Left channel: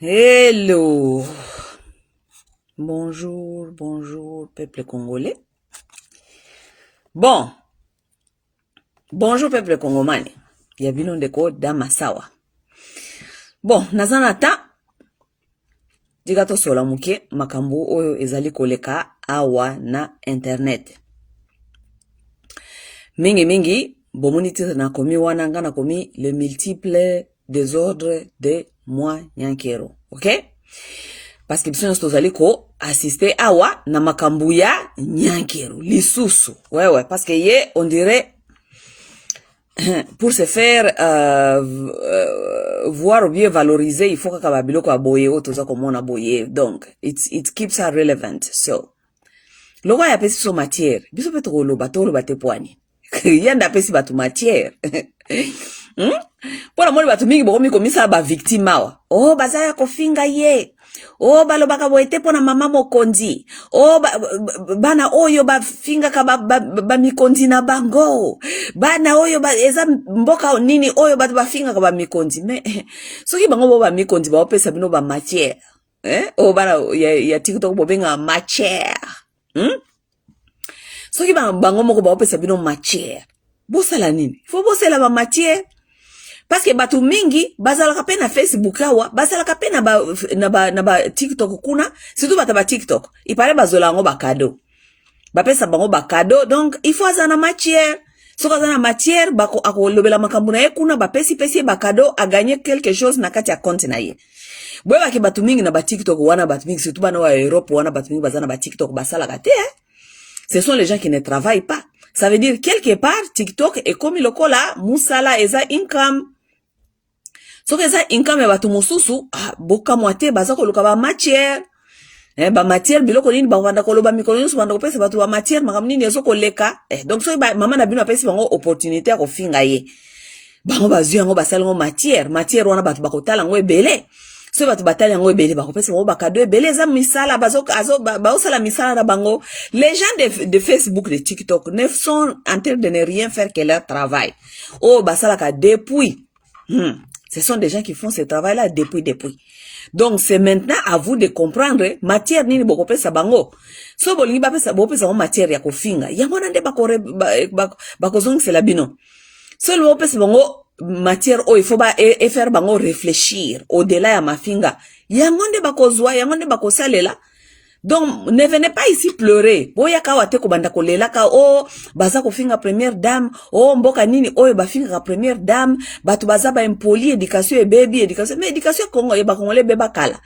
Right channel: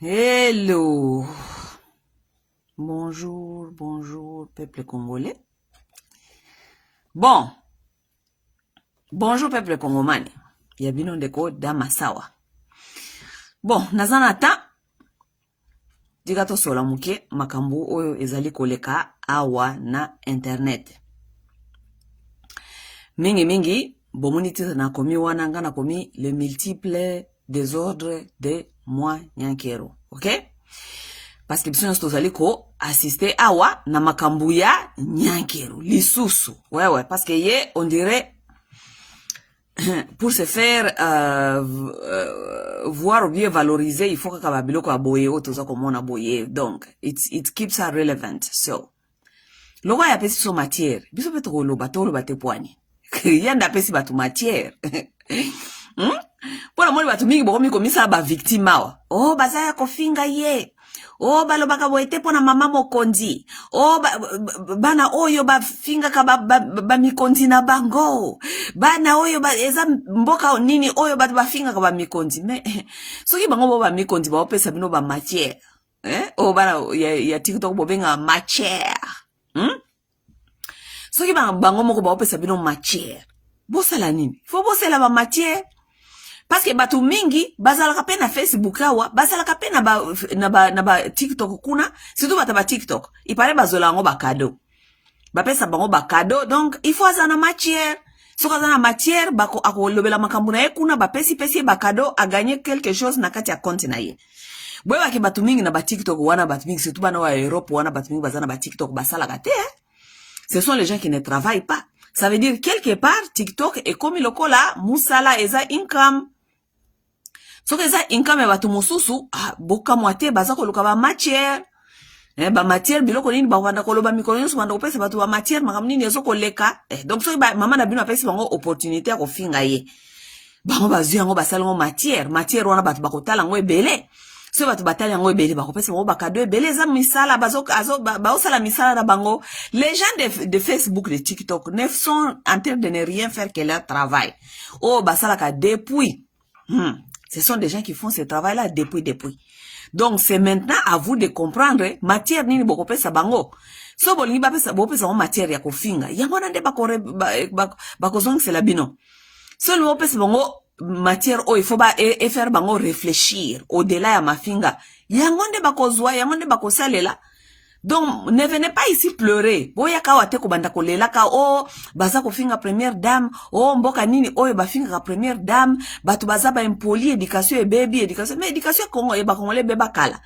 Hello. Bonjour, bonjour, peuple congolais. Bon, bonjour, peuple congomani. Yabino ndeko dama sawa. Bon, nazana ta. Digato sola muke makambu oyo ezali koleka awa na internet. Mingi, bomoni titre na komi wana nga na komi le multiple désordre de moi nyankero. Ok? Parce que biso tozali ko assister awa na makambu ya nyankero lisusu. Ouais, parce que ye on dirait pour se faire voir ou bien valoriser, il faut que kababilo ko aboye o toza komona boye. Donc it keeps her relevant. So logo ya pesi so matière. Biso pe to loba te poani. Yanda pesi batu matière. Pona moni batu mingi bokomi komisa ba victime awa. Oh bazaya kofinga ye. Oh balobaka boete pona mama mokonzi. Oh bana oyo ba finga ka ba mikonzi na bango. Bana oyo ba eza mboka nini oyo ba finga ka ba mikonzi. Me soki bango ba mikonzi ba opesa bino ba matière. Oh bana ya TikTok bobenga matière. Soki bango moko ba opesa bino matière. Bosala nini? Faut bosala ba matière. Parce que batu mingi bazalaka pe na Facebook awa, bazalaka pe na ba TikTok kuna, surtout bata ba TikTok. Ipare bazola ngo ba cadeau. Ba pesa bango ba cadeau, donc il faut azana matière. Soka azana matière bako akolobela makambu na ye kuna ba pesi ba cadeau a gagner quelque chose na kati ya compte na ye. Boye ba ke batu mingi na ba TikTok wana batu mingi surtout bana wa Europe wana batu mingi bazana ba TikTok basalaka te. Ce sont les gens qui ne travaillent pas. Ça veut dire quelque part TikTok est comme lokola musala eza income. Soki eza income ya batu mosusu, boka mwate baza koluka ba matière. Ba matière biloko nini ba wanda koloba mikolo nyonso wanda kopesa batu ba matière makambo nini ezo koleka. Donc soki mama na bino apesi bango opportunité ya kofinga ye. Bango bazwi yango basala ngo matière wana batu bakotala ngo ebele. So batu batali yango ebele bakopesa bango bakado ebele eza misala baosala misala na bango. Les gens de Facebook, de TikTok ne sont en train de ne rien faire que leur travail. Oh basalaka depuis. Ce sont des gens qui font ce travail-là depuis. Donc, c'est maintenant à vous de comprendre, matière nini bokope sa bango. So bolingi bapesa matière ya kofinga. Yango nande bakozong c'est la bino. So le bopesa bango matière il faut et faire bango réfléchir au-delà ya mafinga. Yango nde bakozwa, yango nde bakosalela. Donc, ne venez pas ici pleurer. Boya ka wate ko banda ko lela ka baza ko finga première dame, mboka nini ba finga première dame, batu baza ba impoli éducation et baby éducation, mais éducation Congo ba congolais beba kala.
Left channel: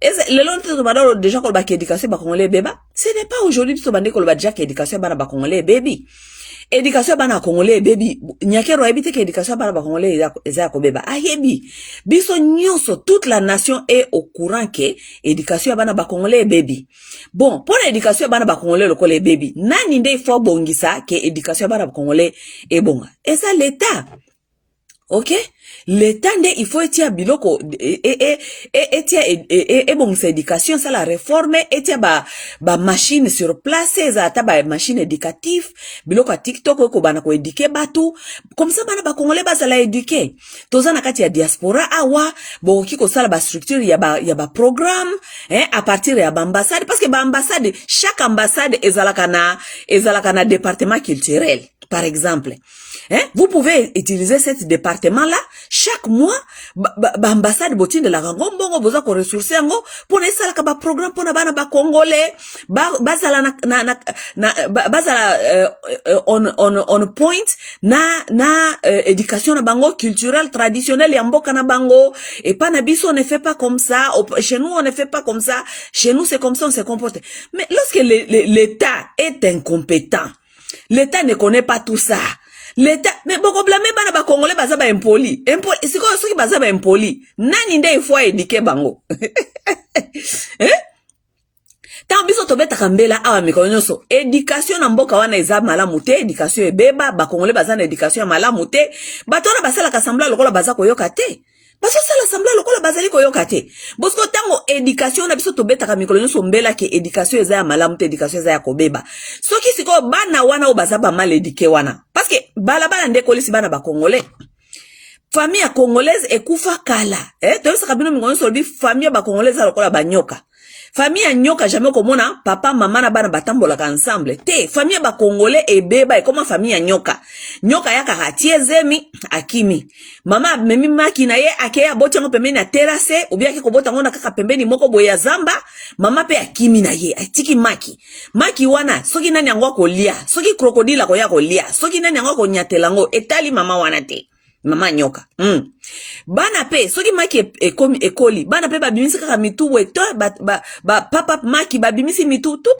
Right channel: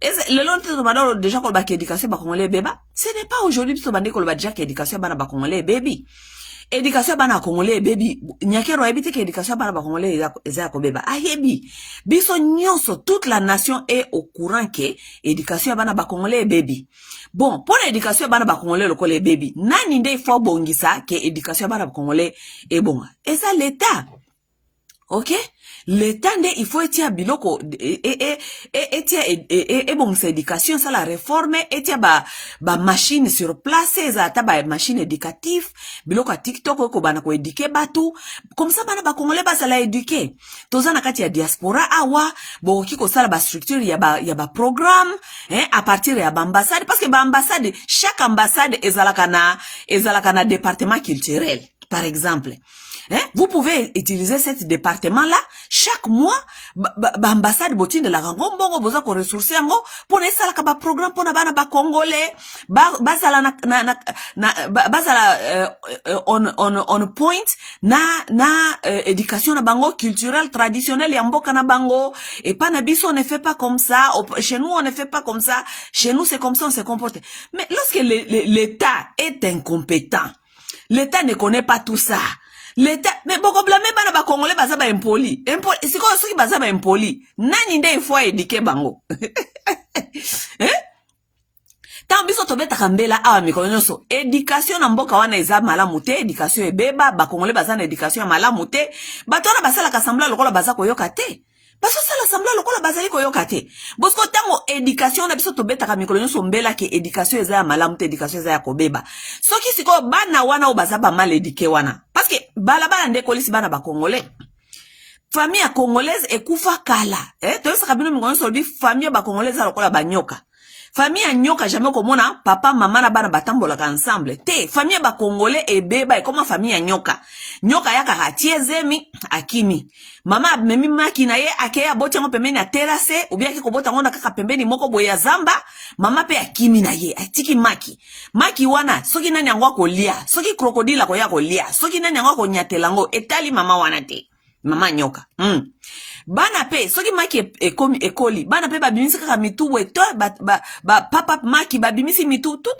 Et le long de banda déjà ko ba éducation ba congolais beba, ce n'est pas aujourd'hui to bande ko ba déjà éducation ba congolais baby. Éducation bana congolais baby nyakero habite que éducation bana ba congolais eza ko beba ayebi biso nyonso toute la nation est au courant que éducation bana ba congolais baby bon pour l'éducation bana ba congolais le congolais baby nani nde faut bongisa que éducation bana ba congolais est bon et ça l'état. OK, l'état il faut etia biloko etia bon c'est éducation ça la réforme etia ba machine sur place ça ta ba machine éducative biloko TikTok ko bana ko éduquer batu comme ça bana ba congolais ba ça la éduquer toza na kati ya diaspora awa bo kiko sala ba structure ya ba programme à partir ya ba ambassade parce que ba ambassade chaque ambassade ezalaka na département culturel par exemple. Vous pouvez utiliser cet département-là chaque mois. Ambassade botine de la Rangombo, vous avez ressources pour ne pas ba programme pour na ba congolais. Bazala on point na éducation na bango culturelle traditionnelle ya mboka na bango et pas na biso on ne fait pas comme ça. Chez nous on ne fait pas comme ça. Chez nous c'est comme ça on se comporte. Mais lorsque l'État est incompétent, l'État ne connaît pas tout ça. L'État, mais beaucoup blâmer bana ba congolais baza ba impoli. C'est quoi ceux qui baza ba impoli? Nani nde il faut éduquer bango. Tant biso tobeta kambela awa mikolo nyonso. Éducation na mboka wana eza malamu te, éducation ebeba, ba congolais baza na éducation ya malamu te. Bato wana basala kasambla lokola baza koyoka te. Baso sala sambla lokola bazali koyoka te. Bosko tango éducation na biso tobeta ka mikolo nyonso mbela ke éducation eza ya malamu te, éducation eza ya kobeba. Soki siko bana wana o baza ba mal éduqué wana. Parce que balabala nde kolisi bana ba congolais. famille ya congolaise ekufa kala toyosaka bino mingongo solobi famille ba congolaise lokola banyoka. Famille ya nyoka jamais komona papa mama na bana batambolaka ensemble te. Famille ba congolais ebeba ekoma famille ya nyoka. Nyoka yaka tie zemi akimi. Mama memi maki na ye akeya boti ngo pembeni na terrasse ou bien ki kobota ngo na kaka pembeni moko boye ya zamba. Mama pe akimi na ye atiki maki. Maki wana soki nani yango kolia, soki krokodila koya kolia, soki nani yango konyatela ngo etali mama wana te. Mama nyoka. Bana pe soki maki ekomi ekoli bana pe babimisi kaka mitu weto papa maki babimisi mitu tout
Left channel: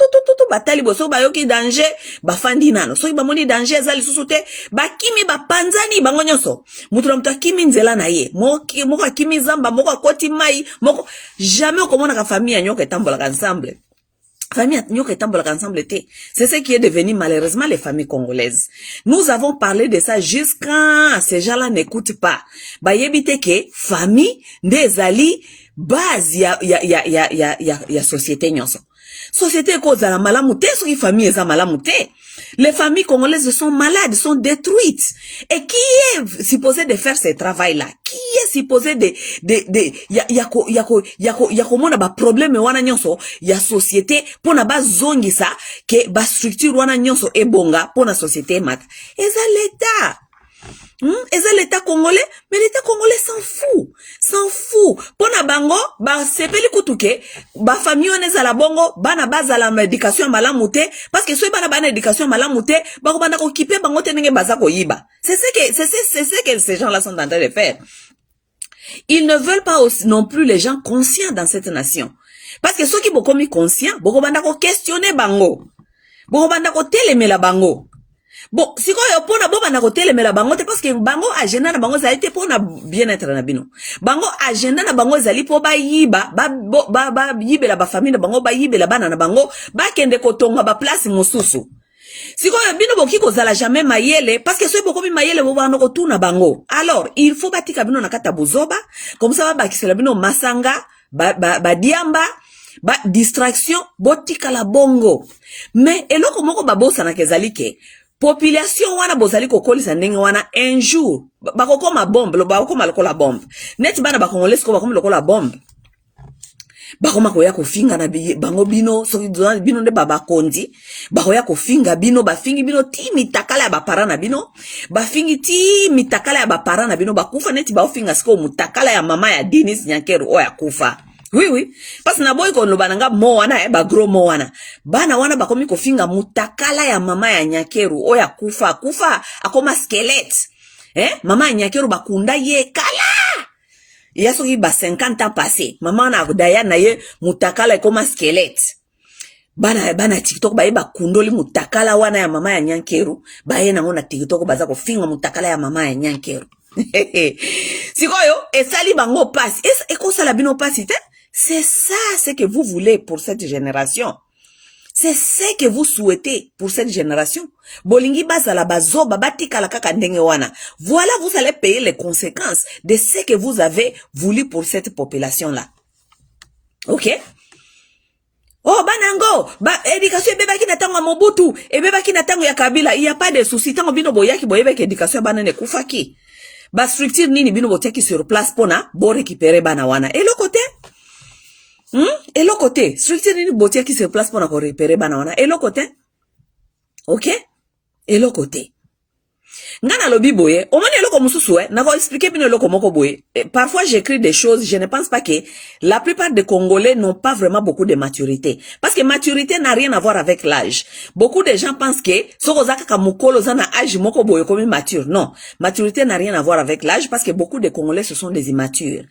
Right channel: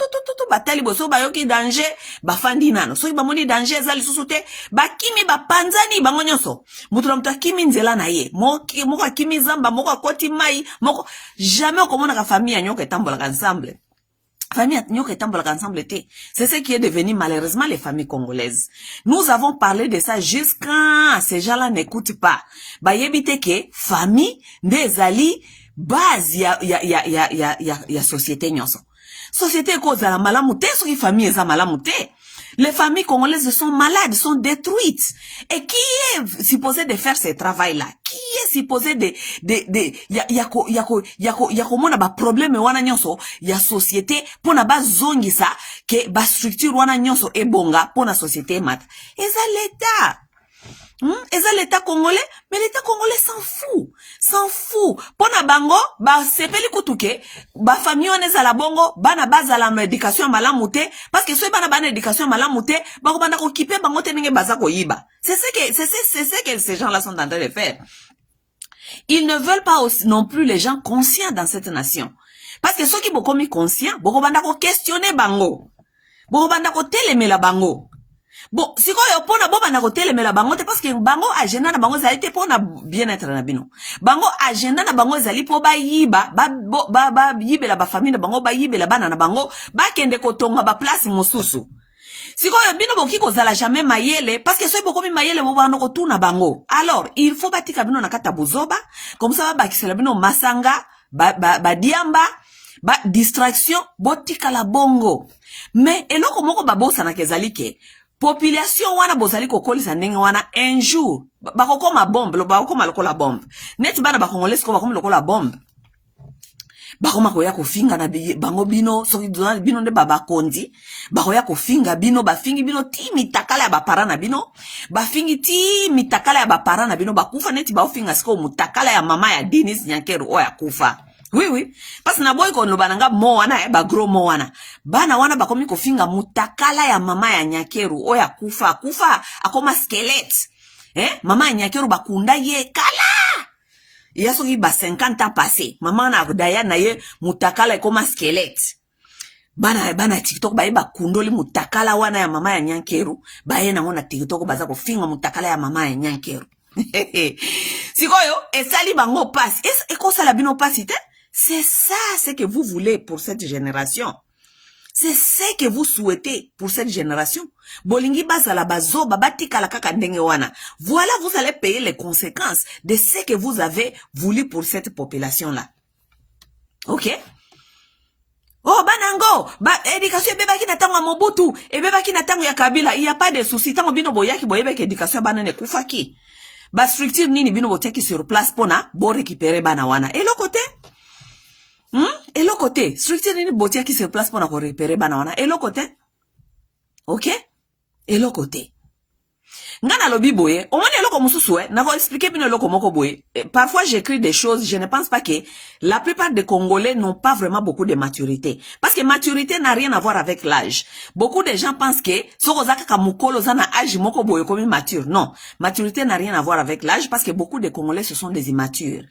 batali boso bayoki danger bafandi nano soki bamoni danger ezali susu te bakimi bapanzani bango nyonso mutu na mutu akimi nzela na ye moko akimi zamba moko akoti mai moko jamais okomona ka famille ya nyoka etambolaka ensemble. Famille nyoka etambolaka ensemble te. C'est ce qui est devenu malheureusement les familles congolaises. Nous avons parlé de ça jusqu'à ces gens-là n'écoutent pas. Ba yebite ke famille ndezali base ya société nyonso. Société ko za la malamu te soki famille eza malamu te. Les familles congolaises sont malades, sont détruites. Et qui est supposé de faire ce travail-là? Qui est supposé yako mona ba problème wana nyonso ya société pona ba zongi sa ke ba structure wana nyonso ebonga pona société mat. Eza l'état. Eza l'état congolais, mais l'état congolais s'en fout. Pona bango, ba sepeli kutuke, ba famille on eza la bongo, bana baza la éducation malamu te, parce que soit bana éducation malamu te, bango bana ko kipe bango te nenge baza ko yiba. C'est ce que ces gens-là sont en train de faire. Ils ne veulent pas aussi non plus les gens conscients dans cette nation. Parce que ceux qui sont commis conscients, boko banda ko questionner bango. Boko banda ko telemela bango. Bon, si quoi pona boba na kote le mela bango te parce que bango agenda na bango zali te pona bien-être na bino. Bango agenda na bango zali po ba yiba ba yibela ba famille na bango ba yibela bana na bango ba kende kotonga ba place mosusu. Si quoi bino boki ko zala jamais mayele parce que so boko mi mayele bo bana ko tuna bango. Alors, il faut batika bino na kata bozoba comme ça ba kisela bino masanga ba diamba ba distraction botika la bongo. Mais eloko moko babosa na kezali ke population wana bozali kokolisa ndenge wana un jour bakokoma bombe bakokoma lokola bombe net bana bakongolesi ko bakoma lokola bombe bakoma koya kofinga na bango bino soki bino nde bakondi bakoya kofinga bino bafingi bino ti mitakala ya bapara na bino bafingi ti mitakala ya bapara na bino bakufa neti baofinga siko mutakala ya mama ya Denis Nyankeru oya kufa. Oui. Parce que na boy kon lo bananga mo wana ba gros mo wana. Bana wana bakomi kofinga mutakala ya mama ya Nyankeru oya kufa akoma squelette. Mama ya Nyankeru bakunda ye kala. Yaso ki ba 50 ans passé. Mama na daya na ye mutakala ekoma squelette. Bana TikTok ba kundoli mutakala wana ya mama ya Nyankeru. Ba ye na ngona TikTok baza kofinga mutakala ya mama ya Nyankeru. Sikoyo esali bango passe. Ekosala bino passe te? C'est ça ce que vous voulez pour cette génération. C'est ce que vous souhaitez pour cette génération. Bolingi bazala bazoba batika la kaka ndenge wana. Voilà, vous allez payer les conséquences de ce que vous avez voulu pour cette population-là. Ok? Oh, banango, éducation beba ki na tango Mobutu, et beba ki na tango ya Kabila, il y a pas de souci. Tango bino boyaki boyebeki éducation banane kufaki. Ba structure nini bino botiaki sur place pona bo récupérer bana wana. Et le côté et le côté, structure nini botiaki sur place pona ko récupérer bana wana. Et le côté, ok? Et le côté. Ngana lobi boye, o mani eloko mususu na ko expliquer bino eloko moko boye. Parfois j'écris des choses, je ne pense pas que la plupart des Congolais n'ont pas vraiment beaucoup de maturité. Parce que maturité n'a rien à voir avec l'âge. Beaucoup de gens pensent que soko zaka mukolo zana âge moko boye comme mature. Non, maturité n'a rien à voir avec l'âge parce que beaucoup de Congolais ce sont des immatures.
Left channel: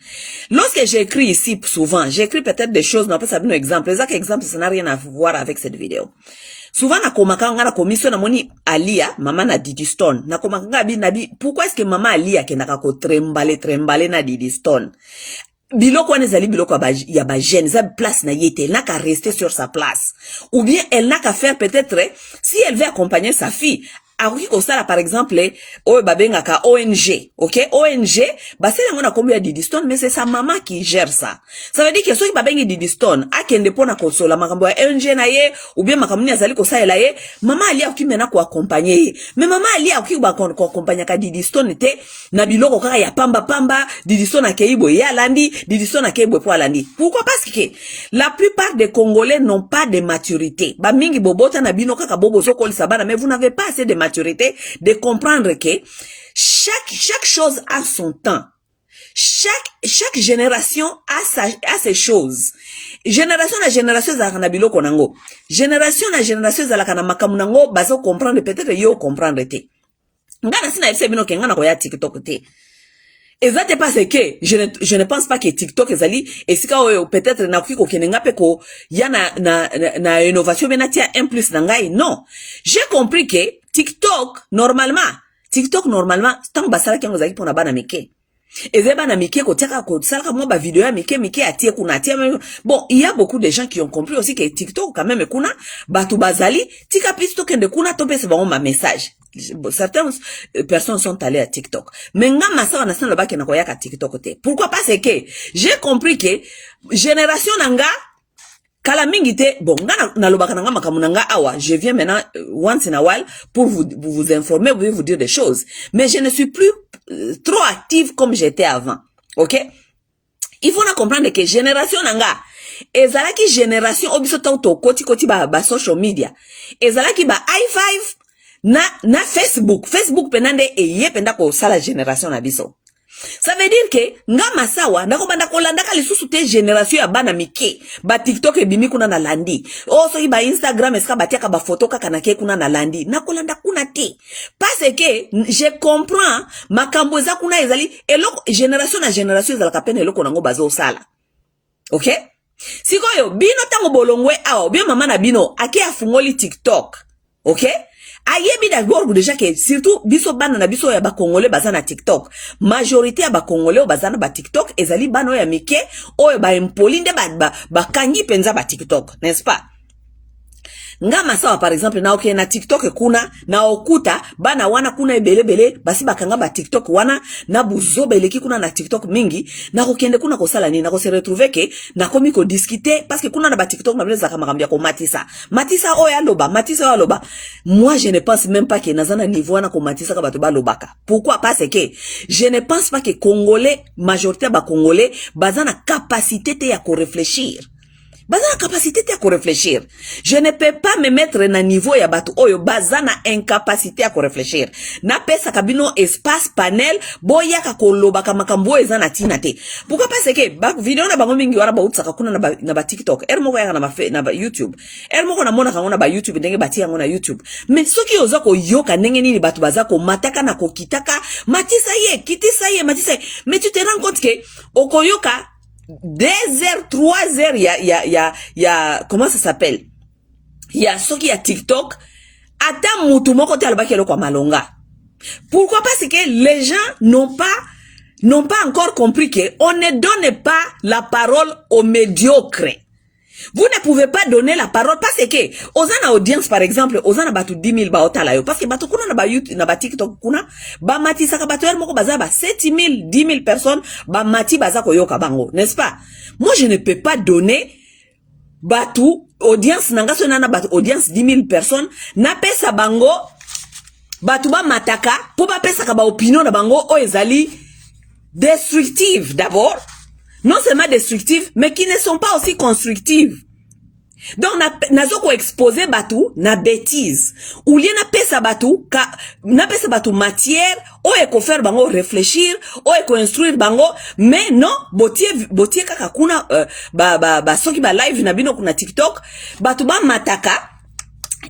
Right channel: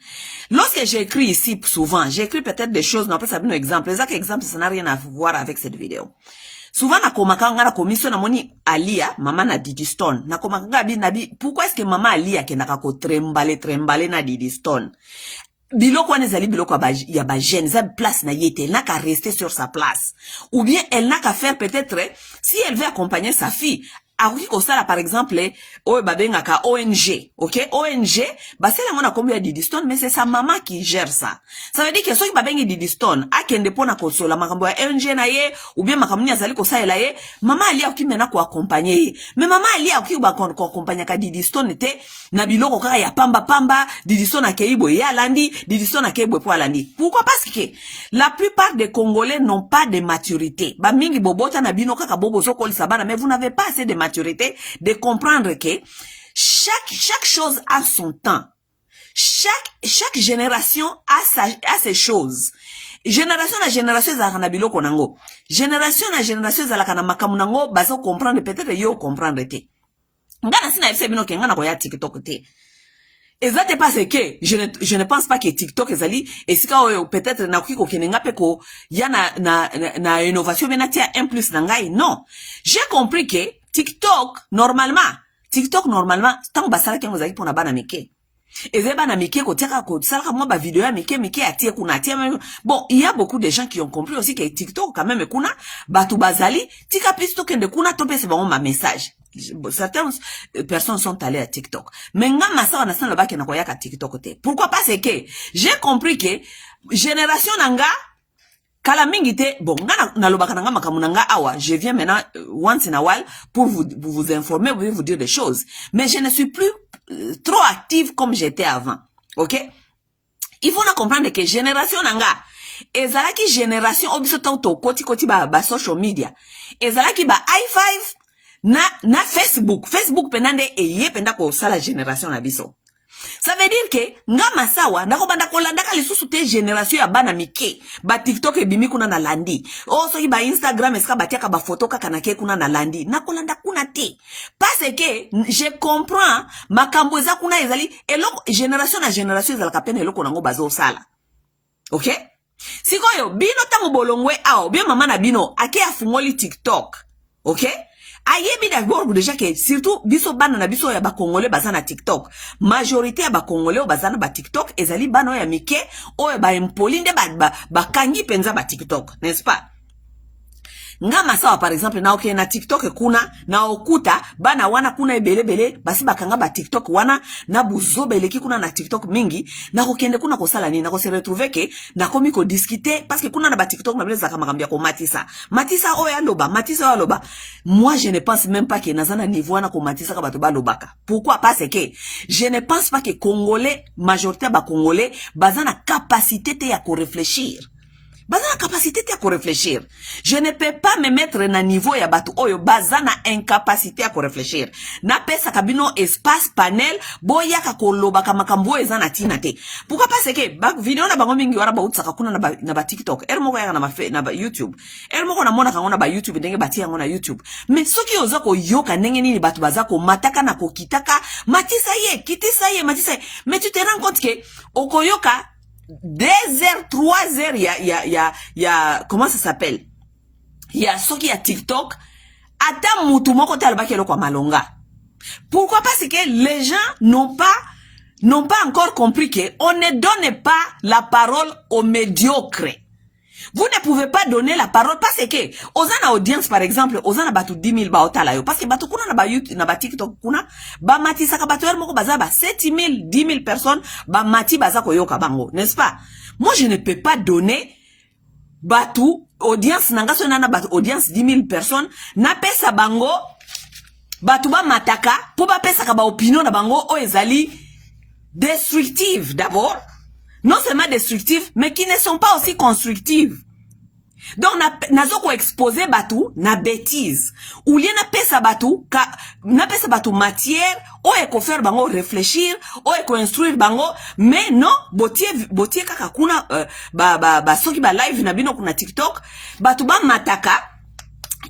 Lorsque j'écris ici souvent, j'écris peut-être des choses, non pas ça un exemple. Les exemples ça n'a rien à voir avec cette vidéo. Souvent na komakanga na commission na moni Alia mama na Didi Stone na komakanga nabi pourquoi est-ce que mama Alia kenaka ko trembale na Didi Stone biloko wana zali biloko ya ba jeune za place na yete elle n'a qu'à rester sur sa place ou bien elle n'a qu'à faire peut-être si elle veut accompagner sa fille akoki kosala par exemple oyo babengaka ONG, ok? ONG basala ngona kombo ya Diddy Stone, mais c'est sa maman qui gère ça. Ça veut dire que soki babengi Diddy Stone akende pona kosola makambo ya ONG na ye ou bien makambo ni azali kosalela ye, mama ali akoki mena ko accompagner ye. Mais mama ali akoki ba ko accompagner ka Diddy Stone te na biloko kaka ya pamba pamba, Diddy Stone akeibo ya landi, Diddy Stone akeibo po alandi. Pourquoi? Parce que la plupart des Congolais n'ont pas de maturité. Ba mingi bobota na bino kaka bobo sokoli sabana, mais vous n'avez pas assez de maturité de comprendre que chaque chose a son temps. Chaque génération a ses choses. Génération na génération ezalaka na biloko nango. Génération na génération ezalaka na makamu nango bazo comprendre, peut-être yo comprendre te. Ngana sina yebisa bino ke ngana koya TikTok te. Ezate parce que je ne pense pas que TikTok ezali esika oyo peut-être na kuki kokenenga pe ko ya na innovation benatia 1 plus na ngai. Non. J'ai compris que TikTok normalement tant basala kengo zaki pona bana mike. Ezeba na mike ko tiaka ko salaka moi ba vidéo ya mike atie kuna atie. Bon, il y a beaucoup de gens qui ont compris aussi que TikTok quand même kuna batu bazali tika pisto kende kuna tope se ba message. Certaines personnes sont allées à TikTok. Mais nga masara na sana baki na koyaka TikTok te. Pourquoi? Parce que j'ai compris que génération nanga kala mingi te, bon, nga na lobaka nanga makamu nanga awa, je viens maintenant once in a while pour vous informer, vous dire des choses. Mais je ne suis plus trop active comme j'étais avant. OK? Il faut na comprendre que génération nanga ezalaki génération obiso to koti ba social media. Ezalaki ba i5 na Facebook penande eye penda ko sala génération na biso. Ça veut dire que nga masawa ndako banda kolanda ka lisusu te génération ya bana mike ba TikTok ebimi kuna na landi. So ba Instagram eska batiaka ba photo kaka na ke kuna na landi. Na kolanda kuna te. Parce que je comprends makambo za kuna ezali eloko génération na génération ezalaka pena eloko nango bazo sala. OK? Sikoyo bino tango bolongwe awa bien mama na bino ake afungoli TikTok. OK? Ayebi d'abord déjà que surtout biso bana na biso ya ba Congolais bazana TikTok. Majorité ya ba Congolais bazana ba TikTok ezali bana ya mike oyo ba impolide ba kangi penza ba TikTok, n'est-ce pas? Nga masawa par exemple na okay na TikTok kuna na okuta bana wana kuna ebele basi bakanga ba TikTok wana na buzo beleki kuna na TikTok mingi na kokende kuna kosala nini na ko se retrouver que na komi ko discuter parce que kuna na ba TikTok na beleza kama kambia ko matisa oya loba moi je ne pense même pas que nazana niveau na ko matisa ka bato ba lobaka. Pourquoi? Parce que je ne pense pas que Congolais majorité ba Congolais bazana capacité te ya ko réfléchir. Bazana capacité te ko réfléchir. Je ne peux pas me mettre na niveau ya batu oyo bazana incapacité à ko réfléchir. Na pesa kabino espace panel boya ka koloba ka makambo ezana tina te. Pourquoi? Parce que ba vidéo na bango mingi wara ba utsaka kuna na ba TikTok. Moko ya na ba YouTube. Moko na mona kangona ba YouTube ndenge bati yango na YouTube. Mais soki oza ko yoka ndenge nini batu bazako mataka na ko kitaka matisa ye matisa ye. Mais tu te rends compte que okoyoka 2 heures, 3 heures, comment ça s'appelle? Soki ya TikTok, ata mutu moko te alobaki eloko malonga. Pourquoi? Parce que les gens n'ont pas encore compris que on ne donne pas la parole aux médiocres. Vous ne pouvez pas donner la parole parce que ozana audience par exemple ozana batu 10 000 ba otala yo parce que batu kuna na ba YouTube na ba TikTok kuna ba mati saka batu moko baza ba 7 000 10 000 personnes ba mati baza ko yoka bango, n'est-ce pas? Moi je ne peux pas donner batu audience nanga so na batu audience 10 000 personnes na pesa bango batu ba mataka po ba pesa ka ba opinion na bango o ezali destructive d'abord. Non seulement destructives, mais qui ne sont pas aussi constructives. Donc, nazo ko exposer batu na bêtise. Ou li na pesa batu matière, ou eko faire bango réfléchir, ou eko instruire bango, mais non, botie kaka kuna, soki ba live na bino kuna TikTok, batu ba mataka,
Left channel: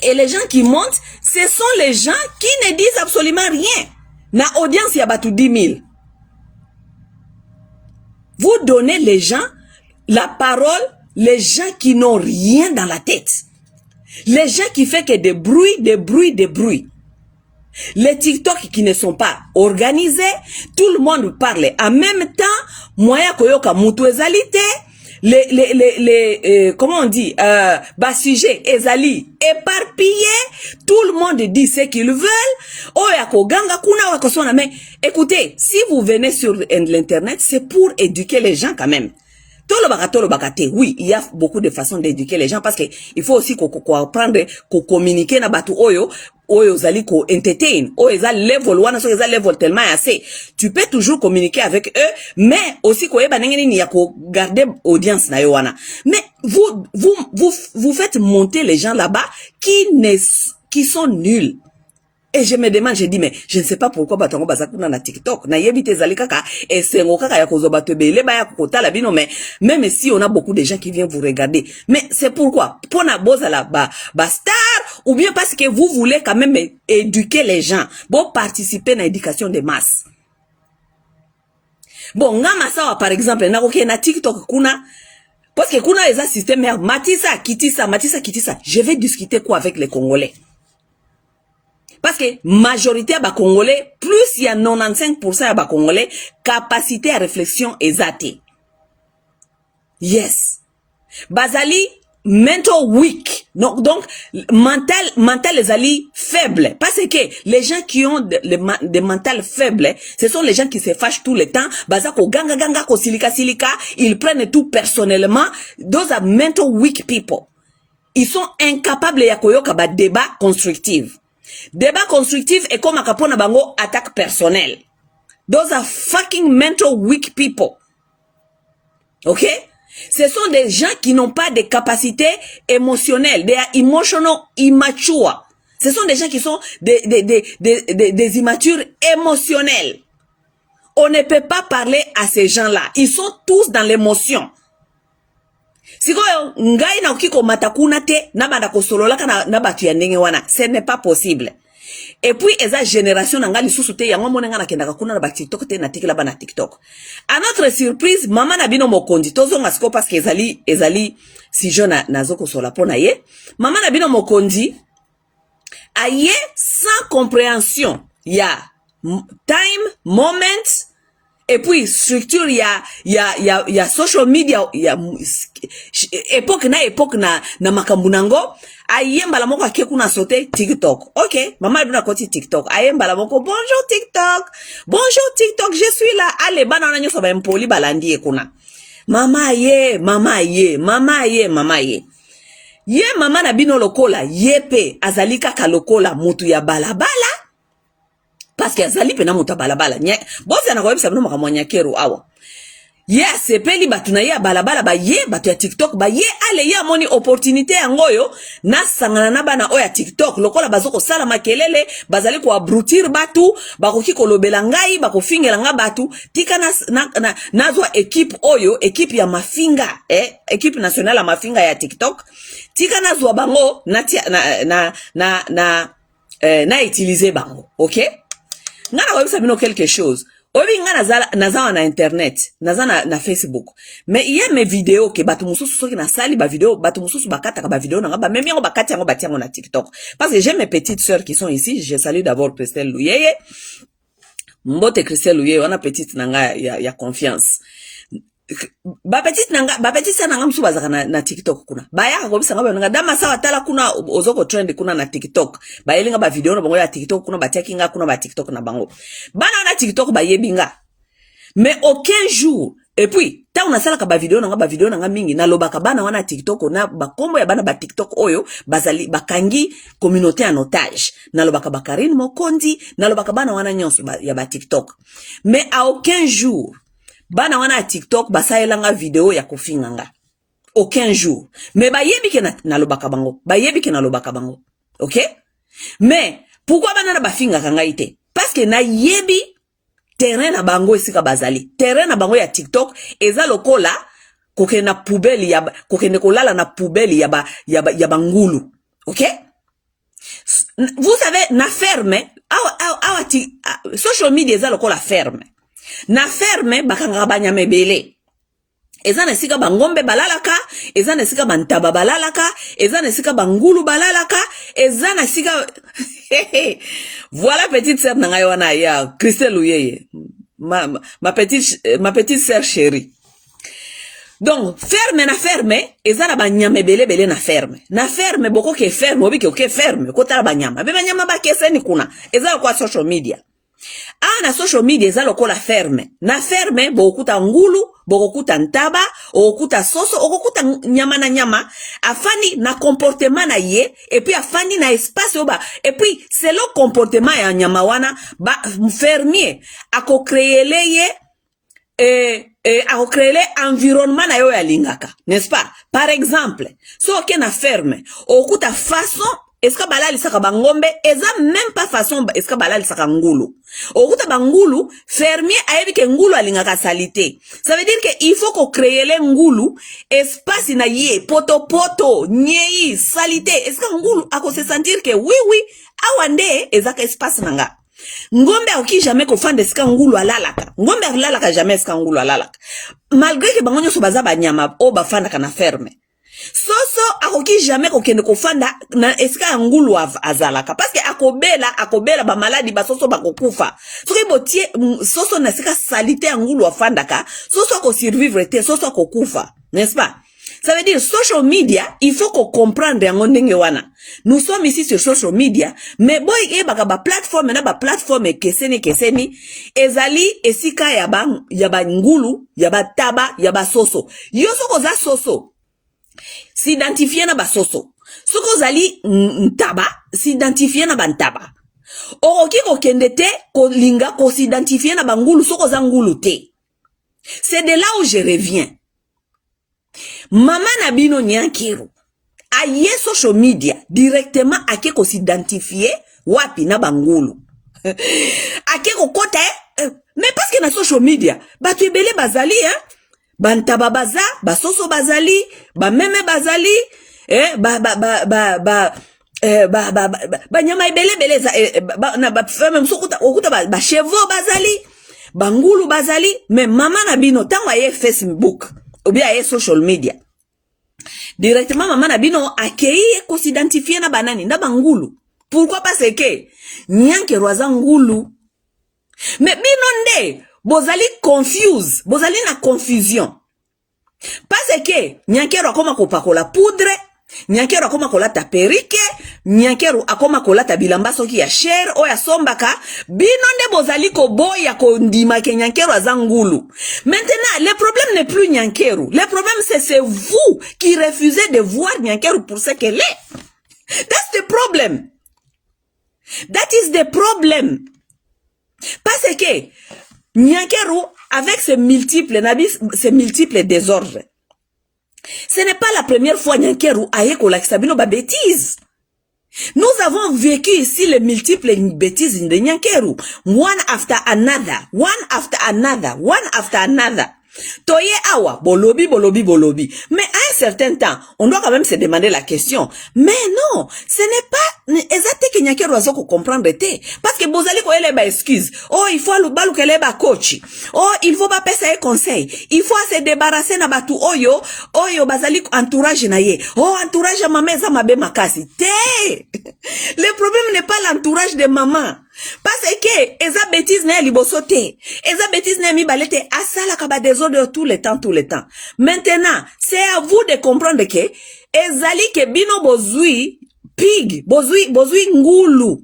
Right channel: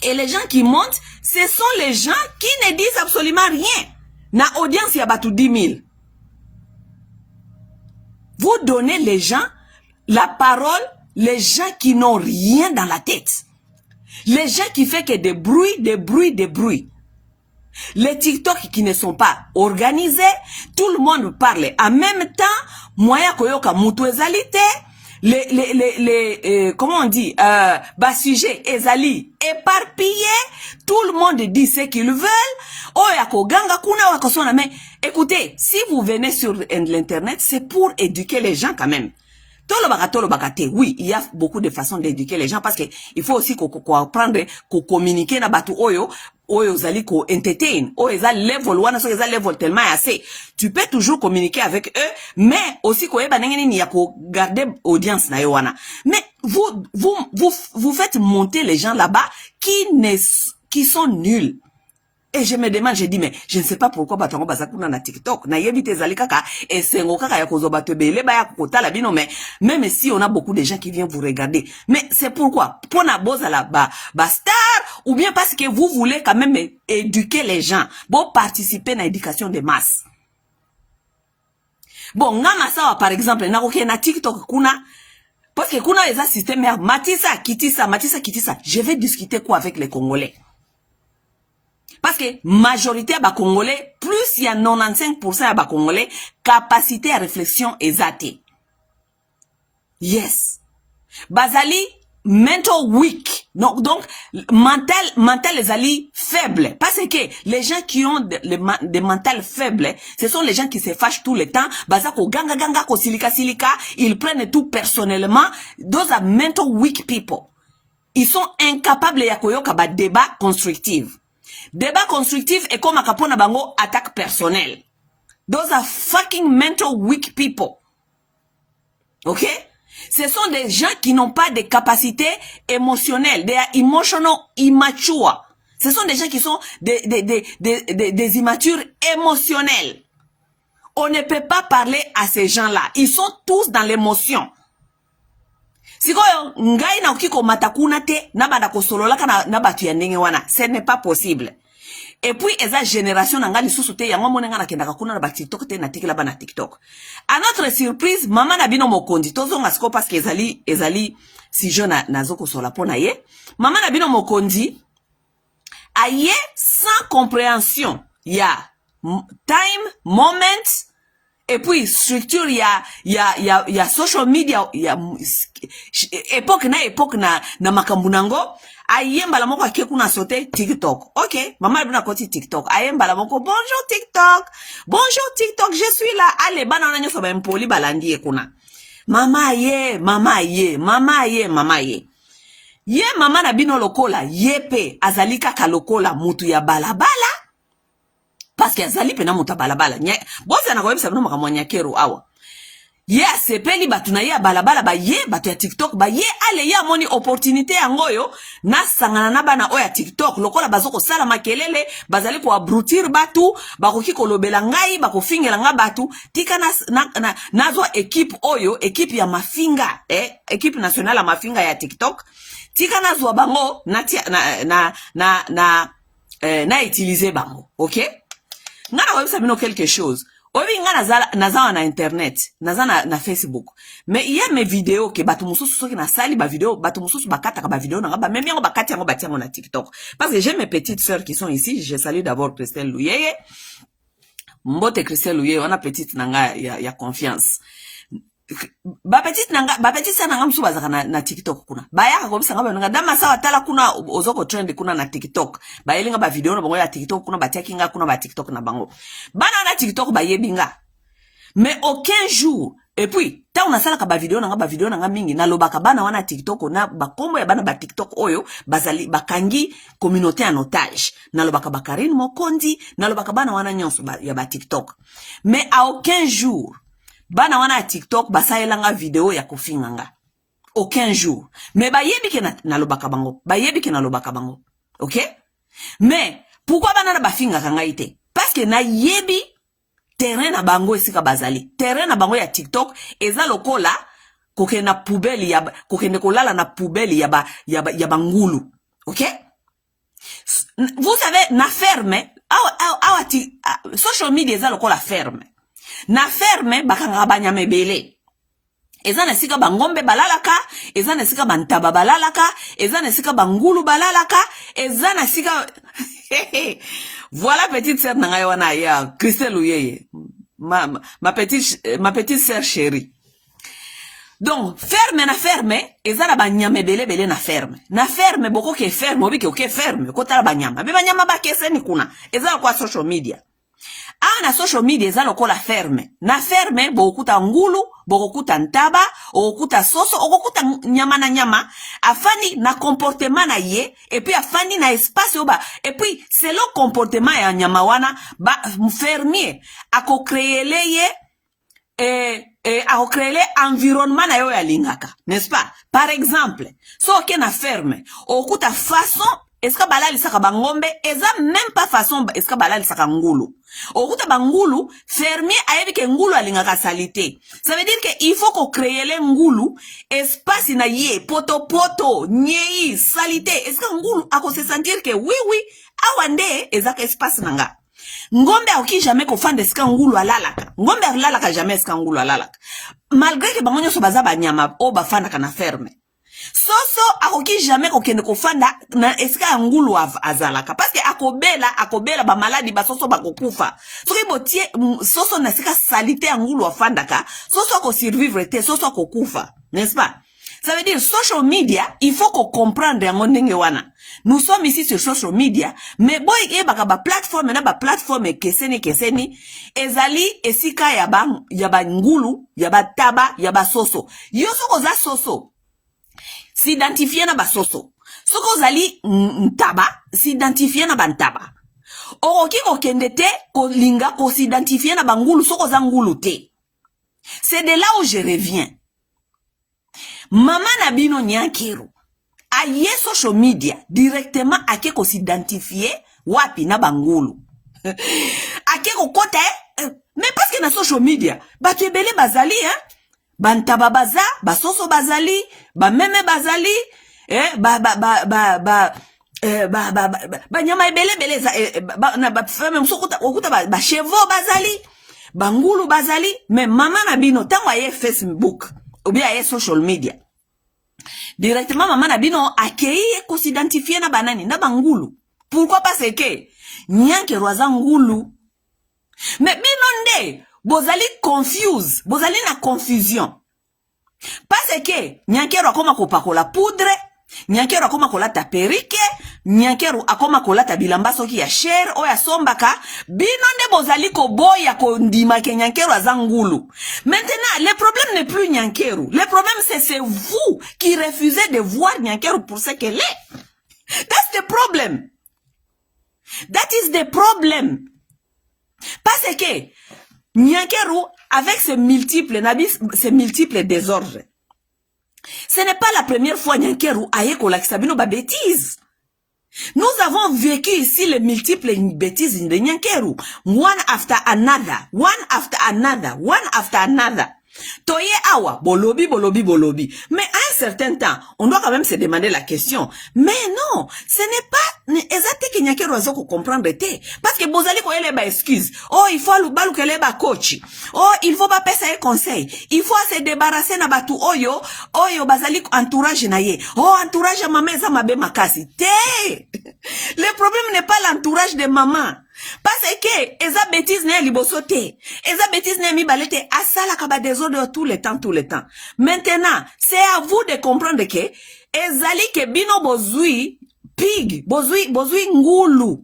et les gens qui montent, ce sont les gens qui ne disent absolument rien. Na audience ya batu 10 000. Vous donnez les gens la parole, les gens qui n'ont rien dans la tête. Les gens qui font que des bruits. Les TikTok qui ne sont pas organisés, tout le monde parle en même temps, moya koyoka mutu ezalite, comment on dit, sujet, ezali, éparpillé, tout le monde dit ce qu'ils veulent, mais écoutez, si vous venez sur l'internet, c'est pour éduquer les gens quand même. Oui, il y a beaucoup de façons d'éduquer les gens parce que il faut aussi qu'on apprendre, qu'on communique na batu oyo zali ko entertain, level wana so level tellement assez. Tu peux toujours communiquer avec eux, mais aussi ko eba nengeni ni ya ko garder audience na yo wana. Mais vous faites monter les gens là-bas qui sont nuls. Et je me demande, je dis, mais je ne sais pas pourquoi batango bazakuna na TikTok. Na yebite zali kaka, et sengo kaka ya kozo batebele, ba ya kota la bino, mais même si on a beaucoup de gens qui viennent vous regarder. Mais c'est pourquoi? Pour na boza la star, ou bien parce que vous voulez quand même éduquer les gens. Bon, participer à l'éducation des masses. Bon, ngama sawa, par exemple, na koke na TikTok kuna, parce que kuna les système, Matissa, Kitissa. Je vais discuter quoi avec les Congolais? Parce que majorité à Congolais, plus il y a 95% à Congolais, capacité à réflexion exacte. Yes. Bazali, mental weak. Donc, mental les ali faibles. Parce que les gens qui ont des mentales faibles, ce sont les gens qui se fâchent tout le temps. Bazako ganga, ko silika, ils prennent tout personnellement. Those are mental weak people. Ils sont incapables de yakoyoka ba débat constructif. Débat constructif est comme akapona bango attaque personnelle. Those are fucking mental weak people. Ok? Ce sont des gens qui n'ont pas de capacités émotionnelles. They are emotional immature. Ce sont des gens qui sont des immatures émotionnelles. On ne peut pas parler à ces gens-là. Ils sont tous dans l'émotion. Sikoyo ngai na ukiko matakuna te na banda ko solola kana na batu ya ndenge wana, ce n'est pas possible. Et puis eza génération na ngali susu te yango monenga na kendaka kuna na ba TikTok te na tikila ba na TikTok. À notre surprise, maman na bino mokondi tozonga siko parce que ezali si jeune na zoko sola pona ye. Maman na bino mokondi aye sans compréhension. Ya time, moment. Et puis, structure, il y a social media, il y a époque na makambunango, ayemba la moko akekuna sote TikTok. Ok, maman bina koti TikTok. Ayemba la moko, bonjour TikTok, je suis là. Allez, banana nyo soba mpoli balandi ekuna. Mama ye. Ye mama na bino lokola, yepe, azalika ka lokola, mutu ya balabala. Parce que azali pena muta balabala nye boza na kwebisa bino makamwanya kero awa yes peli batu na ya balabala ba ye batu ya TikTok ba ye ale ya moni opportunité yangoyo na sangana na bana oya TikTok lokola bazoko sala makelele bazali ko abrutir batu bakoki kolobela ngai bakofingela nga batu tika nazwa équipe oyo équipe ya mafinga équipe nationale ya mafinga ya TikTok tika nazwa bango na utiliser bango okay. Ngana wabisa bino quelque chose. Obi ngana nazala na internet, nazala na Facebook. Mais il y a mes vidéos que batu mususu soki na sali ba vidéo, batu mususu bakata ka ba vidéo na ngaba même yango bakati yango batiango na TikTok. Parce que j'ai mes petites sœurs qui sont ici, je salue d'abord Christelle Louyeye. Mbote Christelle Louyeye, on a petite nanga ya confiance. Ba petite nanga msuba zaka na TikTok kuna. Ba yaka ko bisanga ba nanga dama sawa tala kuna ozoko trend kuna na TikTok. Ba yelinga ba video na bango ya TikTok kuna ba takinga kuna ba TikTok na bango. Bana na TikTok ba yebinga. Mais aucun jour et puis ta unasala ka ba video na nga mingi na lobaka bana wana TikTok na ba kombo ya bana ba TikTok oyo bazali bakangi communauté en otage. Na lobaka Bakarine Mokondi na lobaka bana wana nyonso ya ba TikTok. Mais à aucun jour bana wana TikTok basaelanga video ya kofinganga. Aucun jour. Mais bayebi ke na lobaka bango. OK? Mais pourquoi bana na bafinga kanga ite? Parce que na yebi terrain na bango esika bazali. Terrain na bango ya TikTok eza lokola kokende na poubelle ya kokende kolala na poubelle ya bangulu. OK? Vous savez na ferme social media eza lokola ferme. Na ferme bakanga banyame bele. Eza na sika bangombe balalaka, eza na sika bantaba balalaka, eza na sika bangulu balalaka, eza na sika Voilà petite sœur nanga wana ya Christelle Louyeye. Ma petite sœur chérie. Donc ferme ezala banyama ebele na ferme boko ke ferme obi ke ferme kotala banyama be banyama ba keseni kuna ezala kwa social media na social media ezala ko la ferme na ferme bokuta ngulu bokuta ntaba okuta soso okuta nyama na nyama afani na comportement na ye et puis afani na espace oba et puis c'est le comportement ya nyama wana ba fermier ako créer ye a créé environnement na yo ya lingaka, n'est-ce pas? Par exemple, so ke na ferme, okuta façon eska balali saka bangombe, eza même pas façon eska balali saka ngulu. Okuta bangulu, fermier ayebi ke ngulu alingaka salite. Ça veut dire que il faut qu'on crée le ngulu, espace na ye, poto, nyei, salite. Eska ngulu ako se sentir que oui, awande ezaka espace nanga. Ngombe aoki jamais ko fande ska ngulu alalaka. Ngombe alalaka jamais ska ngulu alalaka. Malgré que bangonyo so baza banyama o bafanda kana ferme. Soso akoki jamais ko kende ko fanda na eska ngulu azalaka parce que akobela ba maladi ba soso bakokufa. Soki botie soso na sika salite ngulu afandaka, soso ko survivre te, soso ko kufa, n'est-ce pas? Ça veut dire social media, il faut qu'on comprenne yango ndenge wana. Nous sommes ici sur social media, mais boy baka ba plateforme keseni ezali esika ya ba ngulu, ya ba taba, ya ba soso. Yo soko za soso. S'identifier na ba soso. Soko zali ntaba, s'identifier na ba ntaba. Oroki ko kendete ko linga ko s'identifier na ba ngulu soko za ngulu te. C'est de là où je reviens. Mama Nabino Nyankiru aye social media directement ake ko s'identifier wapi na bangulu ake ko kota mais parce que na social media batu ebele bazali bantaba baza basoso bazali ba meme bazali nyama ebele na ba femme musokuta okuta ba chevaux bazali bangulu bazali mais Mama Nabino tango aye Facebook ou bien aye social media directement Mama Nabino akei ko s'identifier na banani na bangulu. Pourquoi parce que Nyankeru aza ngulu. Mais bino nde bozali confuse, bozali na confusion. Parce que Nyankeru akoma kopakola poudre, Nyankeru akoma kolata perike, Nyankeru akoma kolata bilamba soki ya cher o ya sombaka, bino nde bozali ko boya ko ndima ke Nyankeru aza ngulu. Maintenant, le problème n'est plus Nyankeru. Le problème c'est vous qui refusez de voir Nyankeru pour ce qu'elle est. That's the problem. That is the problem. Parce que Nyankeru avec ses multiples désordres. Ce n'est pas la première fois Nyankeru aye ko lakisa bino ba bêtises. Nous avons vécu ici les multiples bêtises de Nyankeru. One after another. Toye awa, bolobi. Mais à un certain temps, on doit quand même se demander la question. Mais non, ce n'est pas exact que Nyankeru azoko comprendre te. Parce que bozali ko ele ba excuse. Oh, il faut le balu kele ba coach. Oh, il faut pas passer un conseil. Il faut se débarrasser na batu oyo bazali entourage na ye. Oh, entourage ya maman eza mabe makasi. Te. Le problème n'est pas l'entourage de maman. Parce que eza bêtise na liboso te. Eza bêtise na mi balete asala ka ba désordre tout le temps. Maintenant, c'est à vous de comprendre que ezali ke bino bozui pig, bozui ngulu.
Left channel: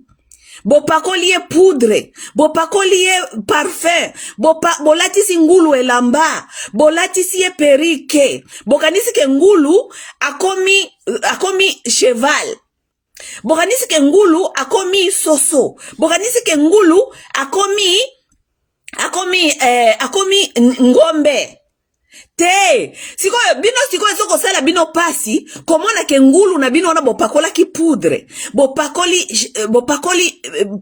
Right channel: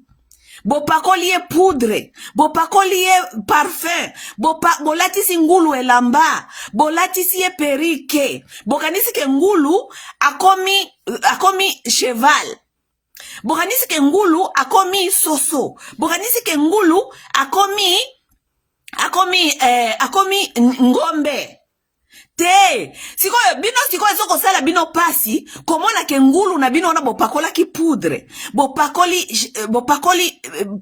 Bopakoliye poudre, bopakoliye parfum, bolatisi ngulu elamba, bolatisi perike, bokanisi ke ngulu akomi cheval. Bokanisi ke ngulu akomi soso. Bokanisi ke ngulu akomi ngombe. Te, siko soko sala bino pasi, komona ke ngulu na bino na bopakola ki poudre, bopakoli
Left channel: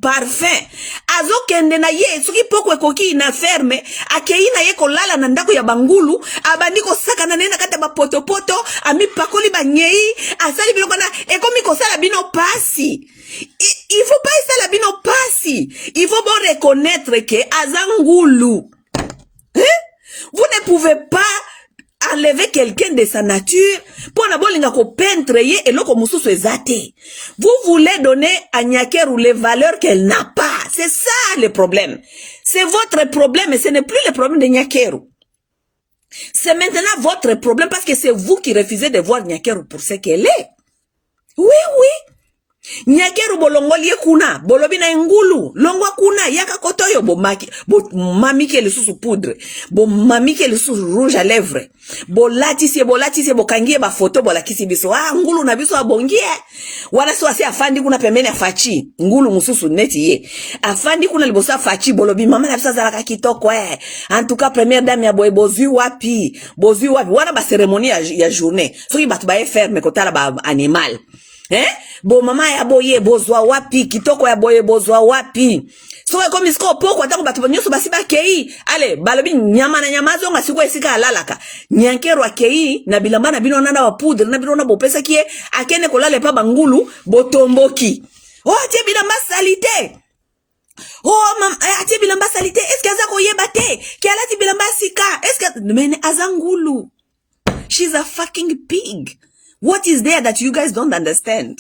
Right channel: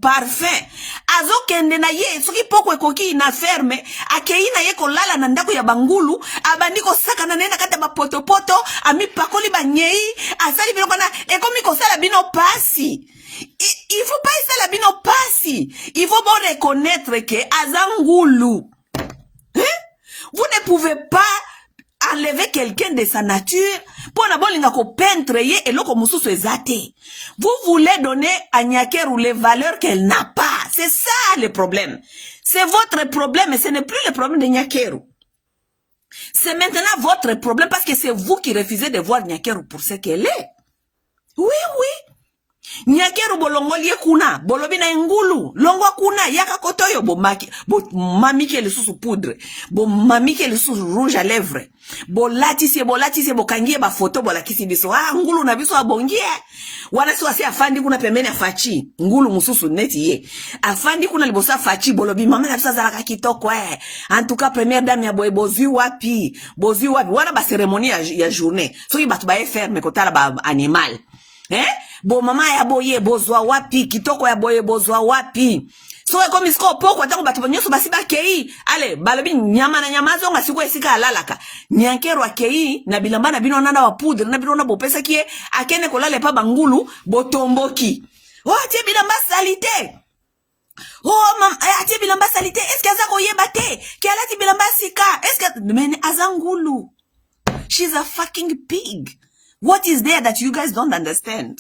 parfum. Azo kende na ye, soki poko ekoki na ferme, akei na ye kolala na ndako ya bangulu, abandi ko saka na nena kata ba poto, ami pakoli ba nyei, asali bino kana ekomi ko sala bino pasi. Il faut pas sala bino pasi. Il faut bon reconnaître que azangulu. Vous ne pouvez pas enlever quelqu'un de sa nature pour n'abolinga ko peintre ye eloko mususu ezate. Vous voulez donner à Nyankeru les valeurs qu'elle n'a pas. C'est ça le problème. C'est votre problème et ce n'est plus le problème de Nyankeru. C'est maintenant votre problème parce que c'est vous qui refusez de voir Nyakeru pour ce qu'elle est. Oui, oui. Nyakeru bolongolie kuna, bolobina ngulu, longwa kuna, yaka kotoyo bo mamike le sous poudre, bo mamike le sous rouge à lèvres, bo latisi bo kangie ba photo bo lakisi biso, ngulu na biso abongie, wana so asi afandi kuna pembeni afachi, ngulu mususu neti ye, afandi kuna liboso afachi, bolobi mama na bisa zalaka kitoko en tout cas première dame ya boye bozui wapi, wana ba cérémonie ya journée, soki batu ba ferme kotala ba animal. Bo mama ya boye bozwa wapi kitoko ya boye bozwa wapi so ko misko poko atango batu banyoso basiba kei ale balobi nyama na nyama zonga siko esika alalaka Nyakeru akei na bilamba na bino nana wa poudre na bino na bopesa kie akene kolale pa bangulu botomboki tie bilamba salite tie bilamba salite est-ce que azako yebate ki alati bilamba sika est-ce que mene azangulu she's a fucking pig. What is there that you guys don't understand?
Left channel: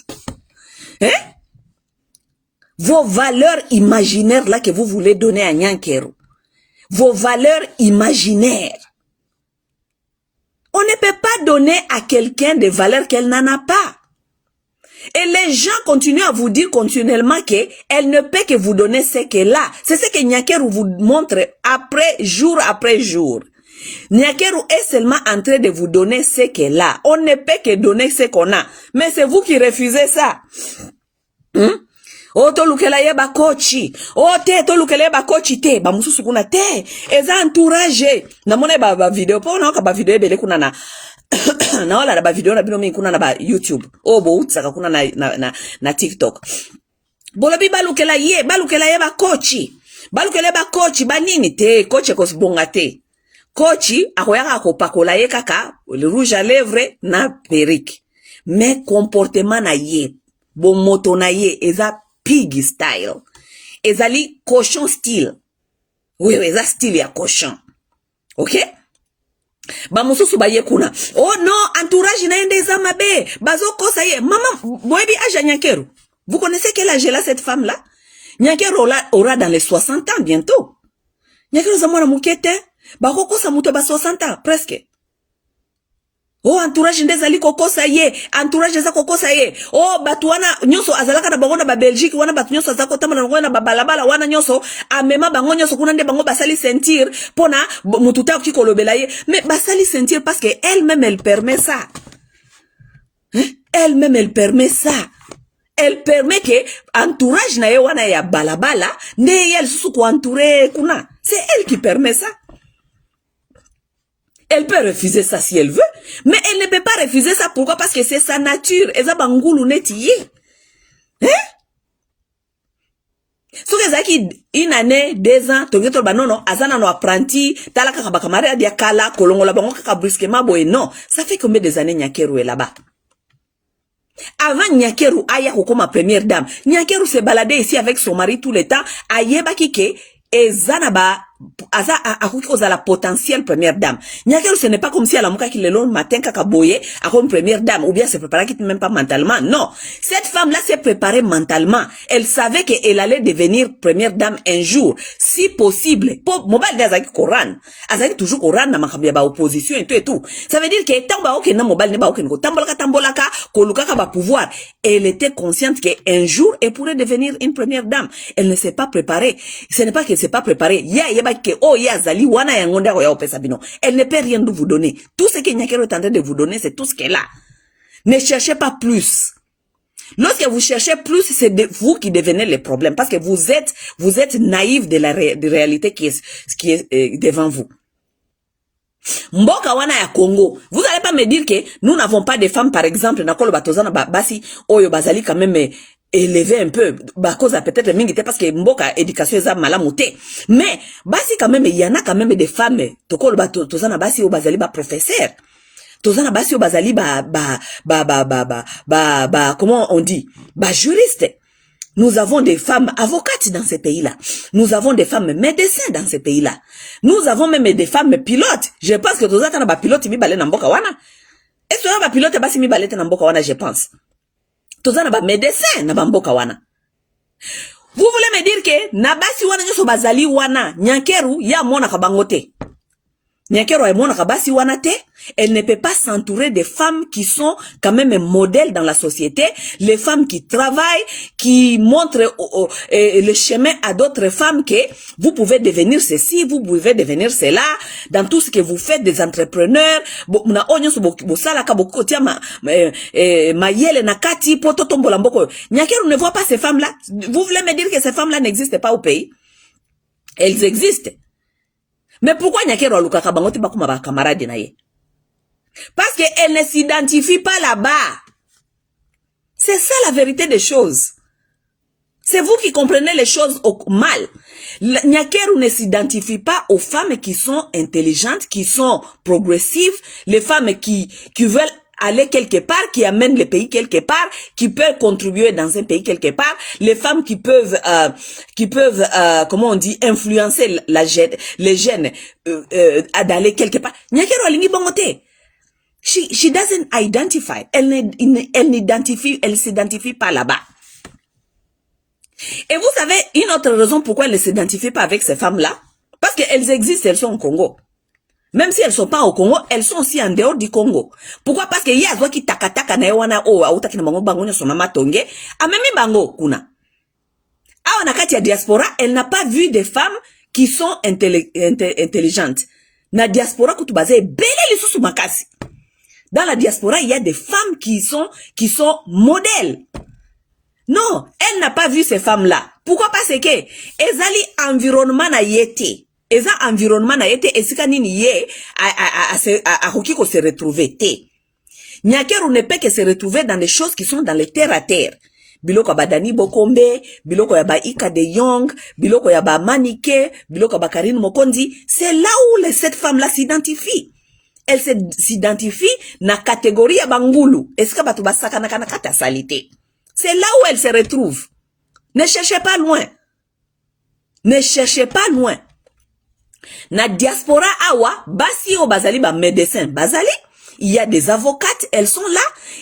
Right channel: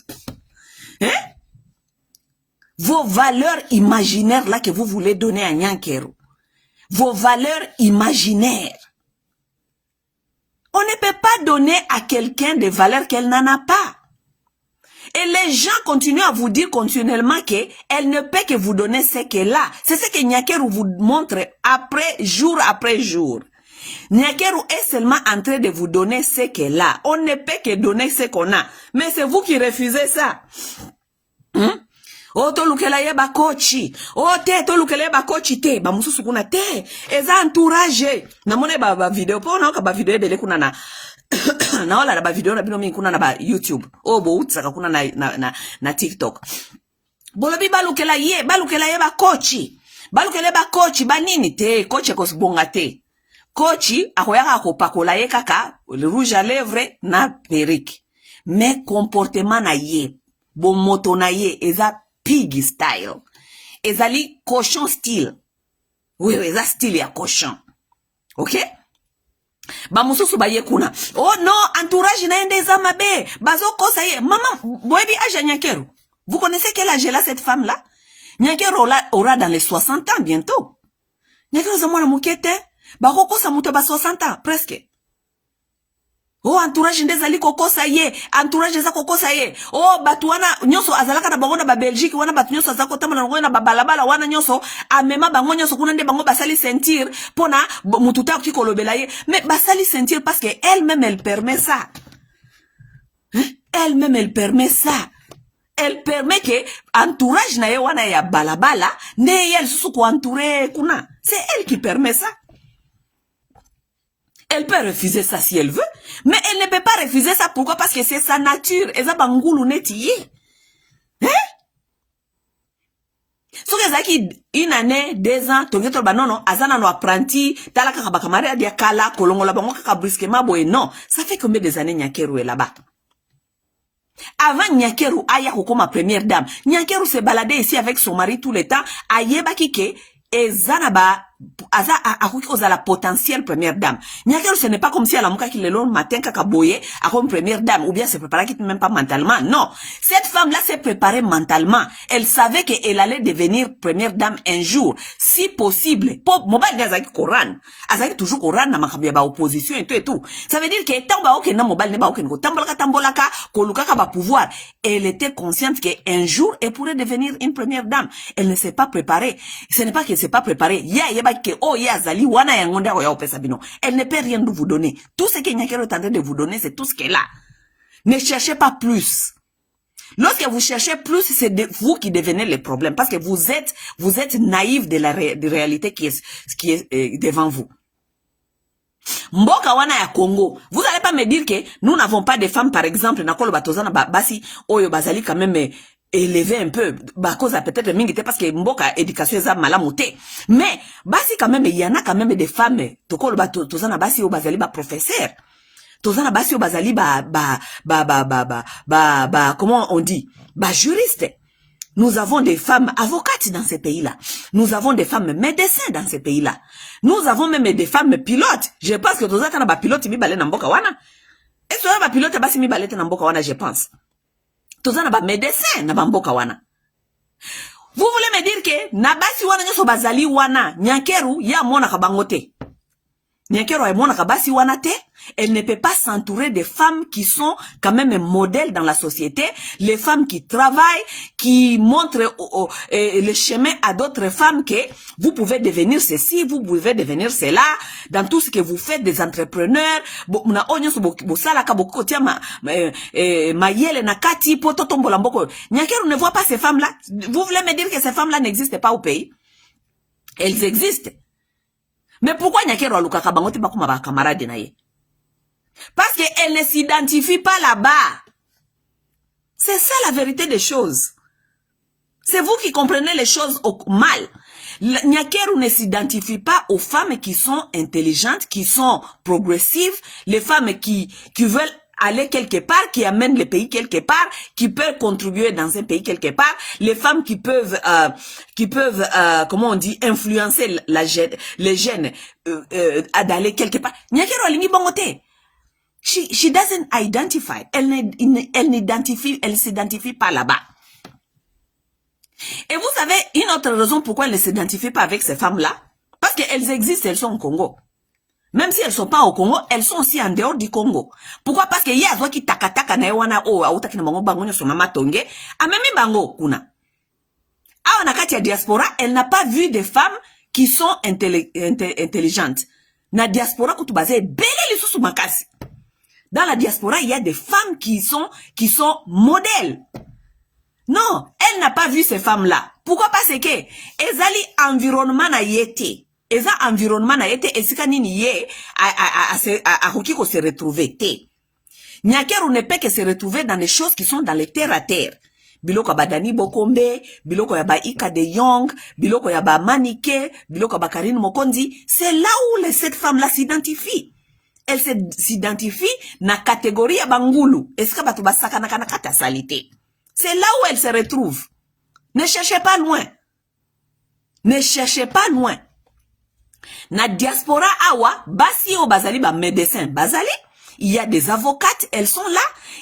Vos valeurs imaginaires là que vous voulez donner à Nyakeru. Vos valeurs imaginaires. On ne peut pas donner à quelqu'un des valeurs qu'elle n'en a pas. Et les gens continuent à vous dire continuellement qu'elle ne peut que vous donner ce qu'elle a. C'est ce que Nyakeru vous montre jour après jour. Nyakeru est seulement en train de vous donner ce qu'elle a. On ne peut que donner ce qu'on a. Mais c'est vous qui refusez ça. To lukela yeba kochi. To lukela yeba kochi te. Ba mususu kuna te. Eza entourage. Na mone ba video. Po na ba video ebele kuna na. Na wala ba video na bino mi kuna na ba YouTube. Bo utsaka kuna na TikTok. Bolobi ba lukela yeba kochi. Ba lukela yeba kochi. Ba nini te. Kochi kosibonga te. Kochi akoyaka akopakola ye kaka le rouge à lèvres na perruque. Mais comportement na ye, bon moto na ye eza pig style. Ezali cochon style. Oui, eza style ya cochon. OK? Ba mususu ba ye kuna. Oh non, entourage na ende eza mabe. Bazo kosa ye. Maman, boyebi aja Nyakeru. Vous connaissez quel âge elle a cette femme là? Nyakeru aura dans les 60 ans bientôt. Nyakeru za mwana mukete. Bako kosa muto ba 60 ans presque. Entourage ndezali kokosa ye, entourage za kokosa ye. Batu wana nyoso azalaka na bango na ba Belgique wana batu nyoso azako tama na ngo na babalabala wana nyoso amema bango nyoso kuna nde bango basali sentir pona mutu ta ki kolobela ye. Mais basali sentir parce que elle-même elle permet ça. Elle-même elle permet ça. Elle permet que entourage na ye wana ya balabala ne elle susu ko entourer kuna. C'est elle qui permet ça. Elle peut refuser ça si elle veut, mais elle ne peut pas refuser ça. Pourquoi? Parce que c'est sa nature. Eza bangulu netiye. So kezaki une année, 2 ans, tongeto banono, azana no apprenti, talaka kabakamare dia kala, kolongola bango kaka brusquement boye. Non, ça fait combien des années Nyakeru est là-bas? Avant Nyakeru aya kokoma première dame, Nyakeru se baladait ici avec son mari tout le temps, ayeba kike, ezana ba aza akoki la potentielle première dame. Nyakeru ce n'est pas comme si elle a mouka qui le long matin kaka boye comme première dame ou bien se préparer qui même pas mentalement. Non, cette femme là s'est préparée mentalement. Elle savait qu'elle allait devenir première dame un jour, si possible. Pour mobile d'azaki Coran, azaki toujours Coran na makabia ba opposition et tout. Ça veut dire que tamba oke na mobile ne ba oke ngo tambolaka kolukaka ba pouvoir. Elle était consciente qu'un jour elle pourrait devenir une première dame. Elle ne s'est pas préparée. Ce n'est pas qu'elle s'est pas préparée. Elle ne peut rien vous donner. Tout ce que Nyakeru est en train de vous donner, c'est tout ce qu'elle a. Ne cherchez pas plus. Lorsque vous cherchez plus, c'est vous qui devenez le problème. Parce que vous êtes naïf de la réalité qui est devant vous. Mboka wana ya Congo. Vous n'allez pas me dire que nous n'avons pas de femmes, par exemple, nakolo batozana basi, oyo bazali quand même élevé un peu, cause peut-être mingite parce que mboka éducation eza malamuté. Mais basi quand même il y en a quand même des femmes tokolo batozana basi o bazali ba professeur. Tozana basi o bazali comment on dit? Juriste. Nous avons des femmes avocates dans ce pays-là. Nous avons des femmes médecins dans ce pays-là. Nous avons même des femmes pilotes. Je pense que tozaka na ba pilote mi balé na mboka wana. Est-ce que ba pilote basi mi balé na mboka wana, je pense. Tozana ba médecin na bamboka wana. Vous voulez me dire que na basi wana nyoso bazali wana Nyakeru ya mona kabangote. Nyakero Aimona Kabasi Wanate, elle ne peut pas s'entourer des femmes qui sont quand même un modèle dans la société, les femmes qui travaillent, qui montrent le chemin à d'autres femmes que vous pouvez devenir ceci, vous pouvez devenir cela, dans tout ce que vous faites, des entrepreneurs, Nyakero ne voit pas ces femmes-là. Vous voulez me dire que ces femmes-là n'existent pas au pays? Elles existent. Mais pourquoi Nyakero Aluka Kabangote Bakuma ba camarade na ye? Parce qu'elle ne s'identifie pas là-bas. C'est ça la vérité des choses. C'est vous qui comprenez les choses mal. Nyakero ne s'identifie pas aux femmes qui sont intelligentes, qui sont progressives, les femmes qui veulent aller quelque part, qui amènent le pays quelque part, qui peuvent contribuer dans un pays quelque part, les femmes qui peuvent comment on dit, influencer les jeunes d'aller quelque part. Nyakero alingi bongote. She doesn't identify. Elle s'identifie pas là-bas. Et vous savez, une autre raison pourquoi elle ne s'identifie pas avec ces femmes-là, parce qu'elles existent, elles sont au Congo. Même si elles sont pas au Congo, elles sont aussi en dehors du Congo. Pourquoi? Parce que y a qui takataka na wana auta kina bango bango nyoso mama tonge, amemi bango kuna. A onakati ya diaspora, elle n'a pas vu des femmes qui sont intelligentes. Na diaspora kutubaze bele lisusu makasi. Dans la diaspora, il y a des femmes qui sont modèles. Non, elle n'a pas vu ces femmes-là. Pourquoi? Parce que ezali environnement na yete. Eza environnement na yete esika nini ye a hokiko se retrouver te. Nyakero ne peut que se retrouver dans les choses qui sont dans les terre à terre. Biloko badani bokombe, biloko ya ba Ika de Young, biloko ya ba Manike, biloko ba Karine Mokondi, c'est là où cette femme-là s'identifie. Elle s'identifie na catégorie ya bangulu. Est-ce que batu basaka na kata salité? C'est là où elle se retrouve. Ne cherchez pas loin. Ne cherchez pas loin. Na diaspora awa, basi o bazali ba médecin bazali, il y a des avocates, elles sont là,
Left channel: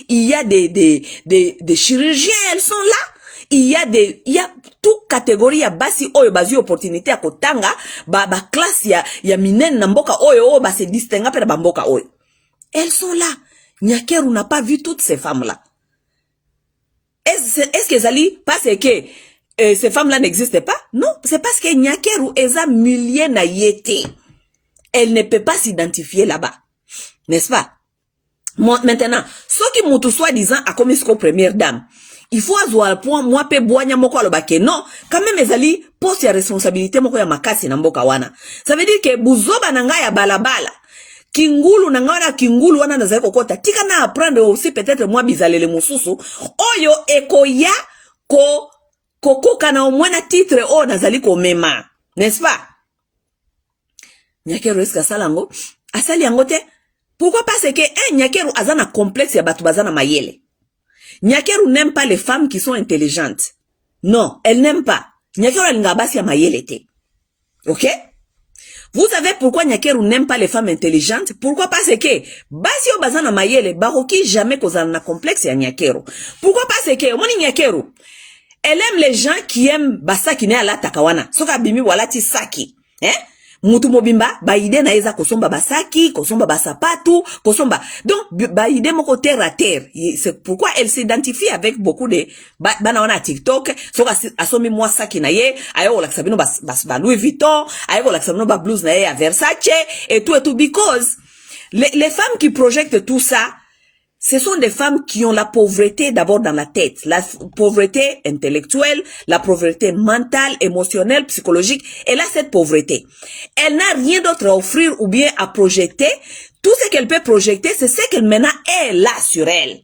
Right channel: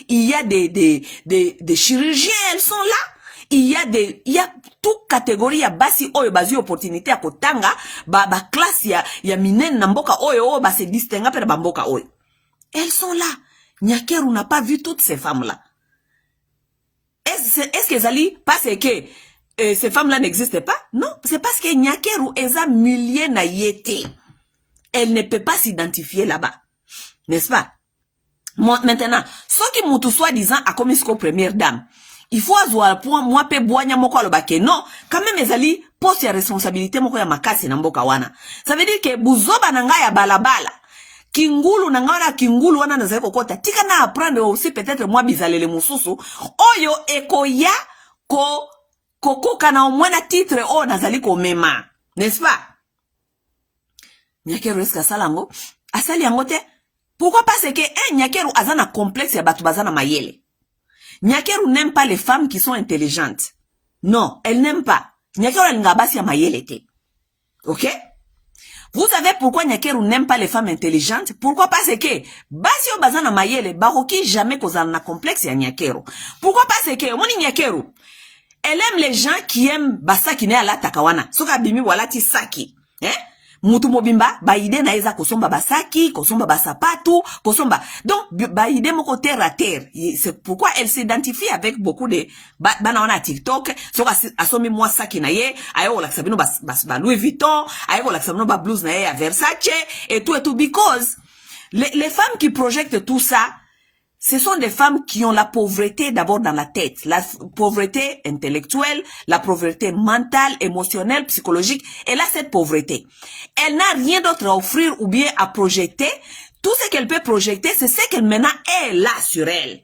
il y a des chirurgiens, elles sont là, il y a toute catégorie ya basi oyo bazi opportunité à kotanga, ba classe ya minen na mboka oyo ba se distinguer pe na mboka oyo. Elles sont là. Nyakero n'a pas vu toutes ces femmes-là. Est-ce que Zali, parce que ces femmes-là n'existent pas? Non, c'est parce que Nyakero eza milliers na yete. Elle ne peut pas s'identifier là-bas. N'est-ce pas? Maintenant, ceux qui m'ont tout soi-disant à comme première dame, il faut avoir point, moi, pe boanya moko alobake. Non, quand même, ezali, poste ya responsabilité moko ya makasi na mboka wana. Ça veut dire que buzoba nanga ya balabala. Kingulu nangana kingulu wana nazai kokota. Tika na apprendre aussi peut-être moi bizalele mususu. Oyo ekoya koko kana omwena titre o nazali ko mema. N'est-ce pas? Nyakero eska salango. Asali yangote. Pourquoi? Parce que Nyakero azana complexe ya batu bazana mayele. Nyakero n'aime pas les femmes qui sont intelligentes. Non, elle n'aime pas. Nyakero elle ngabasi ya mayele te. Ok? Vous savez pourquoi Nyakero n'aime pas les femmes intelligentes? Pourquoi? Parce que basi yo bazana mayele baroki jamais kozana na complexe ya Nyakero. Pourquoi? Parce que moni Nyakero elle aime les gens qui aiment basaki ne ala takawana. Soka bimi walati saki. Mutu mobimba baide na eza kosomba basaki, kosomba basapatu, kosomba. Donc baide moko terre à terre. C'est pourquoi elle s'identifie avec beaucoup de bana wana TikTok. Soka asomi moi saki na ye, ayo la sabino bas Louis Vuitton, ayo la sabino ba blouse na ye à Versace et tout because les femmes qui projettent tout ça, ce sont des femmes qui ont la pauvreté d'abord dans la tête, la pauvreté intellectuelle, la pauvreté mentale, émotionnelle, psychologique. Elle a cette pauvreté. Elle n'a rien d'autre à offrir ou bien à projeter. Tout ce qu'elle peut projeter, c'est ce qu'elle maintenant est là sur elle.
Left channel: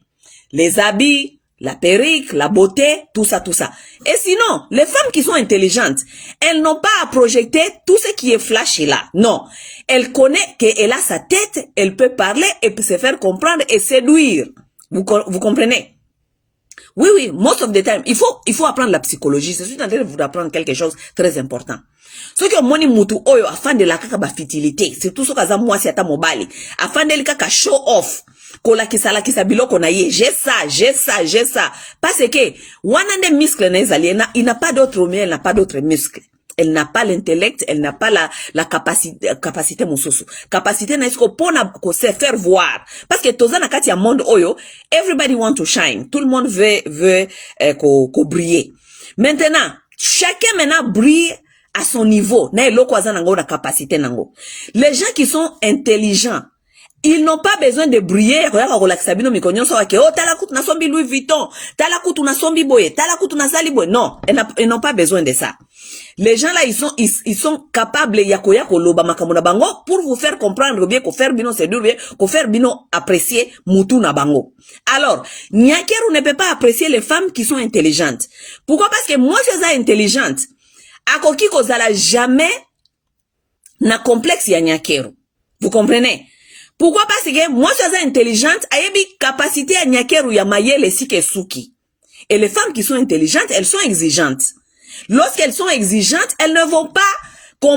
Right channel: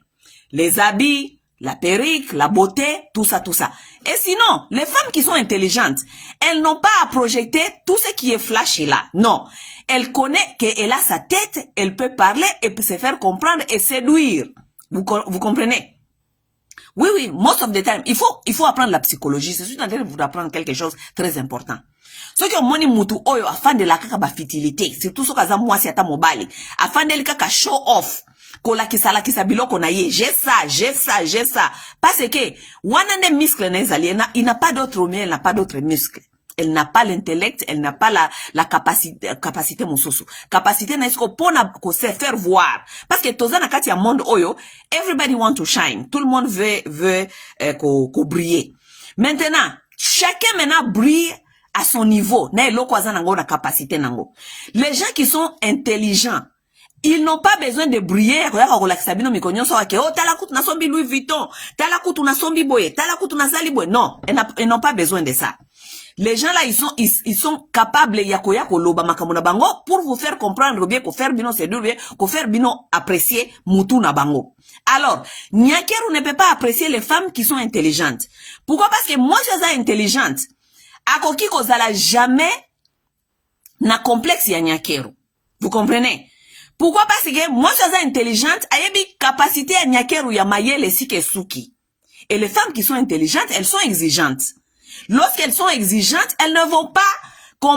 Les habits, la perruque, la beauté, tout ça, tout ça. Et sinon, les femmes qui sont intelligentes, elles n'ont pas à projeter tout ce qui est flashy là. Non. Elle connaît qu'elle a sa tête, elle peut parler et peut se faire comprendre et séduire. Vous comprenez? Oui, most of the time, il faut apprendre la psychologie. Je suis en train de vous apprendre quelque chose de très important. Ceux qui ont moni mutu oyo, afin de la kaka ba fertilité, c'est tout ce que moi si ata mobali, afin de la kaka show off. Kola kisa biloko na ye, j'ai ça. Parce que, wanande muscle na ezali, il n'a pas d'autre mais elle n'a pas d'autres muscles. Elle n'a pas l'intellect, elle n'a pas la capacité mosusu. Capacité na isko pona ko se faire voir. Parce que toza na kati ya monde oyo, everybody want to shine. Tout le monde veut ko briller. Maintenant, chacun maintenant brille à son niveau. Na eloko aza nango na capacité nango. Les gens qui sont intelligents, ils n'ont pas besoin de briller. Regarde ko lakisa bino mikonyo so ke oh tala kutu na sombi Louis Vuitton, tala kutu na sombi boye, tala kutu na sali boye. Non, ils n'ont pas besoin de ça. Les gens là, ils sont capables yako loba makambo na bango pour vous faire comprendre bien, ko faire bino séduire bien, ko faire bino apprécier mutu na bango. Alors, Nyakeru ne peut pas apprécier les femmes qui sont intelligentes. Pourquoi? Parce que moi, je suis intelligente. Akoki kozala jamais na complexe ya Nyakeru. Vous comprenez? Pourquoi? Parce que moi, je suis intelligente, ayebi capacité ya Nyakeru ya mayele sike suki. Et les femmes qui sont intelligentes, elles sont exigeantes. Lorsqu'elles sont exigeantes, elles ne vont pas c'est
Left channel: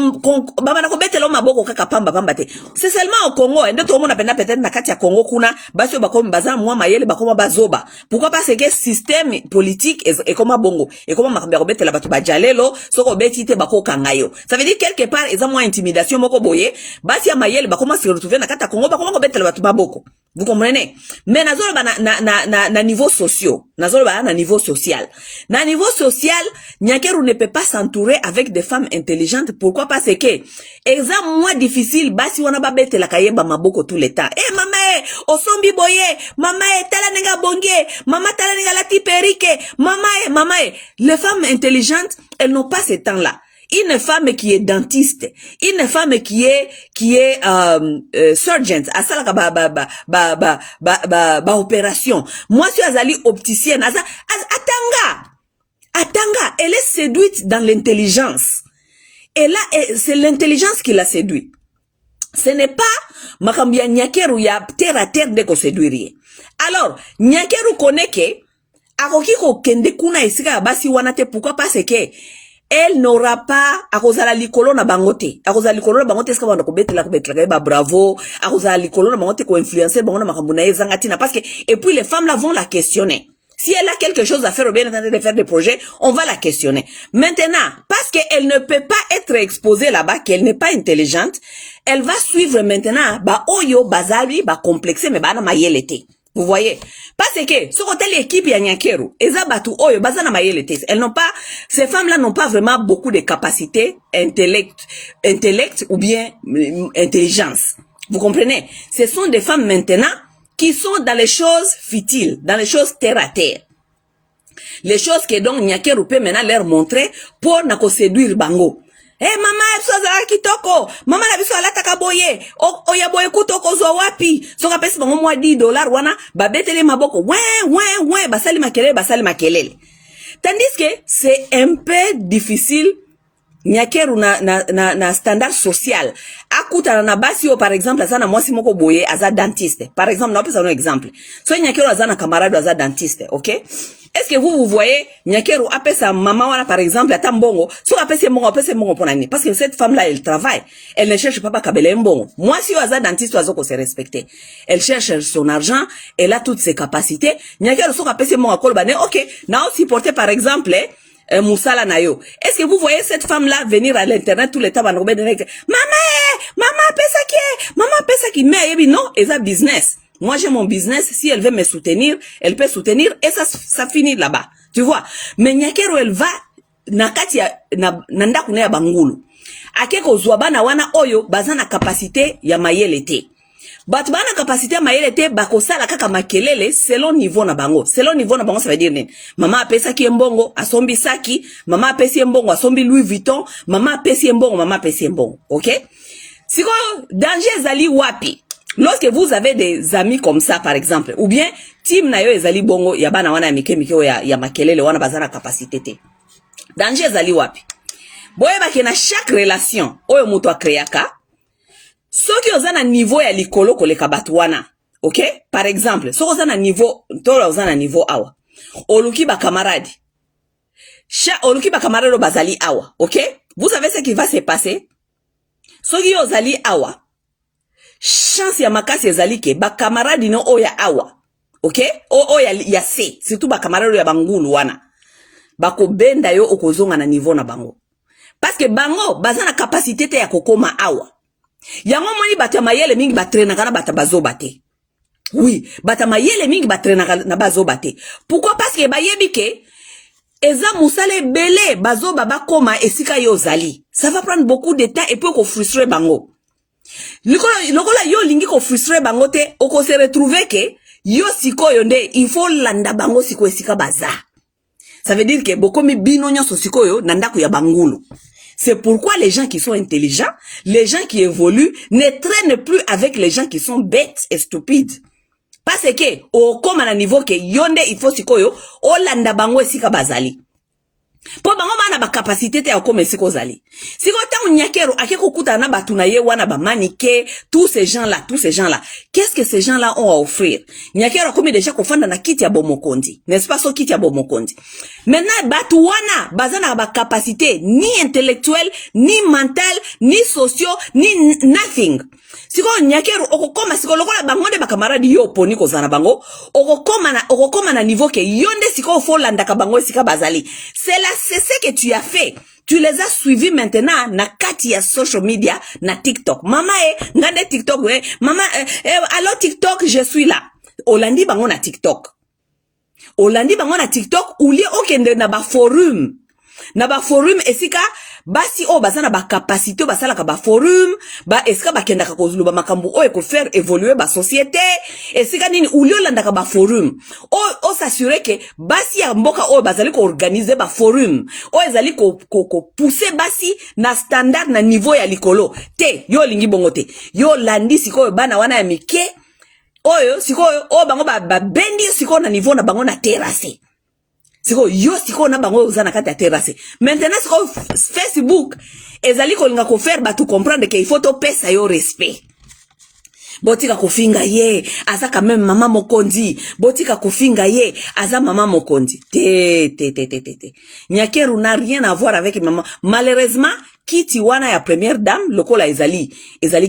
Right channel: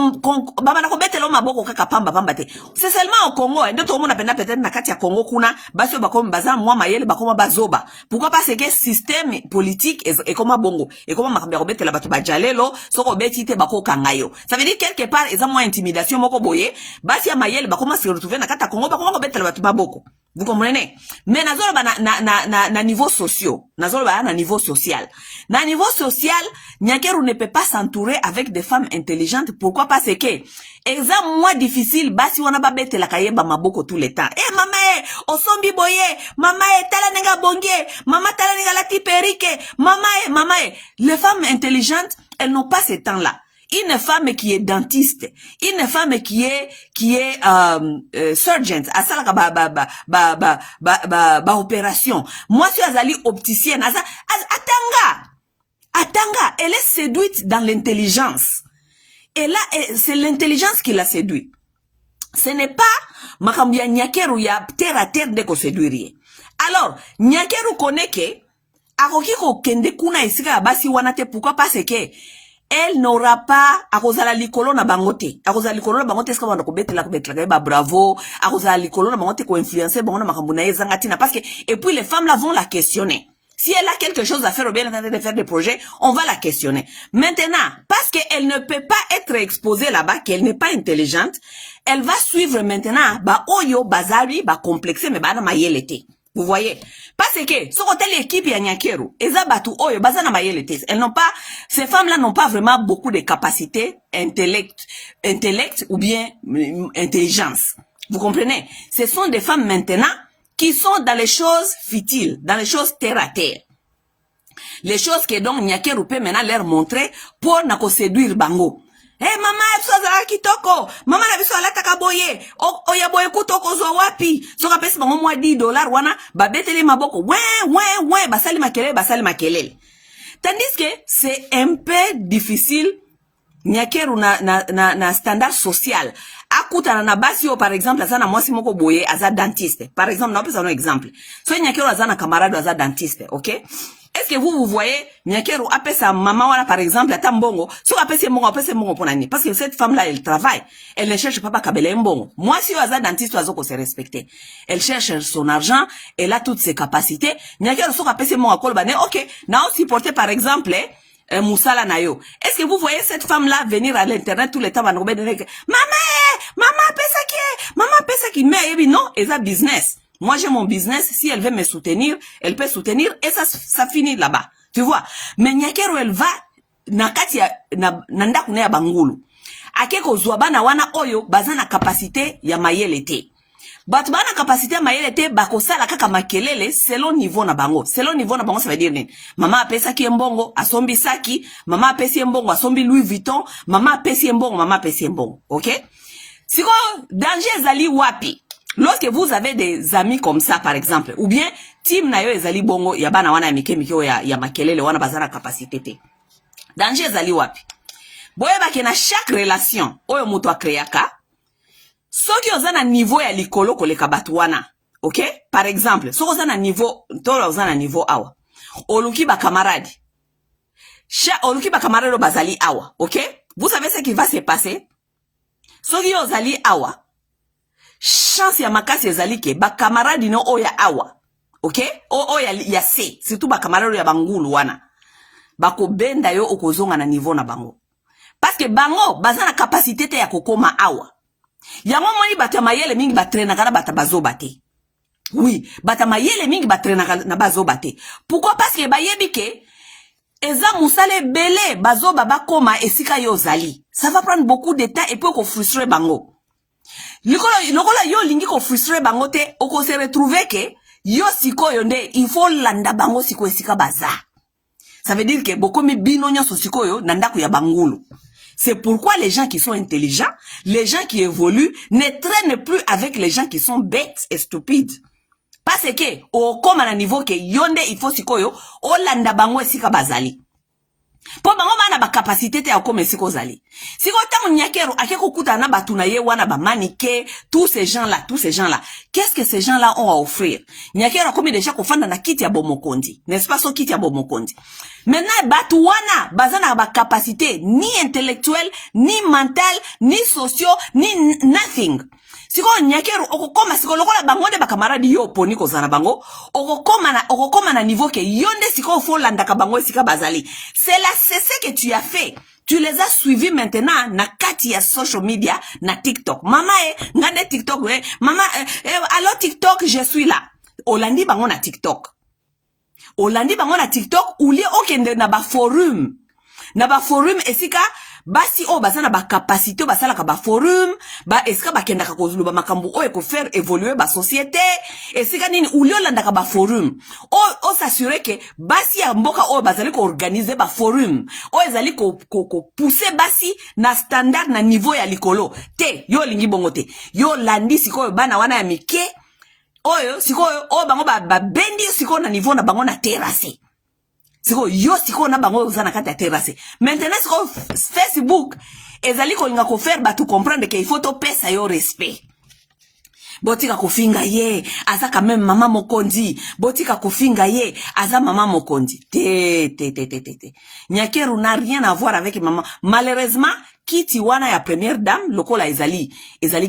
seulement au Congo, et tout le monde appelle peut-être na kati ya Congo kuna, basi bakomi baza mwa mayele bakoma bazoba. Pourquoi? Parce que système politique est comme bongo. Et comme makambe robete la batu bajalelo, soko beti te bako kangayo. Ça veut dire quelque part eza mwa intimidation moko boye, basi ya mayele bakoma se retrouver na kati ya Congo bakoma robete la batu maboko. Vous comprenez? Mais nazo ba na niveau social, nazo ba na niveau social. Na niveau social, Nyakeru ne peut pas s'entourer avec des femmes intelligentes. Pourquoi? Parce que exemple moins difficile, basi wana ba bete la kayeba maboko tout le temps. Eh mama osombi boye, mama tala nenga bonge, mama tala nenga lati perike, mama les femmes intelligentes, elles n'ont pas ce temps-là. Une femme qui est dentiste, une femme qui est surgeon, à ça ba opération. Moi je suis azali opticienne, atanga, elle est séduite dans l'intelligence. Et là c'est l'intelligence qui l'a séduit. Ce n'est pas makambia Nyakeru ya terre à terre de ko séduire. Alors, Nyakeru connaît que akoki ko kende kuna esika basi wanate pourquoi? Parce que elle n'aura pas akozala likolo na bangote. Akozala likolo na bangote eska bana ko betela ba bravo, akozala likolo na bangote ko influencer bango na makambo na ezangati na parce que et puis les femmes là vont la questionner. Si elle a quelque chose à faire ou bien en train de faire des projets, on va la questionner. Maintenant, parce qu'elle ne peut pas être exposée là-bas, qu'elle n'est pas intelligente, elle va suivre maintenant ba oyo bazali ba complexé mais ba na mayelete. Vous voyez? Parce que, ce côté l'équipe ya Nyakeru, ezabatu oyo, bazana mayelete. Elles n'ont pas, ces femmes-là n'ont pas vraiment beaucoup de capacités, intellect ou bien intelligence. Vous comprenez? Ce sont des femmes maintenant qui sont dans les choses futiles, dans les choses terre à terre. Les choses que donc Nyakeru peut maintenant leur montrer pour nako séduire bango. Eh mama ebiso azala kitoko, mama ebiso alata kaboye, oya boye kutoko zo wapi, soka pesi bango mwa $10 wana, babetele maboko, basali makelele. Tandis que c'est un peu difficile, Nyakeru na standard social. Akuta na basi par exemple, azana mwasi moko boye, aza dentiste. Par exemple, na opisa un exemple. So Nyakeru azana camarade aza dentiste, ok? Est-ce que vous voyez, Nyakeru appelle sa maman, voilà, par exemple, à Tambongo, soit appelle ses mongo pour l'année. Parce que cette femme-là, elle travaille. Elle ne cherche pas kabele mbongo. Moi, si vous êtes dentiste, vous avez se respecter. Elle cherche son argent, elle a toutes ses capacités. Nyakeru soit appelle ses mongo à kolbane, ok. Na aussi porter, par exemple, Moussala Nayo. Est-ce que vous voyez cette femme-là venir à l'internet tout le temps, maman, pesa qui, mais, non, elle a business. Moi, j'ai mon business. Si elle veut me soutenir, elle peut soutenir et ça finit là-bas. Tu vois? Mais Nyakeru, elle va, nakati ya, nanda kune ya bangulu. Akeko zuabana wana oyo, bazana capacité ya mayelete. But bana capacité ya mayelete, bakosala kaka makelele, selon niveau na bango. Selon niveau na bango, ça veut dire nini? Mama apesa ki mbongo, asombi saki, mama apesi mbongo, asombi Louis Vuitton, mama apesi mbongo, mama apesi mbongo. Ok? Siko, danger zali wapi? Lorsque vous avez des amis comme ça, par exemple, ou bien, team na yo ezali bongo, ya bana wana ya mike ya makelele, wana bazana capacité te. Danger ezali wapi? Boye baki na chaque relation, oyo mutu akreaka, soki ozana niveau ya likolo koleka batu wana, ok? Par exemple, soki ozana niveau, tolo ozana niveau awa, oluki ba camarade, oluki ba camarade bazali awa, ok? Vous savez ce qui va se passer? Soki ozali awa, chance ya makasi ezali ke ba camarade no oya awa, ok? Oya ya se, surtout ba camarade ya bangulu wana. Bako benda yo okozonga na niveau na bango. Parce que bango baza na capacité te ya kokoma awa. Yango moni bata mayele mingi batrena kana bata bazoba te. Oui, bata mayele mingi batrena na bazoba te. Pourquoi? Parce que bayebi ke eza musale belé bazoba bakoma esika yo zali. Ça va prendre beaucoup de temps et puis ko frustrer bango. Lokola yo lingi ko frustrer bango te, oko se retrouver ke yo sikoyo nde il faut landa bango siko esika baza. Ça veut dire que beaucoup de bino nyonso sikoyo nandako ya bangulu. C'est pourquoi les gens qui sont intelligents, les gens qui évoluent, ne traînent plus avec les gens qui sont bêtes et stupides. Parce que, au comme à niveau que yonde il faut sikoyo, o landa bango esika bazali. Po bango bana ba capacité te akome siko zali. Siko tangu nyakero akeko kuta na batuna ye wana ba manike, tous ces gens-là. Qu'est-ce que ces gens-là ont à offrir? Nyakero akome déjà kofanda na kiti ya bomokondi. N'est-ce pas so kiti ya bomokondi? Maintenant batu wana bazana ba capacité ni intellectuelle, ni mentale, ni socio, ni nothing. Siko nyakero okokoma siko lokola bangonde ba camarade yo poni ko zana bango, okokoma na niveau ke yonde siko fo landa ka bango sika bazali. C'est ce que tu as fait. Tu les as suivis maintenant na kati ya social media na TikTok. Mama ngande TikTok mama allo TikTok je suis là. Olandi bango na TikTok. Olandi bango na TikTok ulie okende na ba forum. Na ba forum esika basi o bazana ba capacité basala ka ba forum ba esika bakenda ka kozuluba makambu o eko faire évoluer ba société esika nini ulio landa ka ba forum o s'assurer que basi ya mboka o bazali ko organiser ba forum o ezali ko pousser basi na standard na niveau ya likolo te yo lingi bongo te yo landi siko bana wana ya mike oyo siko o bango ba bendi siko na niveau na bango na terrasse. Siko yo siko na bango uzana kati ya terrasse. Maintenant siko Facebook ezali ko linga ko faire ba tu comprendre que il faut to pesa yo respect. Botika kofinga ye aza quand même maman mokondi. Botika kofinga ye aza maman mokondi. Te. Nyakeru n'a rien à voir avec maman. Malheureusement kiti wana ya première dame lokola ezali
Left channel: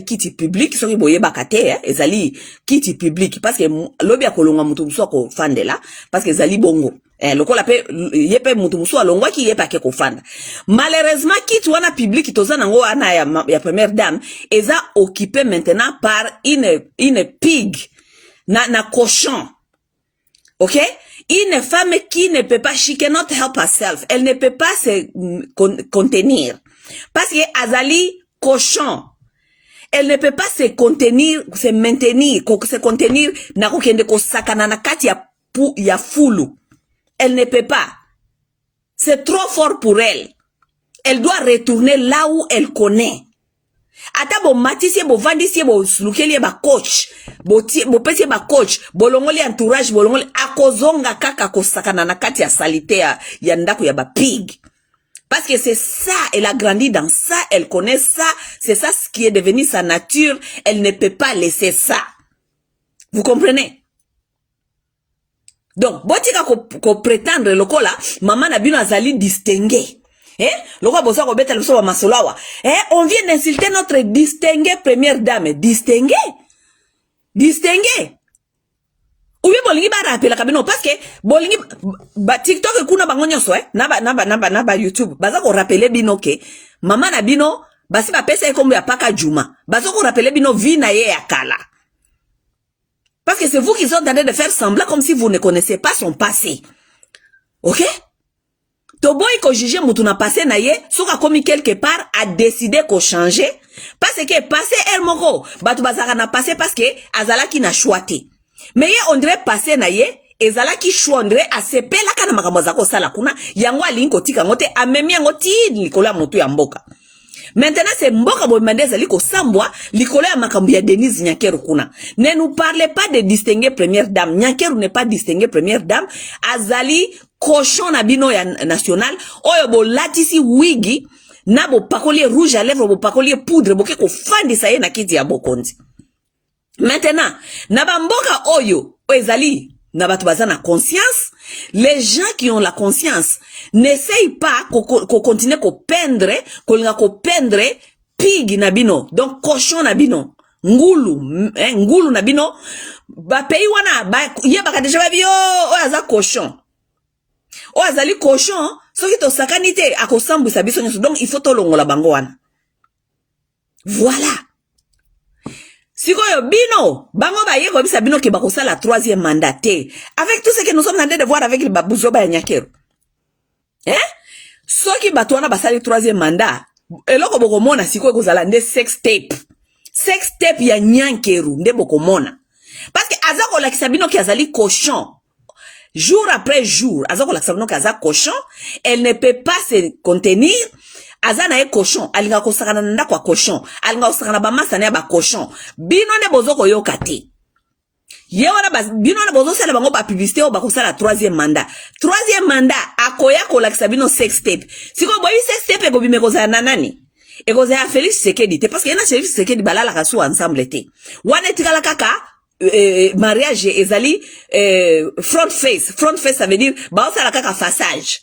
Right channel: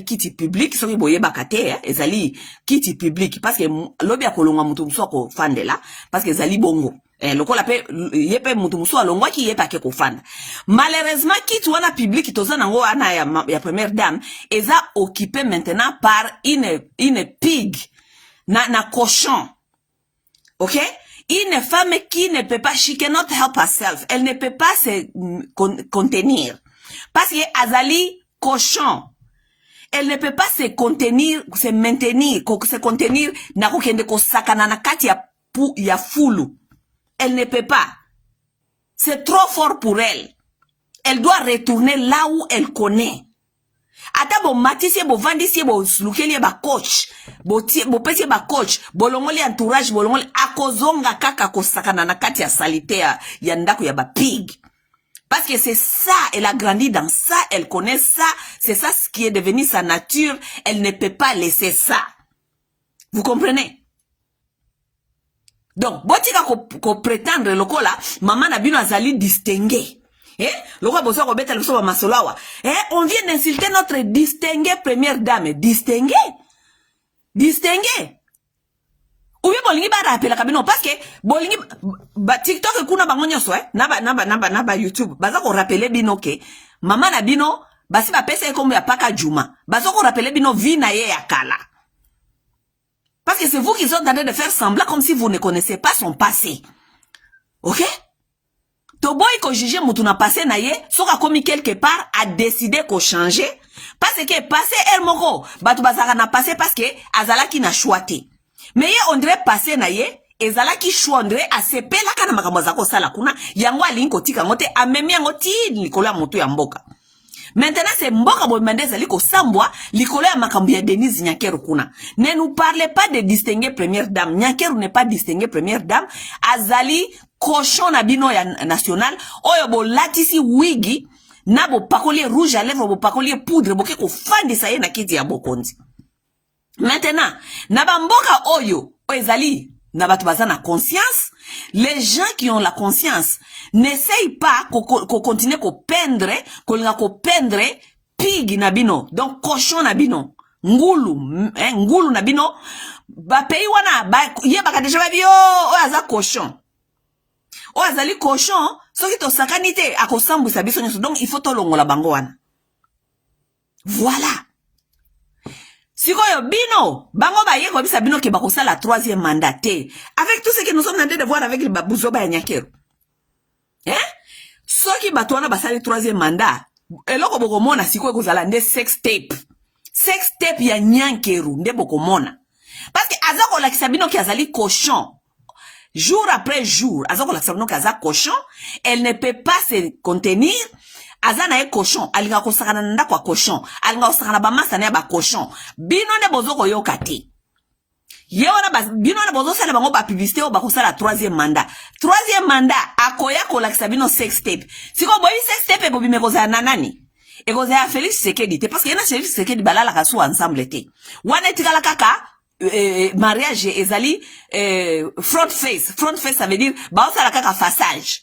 kiti public soki boye bakate ezali kiti public parce que lobi akolonga mutu muso ko fandela parce que ezali bongo lokola pe yepe mutu muso alongwa ki yepa ke ko fanda. Malheureusement kiti wana public toza nango ana ya première dame eza occupé maintenant par une pig na cochon. OK? Une femme qui ne peut pas, she cannot help herself. Elle ne peut pas se contenir. Parce que azali cochon. Elle ne peut pas se contenir, se maintenir, se contenir na kokende ko sakana na kati ya fulu. Elle ne peut pas. C'est trop fort pour elle. Elle doit retourner là où elle connaît. Ata bo matisi bo vandisi bo lukeli ba coach bo pesi ba coach bolongoli entourage bolongoli akozonga kaka kosakana na kati ya salite ya ndako ya ba pig. Parce que c'est ça, elle a grandi dans ça, elle connaît ça, c'est ça ce qui est devenu sa nature, elle ne peut pas laisser ça. Vous comprenez? Donc, botika ko prétendre lokola, maman na bino azali distingué. Lokola bosa ko beta loso ba masolawa. On vient d'insulter notre distinguée première dame, distingué. Ou bien bolingi ba rappela kabino parce que bolingi ba TikTok kuna bango nyonso na YouTube baza ko rappeler bino ke mama na bino basi ba pesa kombo ya paka Juma baza ko rappeler bino vie na ye ya kala parce que c'est vous qui êtes en train de faire semblant comme si vous ne connaissez pas son passé. OK? To boy ko juger mutu na passé na ye soka komi quelque part a décidé ko changer parce que passé el moko batu bazaka na passé parce que azala ki na choité. Mais on dirait passer na ye ezala ki chouandre a sepela kana makambo za ko sala kuna yango alinko tika ngote amemi yango ti likola moto ya mboka. Maintenant c'est mboka bo mandeza liko sambwa likolo ya makambo ya Denise Nyakeru kuna. Ne nous parlez pas de distinguer première dame. Nyakeru n'est pas distinguer première dame. Azali cochon na bino ya national oyo bo latisi wigi na bo pakolier rouge à lèvres bo pakolier poudre bo ke ko fandisa ye na kiti ya bokondi. Maintenant, naba mboka oyo, ezali, nabatu bazana conscience, les gens qui ont la conscience, n'essayent pas qu'on continue qu'on pendre pig nabino, donc cochon nabino, ngulu nabino, ba pays wana, ba, ye baka deja babi, aza cochon. Azali cochon, Soki to sakanite akosambu sabiso nyoso. Donc il faut to longola bango wana. Voilà. Sikoyo bino, bango ba yeko bisa bino ke bakosa la 3e mandat. Avec tout ce que nous sommes en train de voir avec les babouzoba ya Nyakero. Soki batuana basali 3e mandat. Eloko bokomona sikoyo kozala nde sex tape. Sex tape ya Nyankeru nde bokomona. Parce que azako la kisabino ki azali cochon. Jour après jour, azako la kisabino ki azako cochon, elle ne peut pas se contenir. Azana e cochon, alinga kosakana nda kwa cochon, alinga kosakana ba masa na ba cochon. Bino ne bozoko yoka te. Yewana bino ne bozo sala bango ba publicité o ba kosala 3e mandat. 3e mandat akoya ko la kisabino sex tape. Siko boyi sex tape ko bimeko za nanani. Et vous avez Félix Tshisekedi parce qu'il y a Félix Tshisekedi balala kasu ensemble te. Wana tikala kaka mariage ezali front face ça veut dire ba osala kaka façage.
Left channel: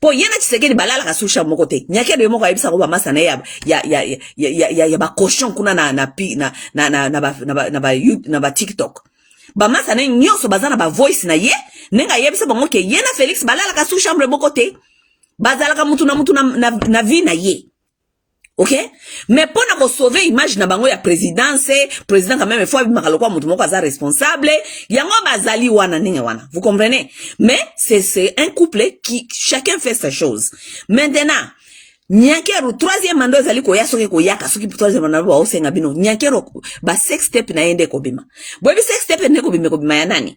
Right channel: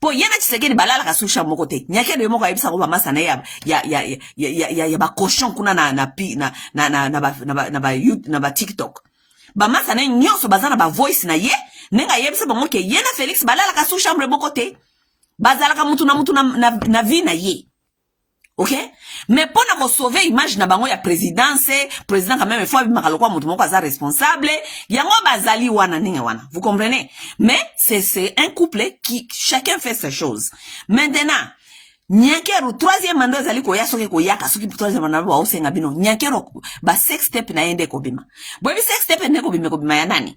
Po yana Tshisekedi balala kasu chambo côté. Nyakero yemo ka yebisa ko ba masana ya ba cochon kuna na ba TikTok. Ba masana nyonso bazana ba voice na ye nenga yebisa bango ke yana Félix balala kasu chambre moko te. Bazala ka mutu na vie na ye. Ok? Mais pour nous sauver image na bango ya président quand même il faut makalokwa mutu moko aza responsable yango bazali wana ninga wana. Vous comprenez? Mais c'est un couple qui chacun fait sa chose. Maintenant Nyankeru 3e mandat ezali ko ya soki ko yaka soki 3e mandat ba osenga bino Nyankeru ba sex step na yende ko bima. Bobi sex step ne ko bima ya nani?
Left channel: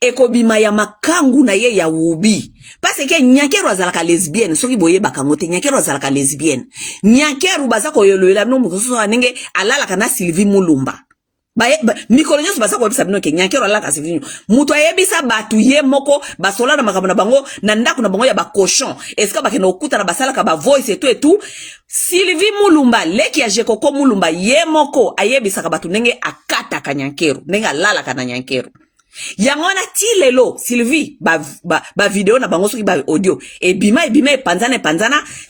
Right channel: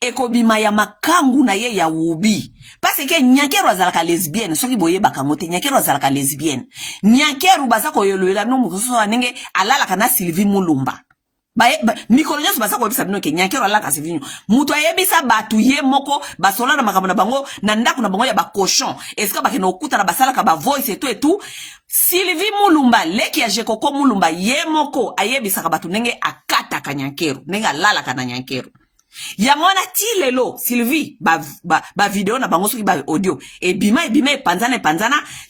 Ekobima ya makangu na ye ya ubi. Parce que Nyankeru azalaka lesbienne. Soki boye bakango te Nyankeru azalaka lesbienne. Nyankeru bazako yoloyela no mukoso nenge alala kana Sylvie Mulumba. Mikolo nyonso bazako bisa bino ke Nyankeru alala ka Sylvie. Muto ayebisa batu ye moko basola na makambo na bango na ndako na bango ya ba cochon. Est-ce que bakena okuta na basala ka ba voice et tout. Sylvie Mulumba leki ya Jekoko Mulumba ye moko ayebisa ka batu nenge akata ka Nyankeru. Nenge alala ka na Nyankeru. Yangona ti lelo Sylvie ba video na bango soki ba audio e bima panzana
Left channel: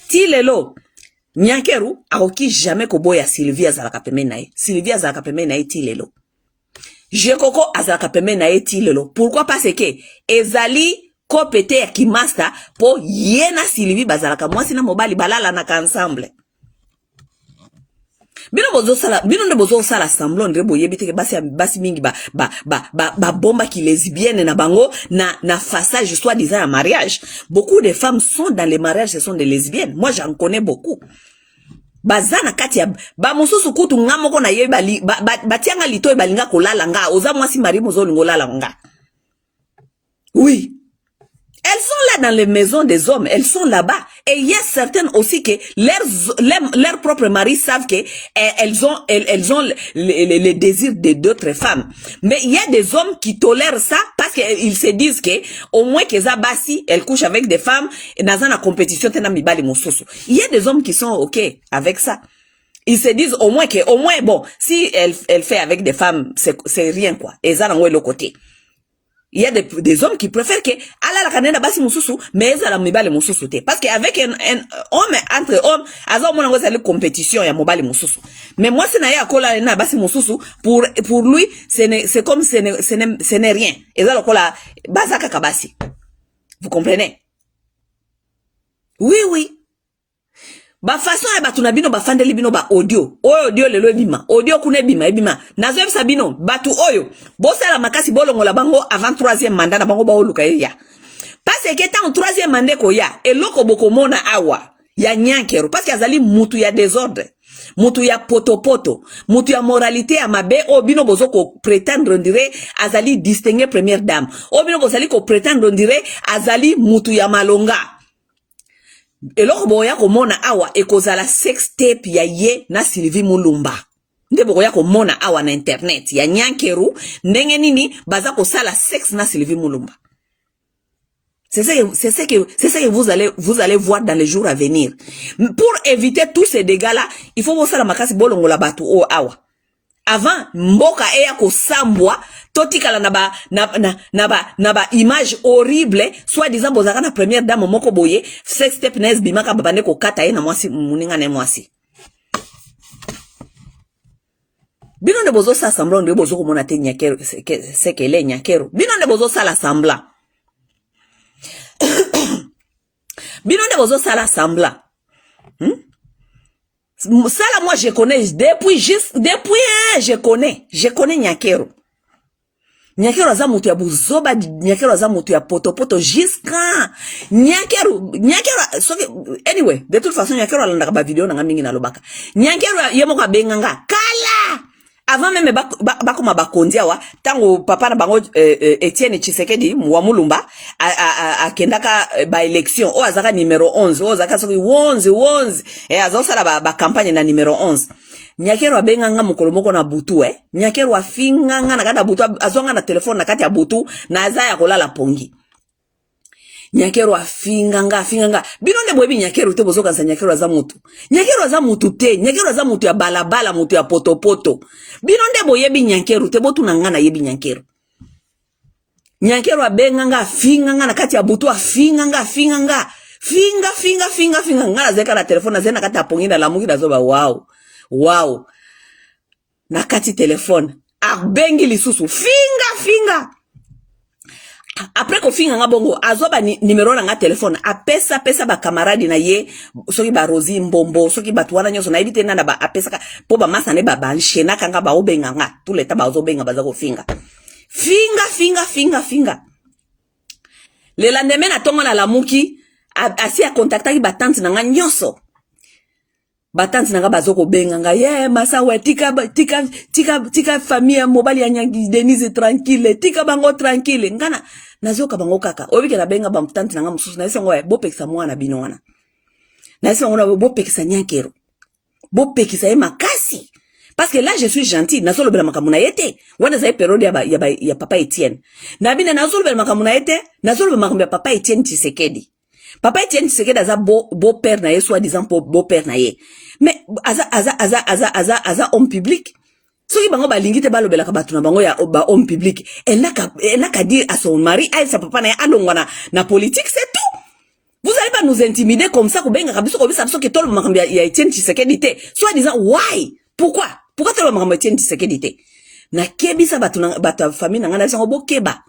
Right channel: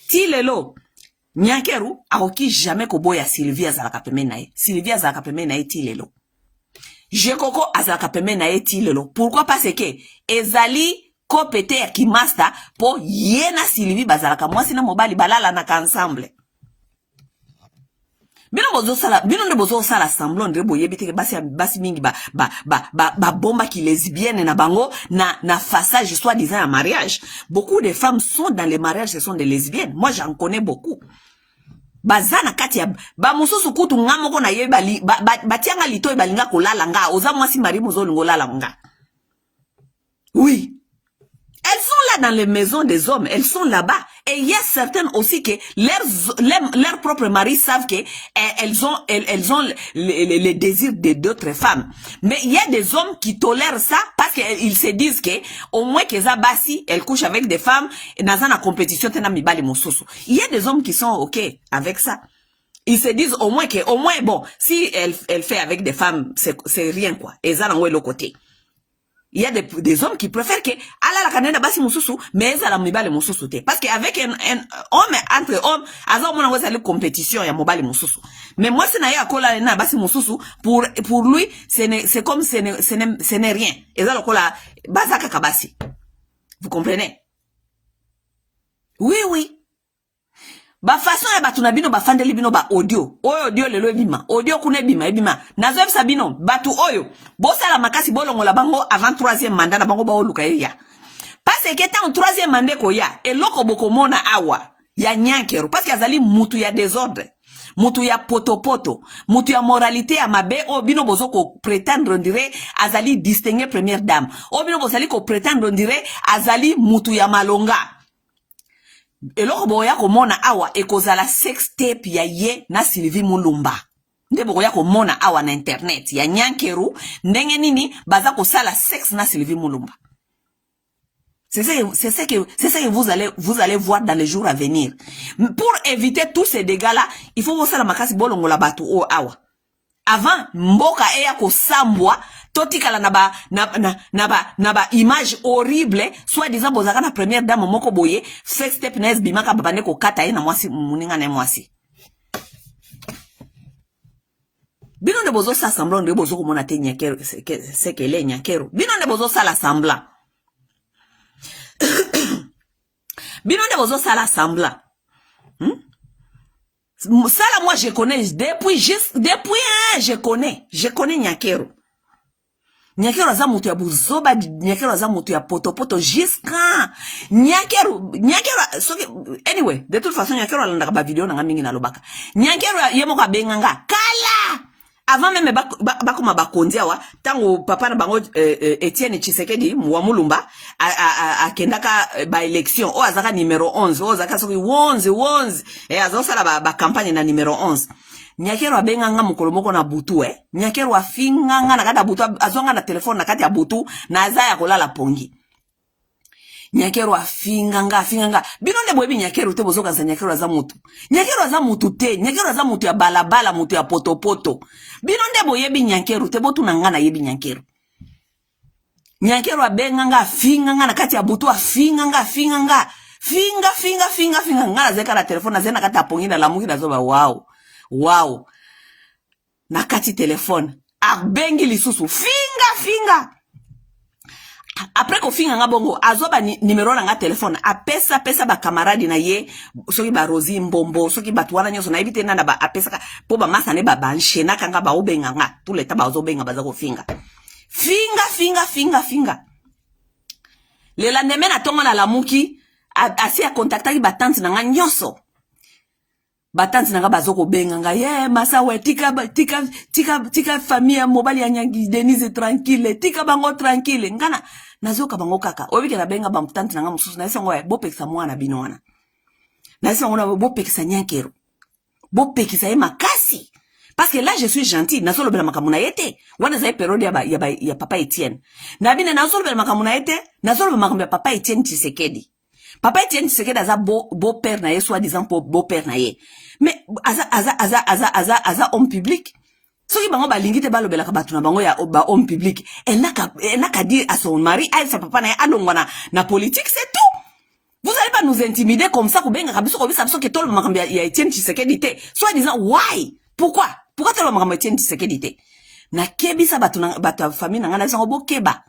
ti lelo Nyankeru akoki jamais koboya Sylvie azalaka pembe na ye. Sylvie azalaka pembe na ye ti lelo. Jekoko azalaka pembe na ye ti lelo. Pourquoi? Parce que ezali kopete ya kimasta po yena Sylvie bazalaka mwasi na mobali balala na ensemble. Bino ndo bozo sala semblant de boye biteke basi mingi ba bomba qui lesbienne na bango na façage soi-disant à mariage. Beaucoup de femmes sont dans les mariages, ce sont des lesbiennes. Moi j'en connais beaucoup. Bazana kati ya ba mususu kutu ngamoko na ye batianga lito balinga kolala nga oza mwasi mari mozo lingolala nga. Oui. Elles sont là dans les maisons des hommes, elles sont là-bas. Et il y a certaines aussi que leurs propres maris savent que elles ont les désirs de d'autres femmes. Mais il y a des hommes qui tolèrent ça parce qu'ils se disent que au moins que Zabasi, elle couche avec des femmes et dans une compétition tena mibali mososo. Il y a des hommes qui sont OK avec ça. Ils se disent au moins bon, si elle fait avec des femmes, c'est rien quoi. Et ça dans le côté. Il y a des hommes qui préfèrent que ala la kanena basi mususu mais ezala mibali mususu te parce que avec un homme entre hommes azo mona ngoza le compétition ya mobali mususu mais moi c'est na ya kola na basi mususu pour lui c'est comme ce n'est rien ezala kola bazaka kabasi. Vous comprenez? Oui ba façon ya batu na bino ba fandeli bino ba audio lelo bima audio kuna bima nazo sabino batu oyo bosala makasi bolongola bango avant 3e mandat na bango ba oluka ya parce que tant 3e mandat ko ya eloko bokomona awa ya Nyankeru parce que azali mutu ya désordre mutu ya potopoto mutu ya moralité ya mabe o bino bozoko prétendre on dirait azali distinguer première dame o bino bozali ko prétendre on dirait azali mutu ya malonga. Eloko boya komona awa ekozala sex tape ya ye na Sylvie Mulumba. Nde boya komona awa na internet ya Nyankeru ndenge nini baza ko sala sex na Sylvie Mulumba. C'est ça que vous allez voir dans les jours à venir. Pour éviter tous ces dégâts là, il faut voir la makasi bolongo la batu o awa. Avant mboka eya ko sambwa totikala na ba image horrible soit disant bozaka na première dame moko boye sex step na bimaka babane ko kata ye na mwasi muninga na mwasi. Bino ne bozo sa semblant de bozo ko mona te Nyankeru c'est que les Nyankeru. Bino ne bozo sa la semblant. Bino nde bozo sala semblant. Ça là, moi, je connais, depuis, je connais Nyakero. Nyakero aza mutu ya buzoba, Nyakero aza mutu ya poto jusqu'à Nyakero, anyway, de toute façon, Nyakero alanda ba vidéo nanga mingi na lobaka. Nyakero yemo ka benganga, kala! Avant même bakoma bakondia wa, tango papa na bango Etienne Tshisekedi, wa mulumba, a kendaka ba élection, o azaka numéro 11, o azaka soki 11, azosala ba campagne na numéro 11. Nyakero abenganga mukolo moko na butu Nyakero afinganga na kata butu azonga na telefone na kati ya butu na azaya kolala pongi. Nyakero afinganga bino nde boyebi Nyakero te bozoka sa Nyakero aza mutu. Nyakero aza mutu te, Nyakero aza mutu ya balabala, mutu ya poto. Bino nde boyebi Nyakero te botu na ngana yebi Nyakero. Nyakero abenganga afinganga na kati ya butu afinganga finga ngana zeka na telefone na zena kati ya pongi na lamuki na zoba wow. Na kati telefone. Abengi lisusu. Finga. Après ko finga nga bongo. Azoba numero na nga telefone. Apesa ba kamaradi na ye. Soki ba Rosi Mbombo. Soki ba tuwana nyoso. Na ibite nana ba apesa ka. Po ba masane ba banshena kanga ba obenga nga. Tuleta ba ozobenga ba zako finga. Finga. Le lendemain na tongo na lamuki. Asi a kontaktaki ba tante na nga nyoso. Batanti nanga bazoko benganga masawe tika famille mobali ya Nyangi Denise tranquille tika bango tranquille ngana nazoka bango kaka obike na benga ba mtanti nanga mususu na isengo bopekisa mwana bino wana na isengo na bopekisa Nyakero bopekisa makasi parce que là je suis gentil na solo bela makamuna yete wana za periode ya papa Etienne na bine na solo bela makamuna yete na solo bela makamuna papa Etienne Tshisekedi. Papa Etienne Tshisekedi aza beau-père na ye, soi-disant beau-père na ye. Mais aza homme public. Soki bango balingi te balobela ka batu na bango ya homme public. Elle n'a qu'à dire à son mari, à sa papa na ye, alongwa na politique, c'est tout. Vous allez pas nous intimider comme ça, kubenga kabiso ki tolo makambi ya Etienne Tshisekedi te. Soi-disant, why? Pourquoi tolo makambi ya Etienne Tshisekedi te? Na kebisa batu famille na ngana sango bo keba.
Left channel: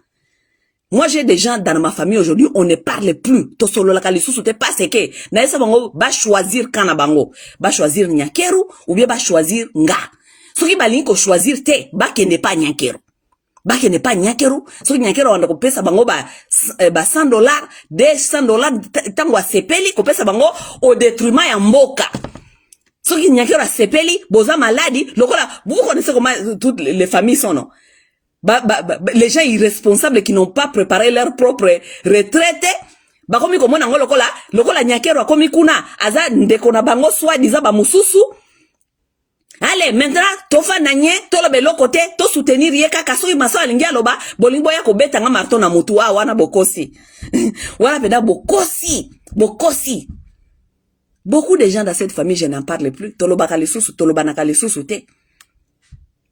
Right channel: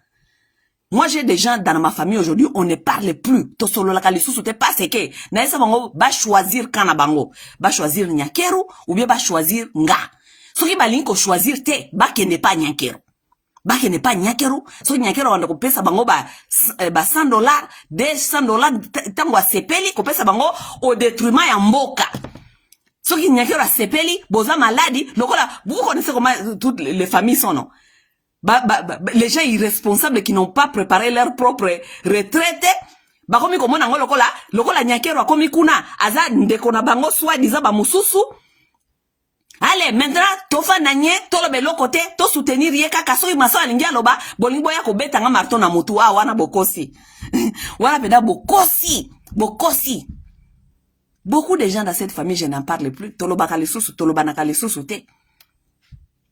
Moi, j'ai des gens dans ma famille aujourd'hui, on ne parle plus. To solo la kalisusu te pas que. Na esa bango, ba choisir kana bango. Ba choisir Nyakero, ou bien ba choisir nga. Soki ba linko choisir te, ba ke ne pas Nyakero. Soki Nyakero wanda kopesa bango ba $100, $200, tango a sepeli, kopesa bango au détriment ya mboka. Soki Nyakero a sepeli, boza maladi, lokola, vous connaissez comment toutes les familles sont, non? Les gens irresponsables qui n'ont pas préparé leur propre retraite bakomi komona ngo lokola Nyakero akomi kuna aza ndeko na bango soi-disant ba mususu. Allez, maintenant tofa nanye tolobe lokote to soutenir ye kaka soki masala lingi aloba bolingo ya kobeta nga marton na mutu wana bokosi wana peda bokosi. Beaucoup de gens dans cette famille, je n'en parle plus. Toloba kalisusu tolobana lisusu te.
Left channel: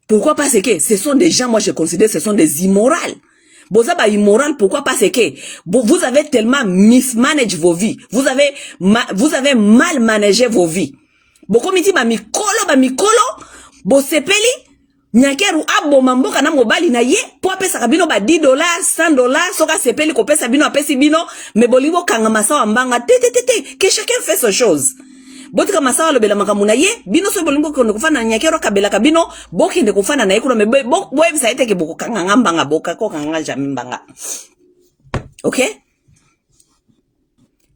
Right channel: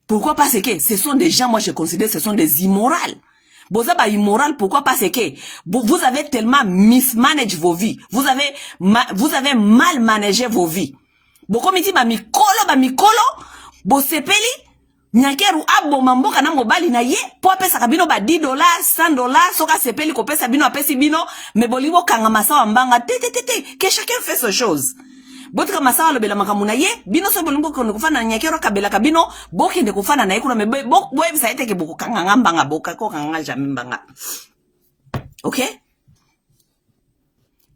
Pourquoi? Parce que ce sont des gens, moi je considère, ce sont des immorales. Bozaba immoral, pourquoi? Parce que vous avez tellement mismanagé vos vies. Vous avez mal managé vos vies. Bokomiti ba mikolo, bo sepeli, Nyakero abo mamboka na mobali na ye, po apesa kabino ba $10, $100, soka sepeli ko pesa bino apesi bino, me bolibo kanga masawa mbanga, que chacun fait ses choses. Botika masawa lobela makamuna ye bino so bolimbo ko kufana Nyakero kabela kabino boki de kufana na ikuna me boyebi sa iteke boko kanga ngambanga boka ko kanga jamimbanga. OK?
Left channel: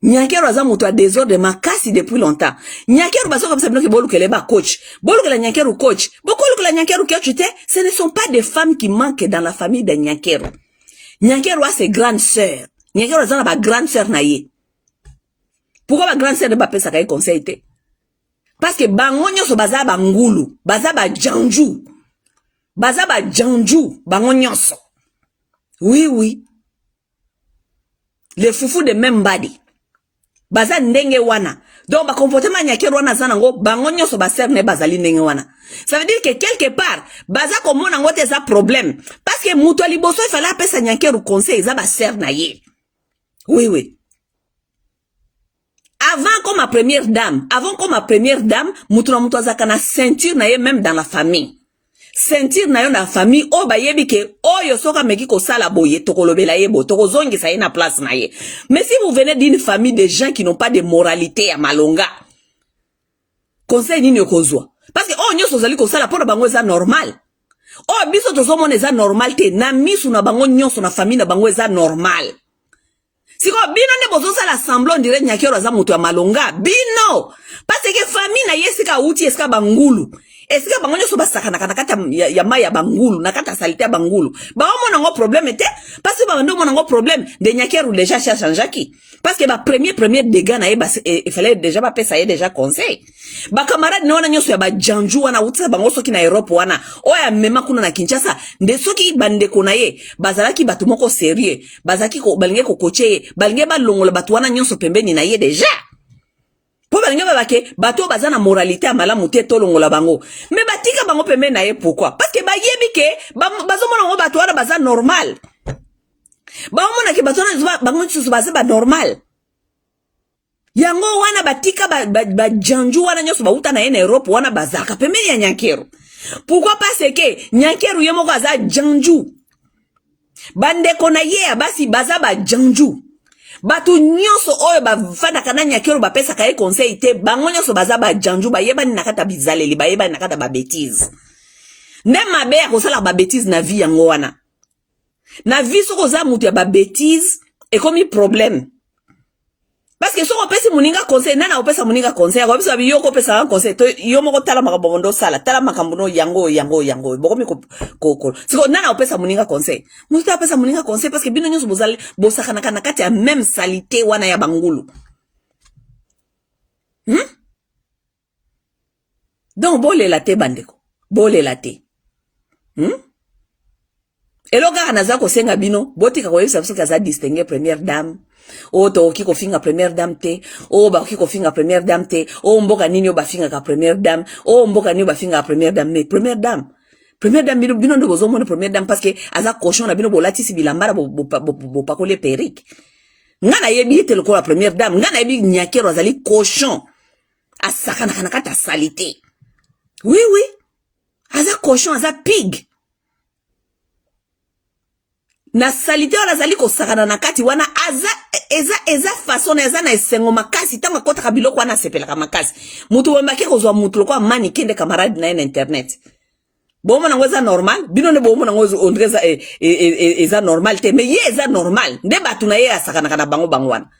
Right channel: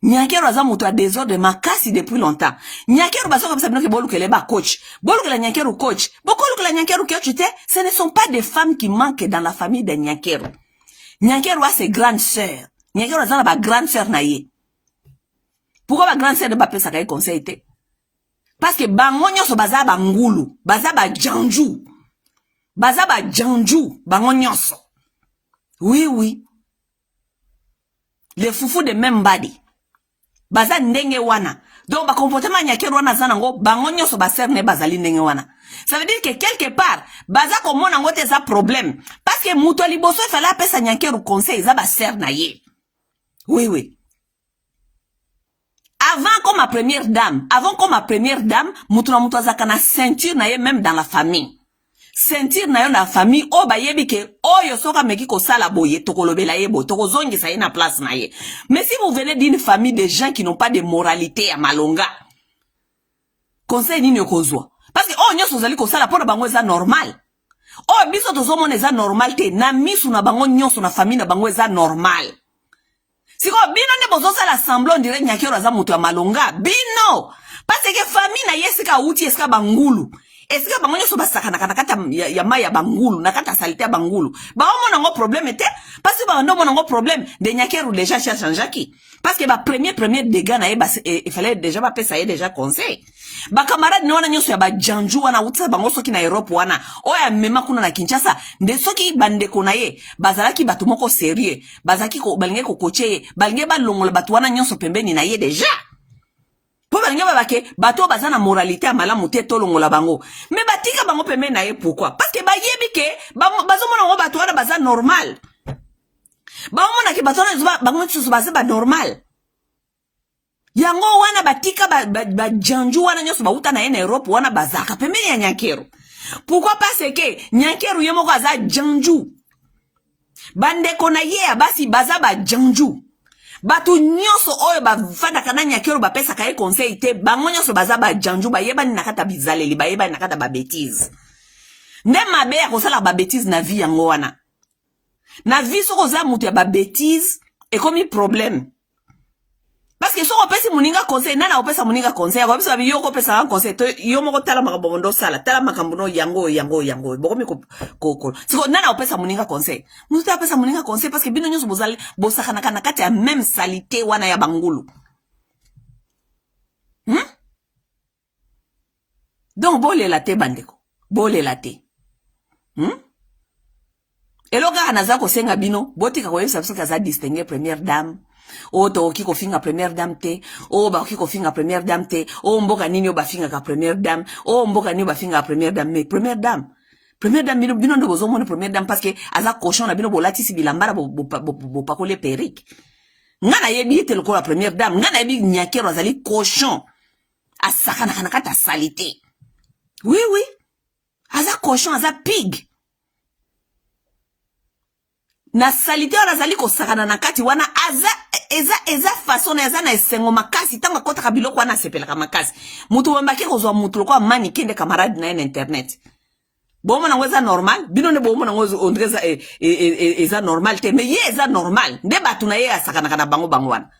Nyakero aza mutu a désordre makasi depuis longtemps. Nyakero baso comme ça bino ke bolukele ba coach. Bolukele Nyakero coach. Bolukele Nyakero coach te, ce ne sont pas des femmes qui manquent dans la famille de Nyakero. Nyakero a ses grandes sœurs. Nyakero aza ba grande sœur na ye. Pourquoi ma grande sœur ne pas pesa kay conseil te? Parce que bango nyonso baza ba ngulu, baza ba janju. Bango nyonso. Oui. Les foufous de même body. Baza ndenge wana. Donc ba comportement Nyakero wana zanango bango nyonso ba sœur ne bazali ndenge wana. Ça veut dire que quelque part baza komona ngo te za problème parce que muto liboso il fallait pesa Nyakero conseil za ba sœur na ye. Oui. Avant comme ma première dame, mutu na mutu azaka na ceinture na ye même dans la famille. sentir na yo na famille o ba yebi ke oyo soka meki ko sala boye tokolobela yebo tokozongisa ye na place na ye. Mais si vous venez d'une famille de gens qui n'ont pas de moralité ya malonga, conseil nini okozwa? Parce que oh nyonso zali ko sala pona bango eza normal. Oh biso tozomona eza normal te na misu na bango nyonso na famille na bango eza normal. Siko bino nde bozosala semblant dire Nyakero aza mutu ya malonga bino. Parce que famille na yesika uti esika bangulu. Esika bango nyonso basakana kata ya maya bangulu na kata salite bangulu. Ba omona ngo problème te parce que ba ndo mona ngo problème de Nyakero déjà changeaki. Parce que ba premier dégâts na il fallait déjà ba pesa ye déjà conseil. Ba camarade ne wana nyonso ya ba janju wana utsa bango soki na Europe wana. Oya mema kuna na Kinshasa nde soki bandeko na ye bazalaki batu moko sérieux. Bazaki ko balinge ko coacher, balinge ba longola batu wana nyonso pembeni na ye déjà. Po balinge babake bato bazana moralité ya malamu te tolongola bango. Mais batika bango pembeni na ye pourquoi? Parce que ba yebi ke bazomona ngo batu wana baza normal. Ba omona ke bato wana bango tsusu baza ba normal. Yango wana batika ba janju wana nyoso bauta na ye na Europe wana bazaka pembeni ya Nyakero. Pourquoi parce que Nyakero ye moko aza janju. Bandeko na ye basi baza ba janju. Batu nyonso oyo bafanda kana Nyakero bapesa kaye conseil te bango nyonso baza ba janju bayeba ni nakata bizaleli bayeba ni nakata ba bêtise. Même mabe ya kosala ba bêtise na vie yango wana. Na vie soko za mutu ya ba bêtise e komi problème. Parce que si on pèse moninga conseil, nana on pèse moninga conseil. Comme ça, yo ko pèse un conseil. To yo moko tala makabondo sala, tala makambono yango. Bokomi ko. Si ko nana on pèse moninga conseil. Muta pèse moninga conseil parce que bino nyos bozali bosaka na kati ya même salité wana ya bangulu. Donc bolé la te bandeko. Bolé la te. Eloga anaza ko senga bino, botika ko yesa biso kaza distinguer première dame. O to kiko finga première dame te, o ba kiko finga première dame te, o mboka nini o ba finga ka première dame, o mboka nini o ba finga première dame, mais première dame bino ndo bozo mona première dame parce que aza cochon na bino bolati si bilambara bo pakole perique. Ngana yebi te loko la première dame, ngana yebi Nyakero azali cochon. Asakana kana kata salité. Oui, aza cochon, aza pig. Na salite wana zali ko sakana na kati wana eza façon eza na esengo makasi tanga kota biloko wana sepelaka makasi mutu wembaki kozwa mutu lokwa mani kende camarade na internet bomo na ngweza normal bino ne bomo na ngwezo ondreza eza normal te mais ye eza normal nde batu na ye asakana kana bango wana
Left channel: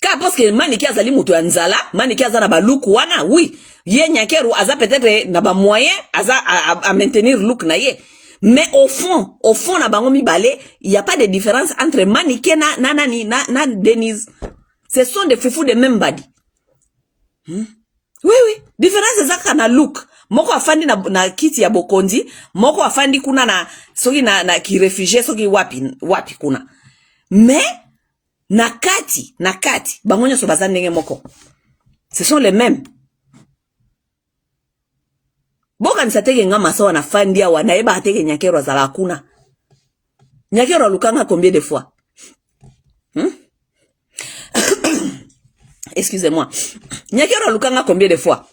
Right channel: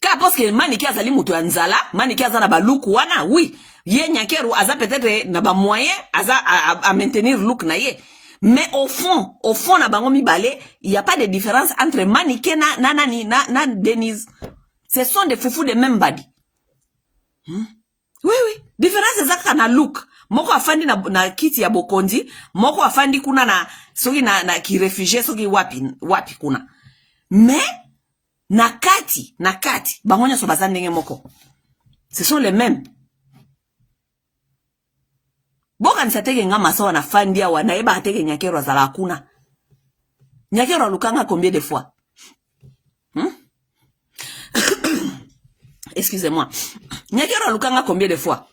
ka parce que mani ki azali mutu ya nzala mani ki azana baluku wana oui ye Nyakero aza peut-être na ba moyen aza à maintenir look na ye. Mais au fond, na bango mibale, il n'y a pas de différence entre Manike na Denise. Ce sont des foufous de même body. Oui. Différence c'est ça kana look. Moko afandi na kiti ya bokonzi, moko afandi kuna na soki na ki réfugié soki wapi kuna. Mais na kati, bango nyoso baza ndenge moko. Ce sont les mêmes. Boka nisateke nga masawa na fandi ya wana eba ateke Nyakero azala hakuna. Nyakero alukanga combien de fois? Excusez-moi. Nyakero alukanga combien de fois?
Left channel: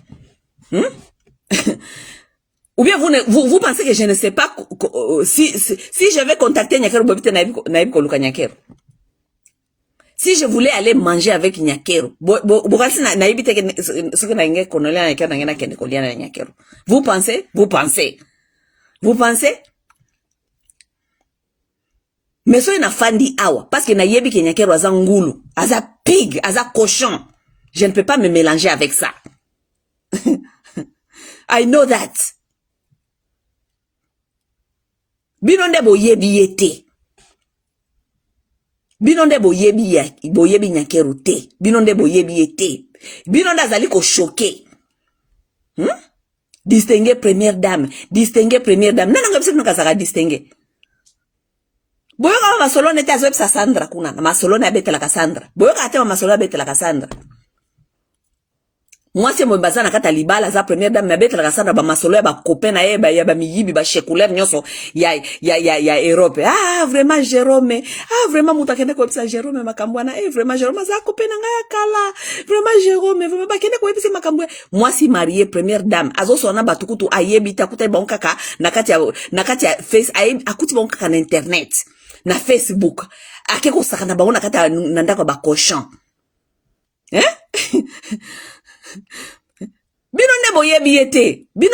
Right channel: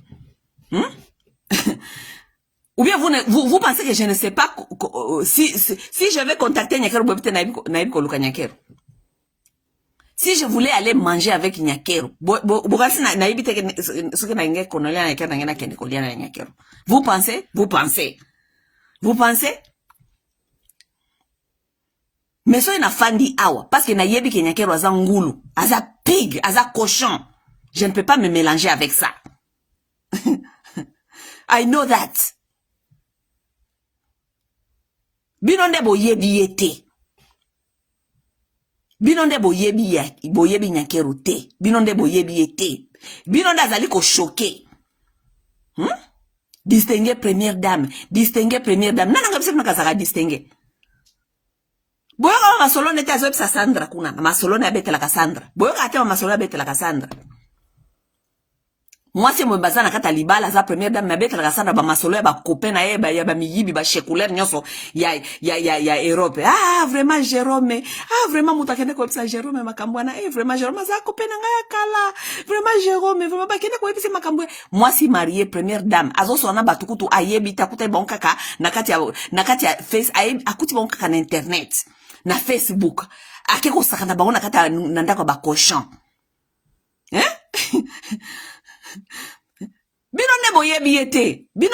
Ou bien vous pensez que je ne sais pas si je vais contacter Nyakero bobite naib ko luka Nyakero. Si je voulais aller manger avec Nyakero, bokasi naibite ce que na nge konolia na kana ngena kende kolia na Nyakero. Vous pensez? Mais so na fandi awa parce que na yebi ke Nyakero aza ngulu, aza pig, aza cochon. Je ne peux pas me mélanger avec ça. I know that. Binonde boyebi yete. Binonde boyebi Nyakero te. Binonde boyebi yete. Binonde azali ko choqué. Distinguer première dame. Nana ngabise kuna saka distinguer. Boyo kama masolone te azweb sa Sandra kuna. Masolone abetela ka Sandra. Boyo ate wa masolone abetela ka Sandra. Moi, c'est mon bazar, nakata libala, za première dame, na bête, la rasada, ba masolo, ba copain, na ye, ba miyibi, ba chekouler, nyonso, ya Europe. Ah, vraiment, Jérôme. Ah, vraiment, moutakende ko episa Jérôme, makambwana. Eh, vraiment, Jérôme, za copain, nga ya kala. Vraiment, Jérôme, vraiment, ba kende ko episa makambwana. Moi, si mariée, première dame, azo sona batukutu, ayebi, takuta, bon kaka, nakati ya face, akuti bon kaka na internet, na Facebook. Akeko sakana, ba, nakati ya nandako ba cochon. Hein? Bino ne boye biete. Bino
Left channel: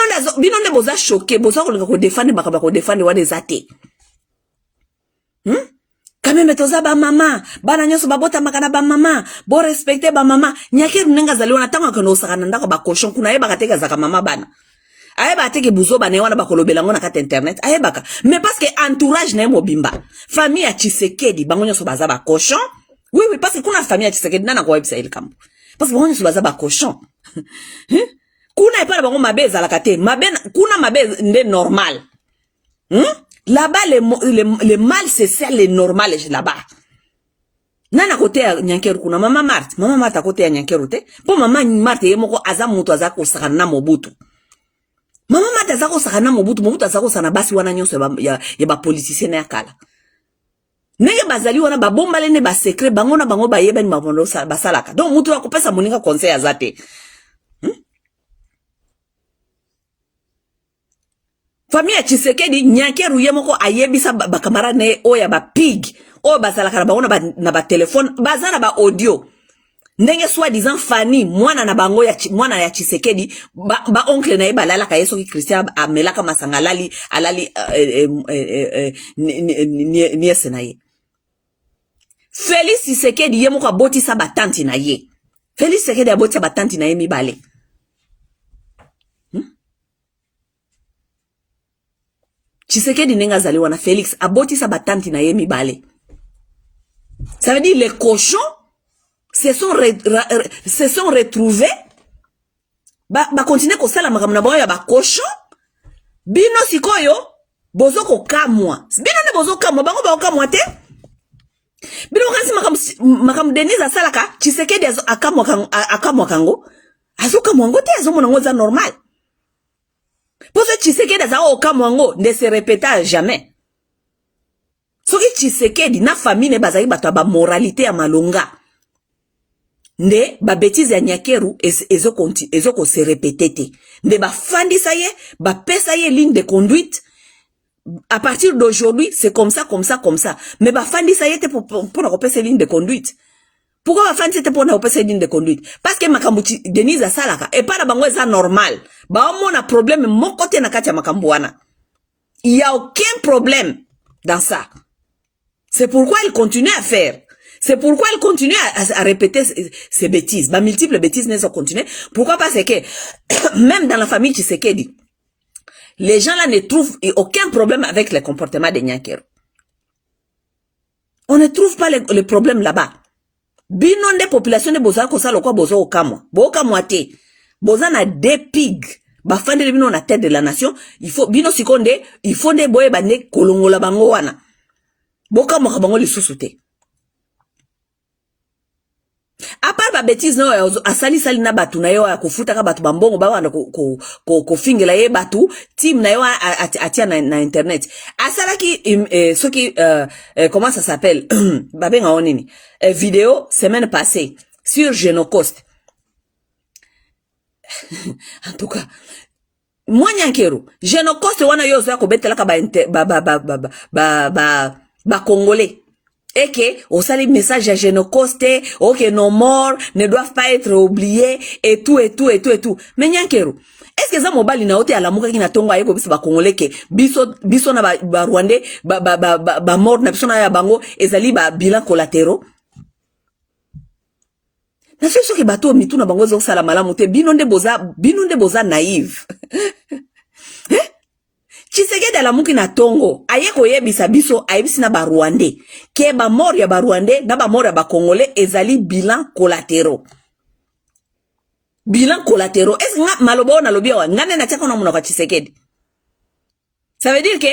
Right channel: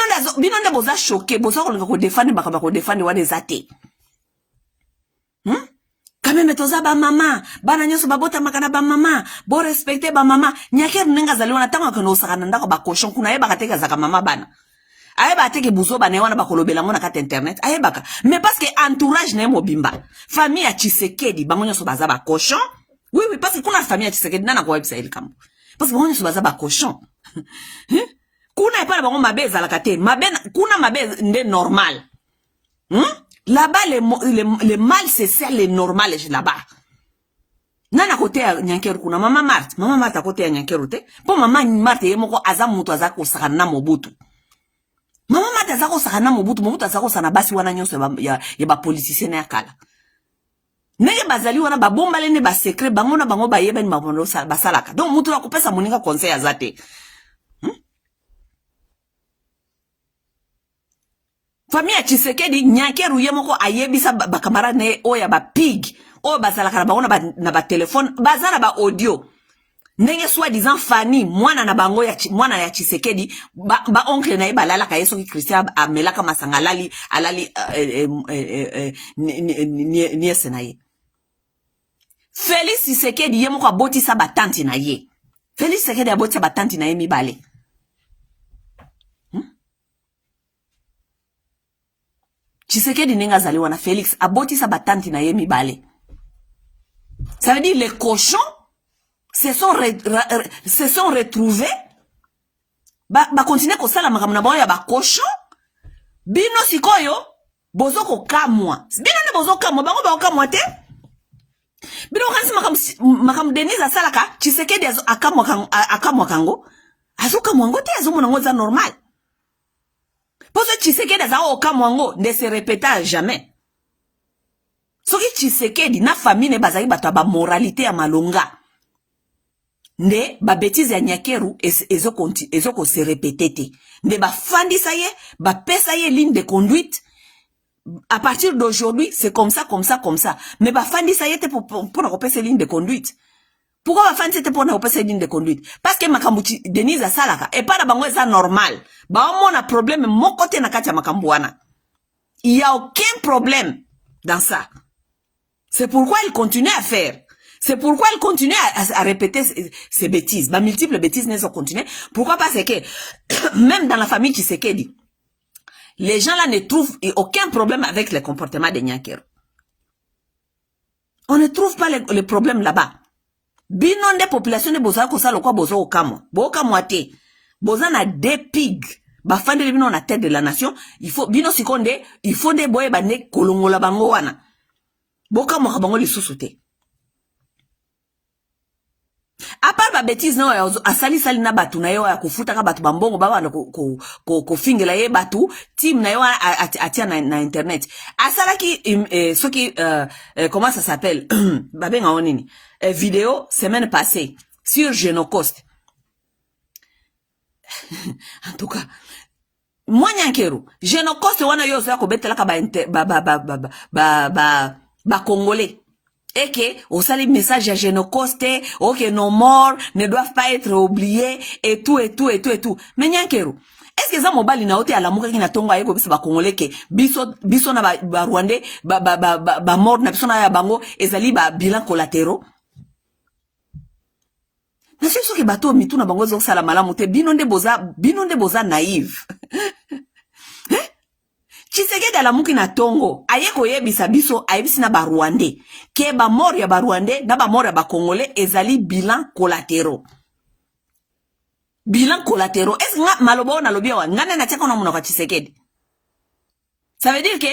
ne boza choqué. Boza ko défendre makaba ko défendre wa des athées. Quand même toza ba mama. Bana nyoso babota makana ba mama. Bo respecter ba mama. Nyake runenga zaliwa natanga kono sakana ndako ba cochon kuna yeba kateka zaka mama bana. Ayeba ateke buzo bana wana bakolobela ngona kata internet. Ayebaka. Mais parce que entourage na mobimba. Famille ya Tshisekedi bango nyoso baza ba cochon. Oui, parce que kuna famille ya Tshisekedi nana kwa website kambo. Parce que bango nyoso baza ba cochon. Kuna epala bango mabe ezalaka te. Kuna mabe nde normal. Là-bas, le mal, c'est ça, le normal, là-bas. Nana kote ya Nyankeru kuna mama Marthe. Mama Marthe à côté ya Nyankeru te. Po mama Marthe yemoko azamuto azako sakana mobutu. Mama Marthe azako sakana mobutu. Mobutu azako sana basi wana nyonso ya ba politicien ya kala. Nenge bazali wana ba bomba lene ba secret bango na bango ba yeba ni mabondo basalaka. Donc mutu wa kopesa moninga conseil azate. Famille ya Tshisekedi Nyankeru yemoko ayebisa ba kamara ne oya ba pig. O basalaka bango na ba téléphone, bazana ba audio. Ndenge soi-disant Fanny mwana na bango ya mwana ya Tshisekedi ba oncle na yeba lala ka yeso ki Christian amelaka masanga alali niese na ye. Félix Tshisekedi yemoko abotisa ba tante na ye. Félix Tshisekedi abotisa ba tante na ye mibale. Tshisekedi nenga zali wana Félix abotisa ba tante na ye mibale. Ça veut dire les cochons se sont retrouvés ba continuer ko sala makambo na bango ya ba cochon. Bino sikoyo bozo ko kamwa. Bino ne bozo kamwa bango ba kamwa te. Bino kansi makambo Denise asalaka Tshisekedi akamwa kango. Azoka mwango te azo mona ngoza normal. Parce que Tshisekedi aza okamwa ngo ne se répéta jamais. Soki Tshisekedi na famille ne bazali bato ba moralité ya malonga. Ne ba bêtise ya Nyankeru ezo ko se répéter te. Ne ba fandisa ye, ba pesa ye ligne de conduite. À partir d'aujourd'hui, c'est comme ça. Mais ba fandisa ye te pour na kopesa ligne de conduite. Pourquoi ba fandisa te pour na kopesa ligne de conduite? Parce que makambu Denise asalaka et pas na bango eza normal. Ba omona problème mon côté na kati ya makambu wana. Il y a aucun problème dans ça. C'est pourquoi il continue à faire. C'est pourquoi il continue à répéter ces bêtises. Bah, multiples bêtises ne sont continuées. Pourquoi? Parce que, même dans la famille Tshisekedi, les gens là ne trouvent aucun problème avec le comportement de Nyankeru. On ne trouve pas les problèmes là-bas. Binon de population de Boza kosa lokwa bozo okamwa. Bo okamwa te. Boza na deux pigs. Ba fande le bino na tête de la nation. Il faut, bino sikonde, il faut de boye bande kolongola bango wana. Boka mwaka bango lisusu te. A part ba bêtise no asali na batu na yo ya kufuta ka batu bambongo ba wana ko fingela ye batu team na yo atia na internet. Asala ki soki comment ça s'appelle ba benga onini vidéo semaine passée sur Genocost. En tout cas moi Nyankeru Genocost wana yo zo ko betela ka ba congolais. Et que, au sali message à Genocost, ok, nos morts ne doivent pas être oubliés, et tout. Mais Nyankeru, est-ce que ça mobile na ote à la mouka qui na tongo aye ko bisa ba congolais ke, biso na ba rwandais, ba mort na biso na ya bango, ezali ba bilan collatéraux? Na fait que bateau mitou na bango zo sala malamu te, binonde boza naïve. Tshisekedi ala muki na tongo aye koyebisa biso ayebisi na ba Rwandais ke ba mort ya ba Rwandais na ba mort ya ba Congolais ezali bilan collatéraux. Bilan collatéraux. Est-ce nga malobo na lobia wa ngane na teka na munoko Tshisekedi? Ça veut dire que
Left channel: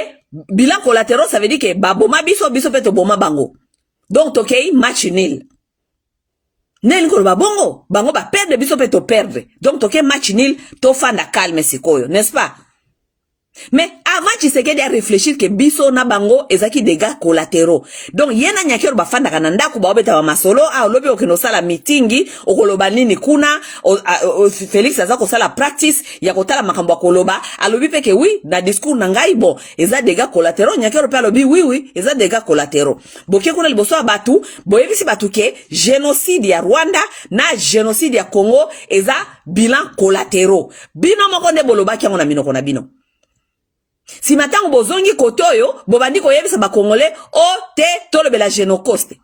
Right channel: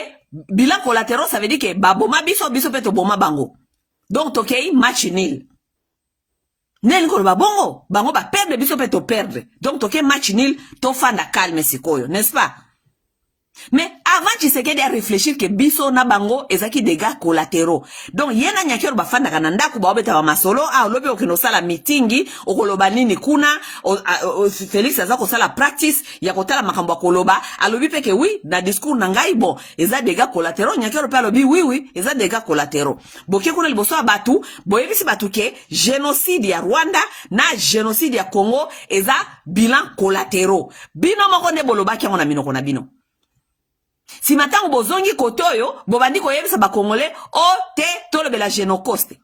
bilan collatéraux ça veut dire que ba boma biso peto boma bango. Donc okay, match nul. Nen ko ba bongo, bango ba perdre biso pe to perdre. Donc toke match nil, to fanda calme sikoyo, n'est-ce pas? Mais avant Tshisekedi a réfléchir que biso na bango ezaki dégâts collatéraux. Donc yena nyakero ba fanda kananda ku ba obeta ba masolo a lobi okeno sala meetingi okoloba nini kuna Félix azako sala practice ya kotala makambo koloba alobi peke oui na discours na ngai bon eza dégâts collatéraux nyakero pe alobi oui eza dégâts collatéraux. Boke kuna liboso batu boyebisi batu ke génocide ya Rwanda na génocide ya Congo eza bilan collatéraux. Bino moko ne boloba ki ngona minoko na bino. Si matango bozongi kotoyo, bobandi koyebisa ba Congolais, o te tolobela génocoste.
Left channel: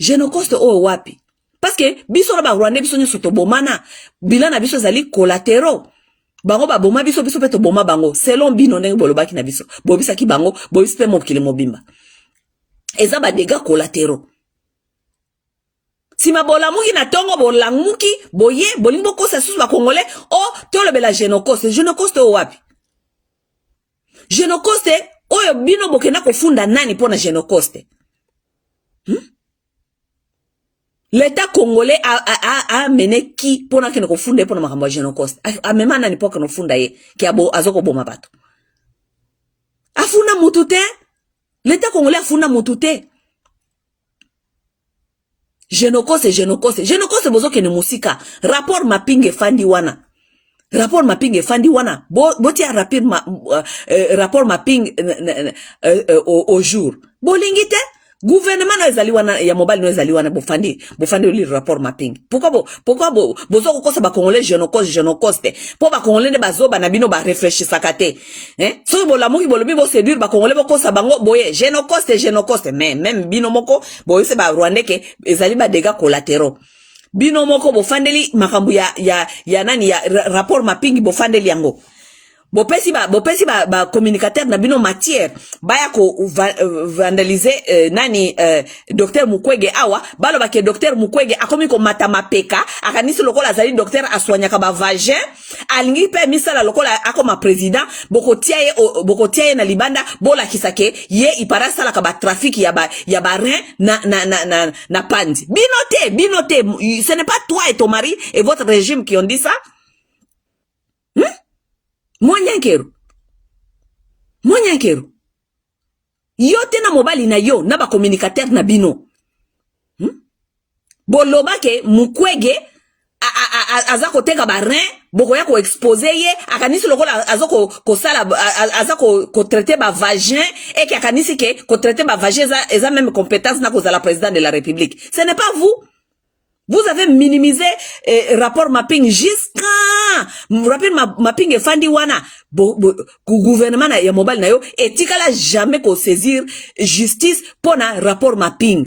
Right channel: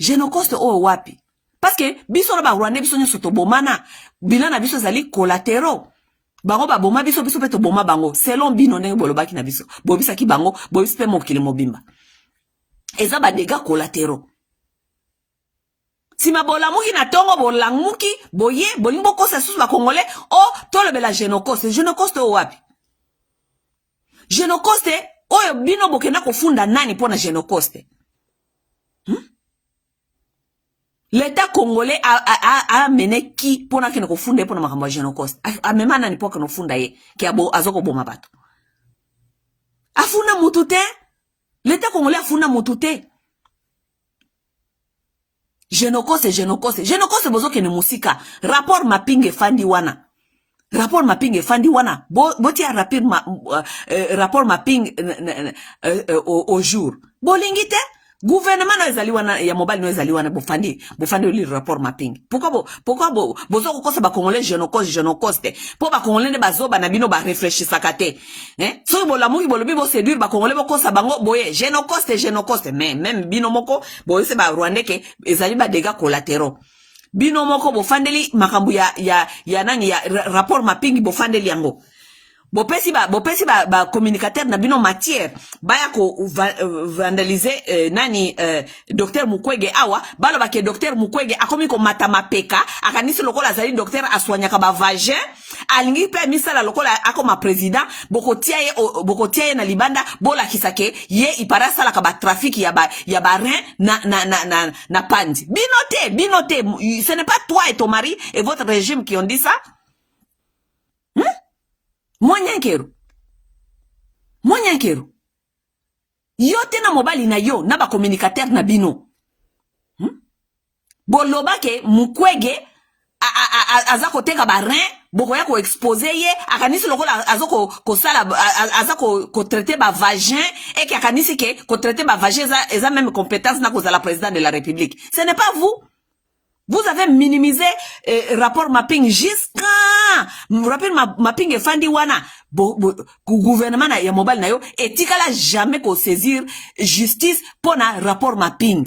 Génocoste o wapi? Parce que biso na ba Rwanda biso nyoso to bomana, bilan na biso zali collatéraux. Bango ba boma biso pe to boma bango. Selon bino ndenge bolobaki na biso. Bobisa ki bango, bobisa pe mokili mobimba. Eza ba dégâts collatéraux. Si ma bolamuki na tongo bolamuki, boye, bolimbo kosa susu ba Congolais, o tolobela génocoste. Génocoste o wapi? Génocoste, oyo bino bokena kofunda nani pona génocoste? L'État congolais a mené qui pona kene kofunda pona makambo génocoste? A mema nani po kene funda ye ki abo azoko boma bato. Afunda mutute? L'État congolais afunda mutute. Génocoste. Génocoste bozo kene musika. Rapport mapping fandi wana. Rapport mapping fandi wana boti a rapport mapping au jour bolingite gouvernement na ezali wana ya mobile na ezali wana bofandi li rapport mapping pourquoi bozo kosa ba Congolais génocoste po ba Congolais ne bazoba na bino ba réfléchir sakate so bolamuki bolobi bo séduire ba Congolais bokosa bango boye génocoste mais même bino moko boye se ba Rwandais ke ezali ba dégâts collatéraux. Bino moko bofandeli makambu ya nani ya rapport mapping bofandeli yango. Bopesi ba communicateur na bino matière baya ko vandaliser nani docteur Mukwege awa balo ba ke docteur Mukwege akomi ko matama peka akanisi lokola zali docteur aswanyaka ba vagin alingi pe misala lokola akoma président bokotia ye na libanda bola kisake ye ipara sala ka ba trafic ya ba rein na pandi. Binote, ce n'est pas toi et ton mari et votre régime qui ont dit ça. Mwanyankero. Yote na mobali na yo na ba communicateur na bino. Boloba ke Mukwege azako teka ba rein bokoya ko exposer ye akanisi lokola azako ko sala azako ko traiter ba vagin et ki akanisi ke ko traiter ba vagin eza même compétence na ko za la président de la République. Ce n'est pas vous. Vous avez minimisé rapport mapping jusqu'à rapport mapping et fandi wana gouvernement na ya mobile na yo etikala jamais ko saisir justice pona rapport mapping.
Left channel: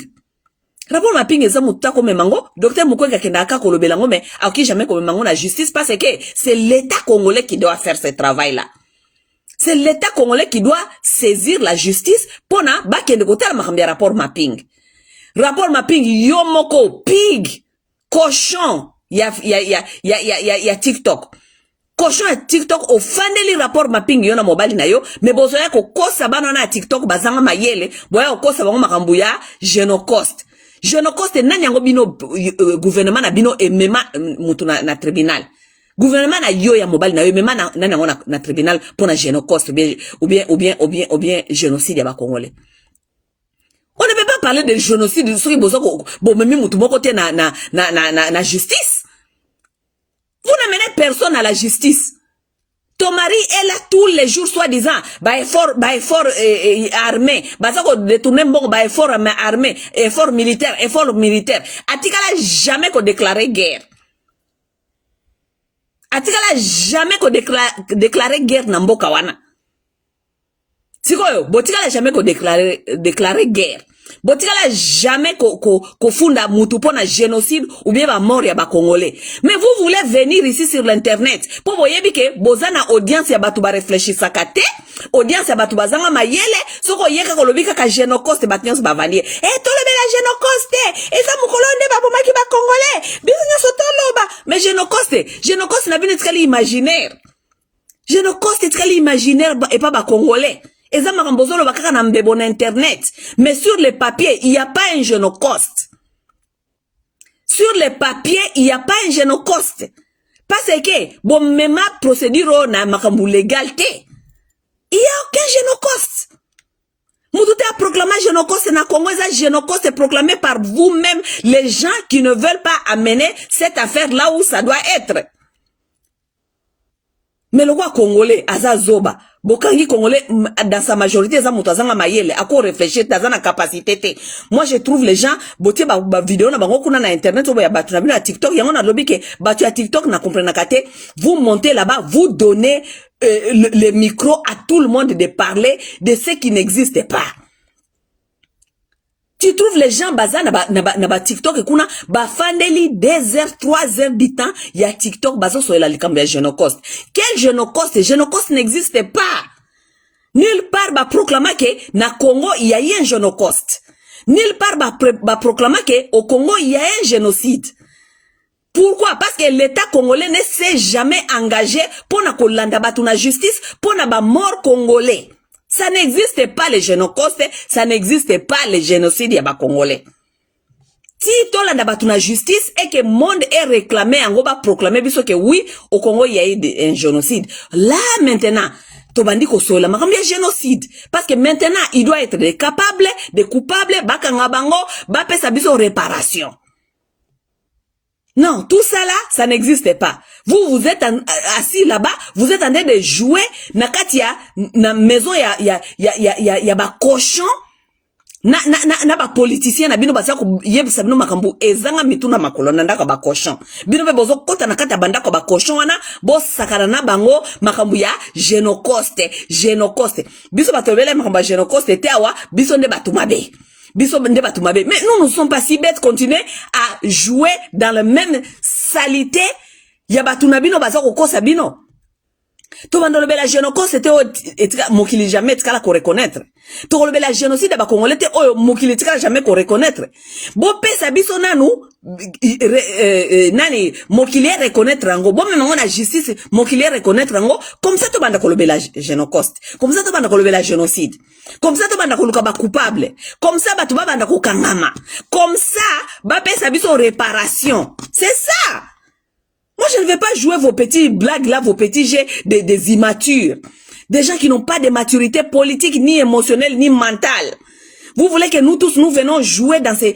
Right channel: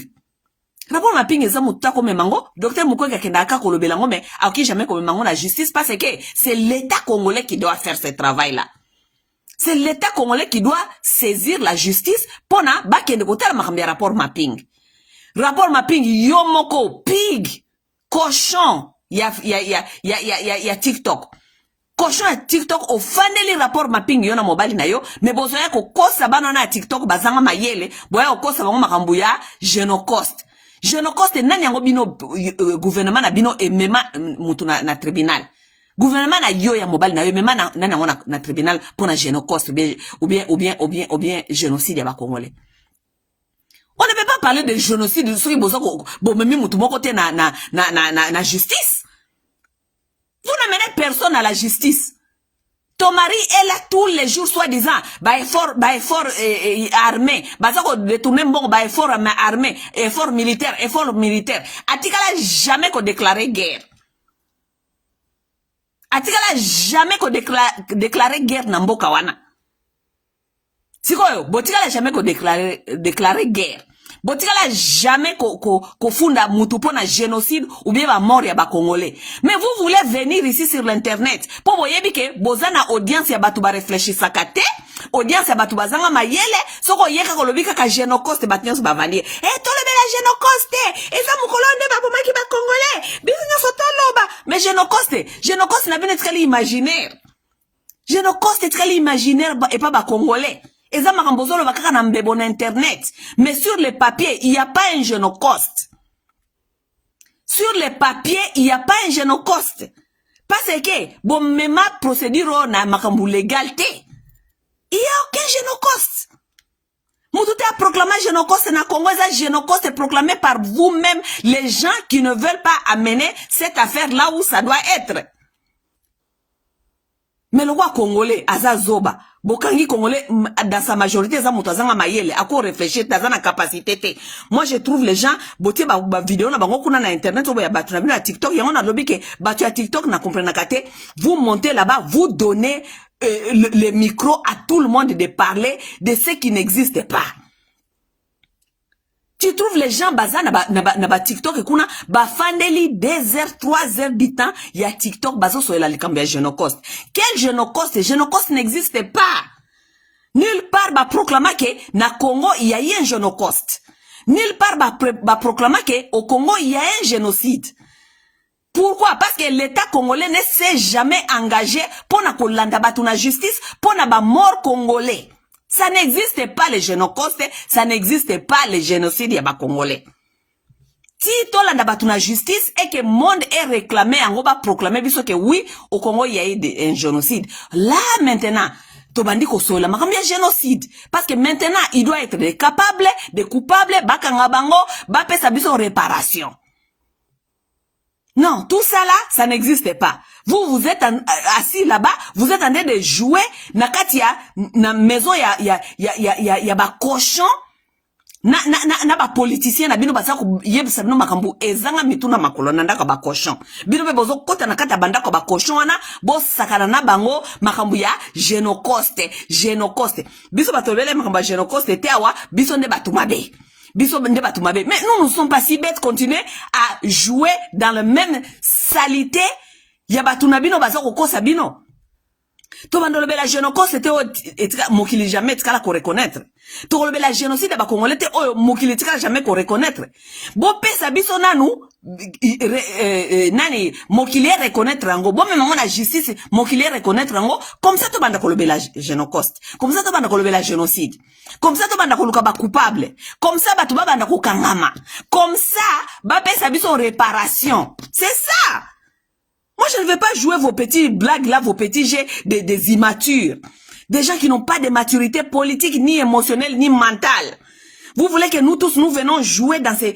Rapport mapping eza muta ko memango docteur Mukwege kenda ka kolobela ngo mais aki jamais ko memango na justice parce que c'est l'État congolais qui doit faire ce travail là. C'est l'État congolais qui doit saisir la justice pona ba kende ko tala makambi rapport mapping. Rapport mapping yo moko pig cochon ya TikTok. Cochon ya TikTok ofandeli rapport mapping yo na mobile na yo mais bozoya ko kosa bana na TikTok bazanga mayele boya kosa bango makambu ya génocoste. Génocoste nani yango bino gouvernement na bino emema mutu na tribunal. Gouvernement na yo ya mobile na yo emema nani yango na tribunal pona génocoste ou bien génocide ya ba Congolais. On ne peut pas parler de génocide sur na justice. Vous n'amenez personne à la justice. Ton mari est là tous les jours, soi-disant, effort armé, détourner bon, effort armé, effort militaire. Atikala jamais qu'on déclarer guerre. Atikala jamais qu'on déclarer guerre na mboka wana. Sikoyo, botikala jamais qu'on déclarer guerre. Botikala jamais qu'on funda mutu pona génocide ou bien ba mort ya ba Congolais. Mais vous voulez venir ici sur l'internet pour voyez que bozana audience ya batu ba réfléchir sakate, audience ya batu bazanga mayele, soko yeka kolobika ka génocoste batnyos ba valier. Tolebe la génocoste, eza mukolonde ba bomaki ba Congolais. Biso sotoloba, mais génocoste na bine tikali imaginaire. Génocoste tikali imaginaire et pas ba Congolais. Eza makambozolo bakaka na mbebo na internet. Mais sur les papiers, il n'y a pas un génocoste. Sur les papiers, il n'y a pas un génocoste. Parce que, bon, même procédure na makambu légalité. Il n'y a aucun génocoste. Moutouté a proclamé génocoste na Congo, ça génocoste est proclamé par vous-même, les gens qui ne veulent pas amener cette affaire là où ça doit être. Mais le roi congolais, Aza Zoba, Bokangi congolais, dans sa majorité, ça moutazanga mayele, à quoi réfléchir, t'as la capacité. Moi, je trouve les gens, boté ba vidéo, na bango kuna na internet, ou ba batu na bino à TikTok, y'a on a lobby que, batu à TikTok, na comprena kate, vous montez là-bas, vous donnez, le micro à tout le monde de parler de ce qui n'existe pas. Tu trouves les gens bazar na TikTok et kuna ba fandeli 2 heures 3 heures du temps il y a TikTok bazo sur la likambia génocoste. Quel génocoste? Génocoste n'existe pas. Nulle part ba proclamer que na Congo il y a eu un génocoste. Nulle part ba proclamer que au Congo il y a un génocide. Pourquoi? Parce que l'État congolais ne s'est jamais engagé pour na kolanda batu na justice pour na ba mort congolais. Ça n'existe pas les génocostes, ça n'existe pas les génocides yaba congolais. Si tola na batuna justice et que le monde est réclamé, en gros va proclamer que oui, au Congo il y a eu un génocide. Là maintenant, tobandi ko sola ma comme génocide parce que maintenant il doit être des capables, des coupables, bakanga bango, ba pesa biso réparation. Non, tout ça là, ça n'existe pas. Vous êtes assis là-bas, vous êtes en train de jouer, nakatia, na maison ya ba cochon, na ba politicien, na bino basa ko yebisa bino makambu, ezanga mituna makolo, nandaka ba cochon. Bino be bozo kota nakata bandako ba cochon wana, bo sakana na bango, makambu ya génocoste. Biso batobele makambu ya génocoste, teawa, biso nde batumabe. Mais nous ne sommes pas si bêtes, continuer à jouer dans la même salité. Yabatunabino bazako kosa bino. Tobandolo bela génocide c'était mokili jamais tkala ko reconnaître. Tobandolo bela génocide ba congolais te oyo mokili tkala jamais ko reconnaître. Bo pesa biso nanu nani mokili reconnaître ngo bo même na justice mokili reconnaître ngo comme ça tobanda ko lobela génocide. Comme ça tobanda ko lobela génocide. Comme ça tobanda ko luka ba coupable. Comme ça ba tobanda ko kangama. Comme ça ba pesa biso réparation. C'est ça. Moi, je ne vais pas jouer vos petits blagues là, vos petits jets des immatures. Des gens qui n'ont pas de maturité politique, ni émotionnelle, ni mentale. Vous voulez que nous tous, nous venons jouer dans ces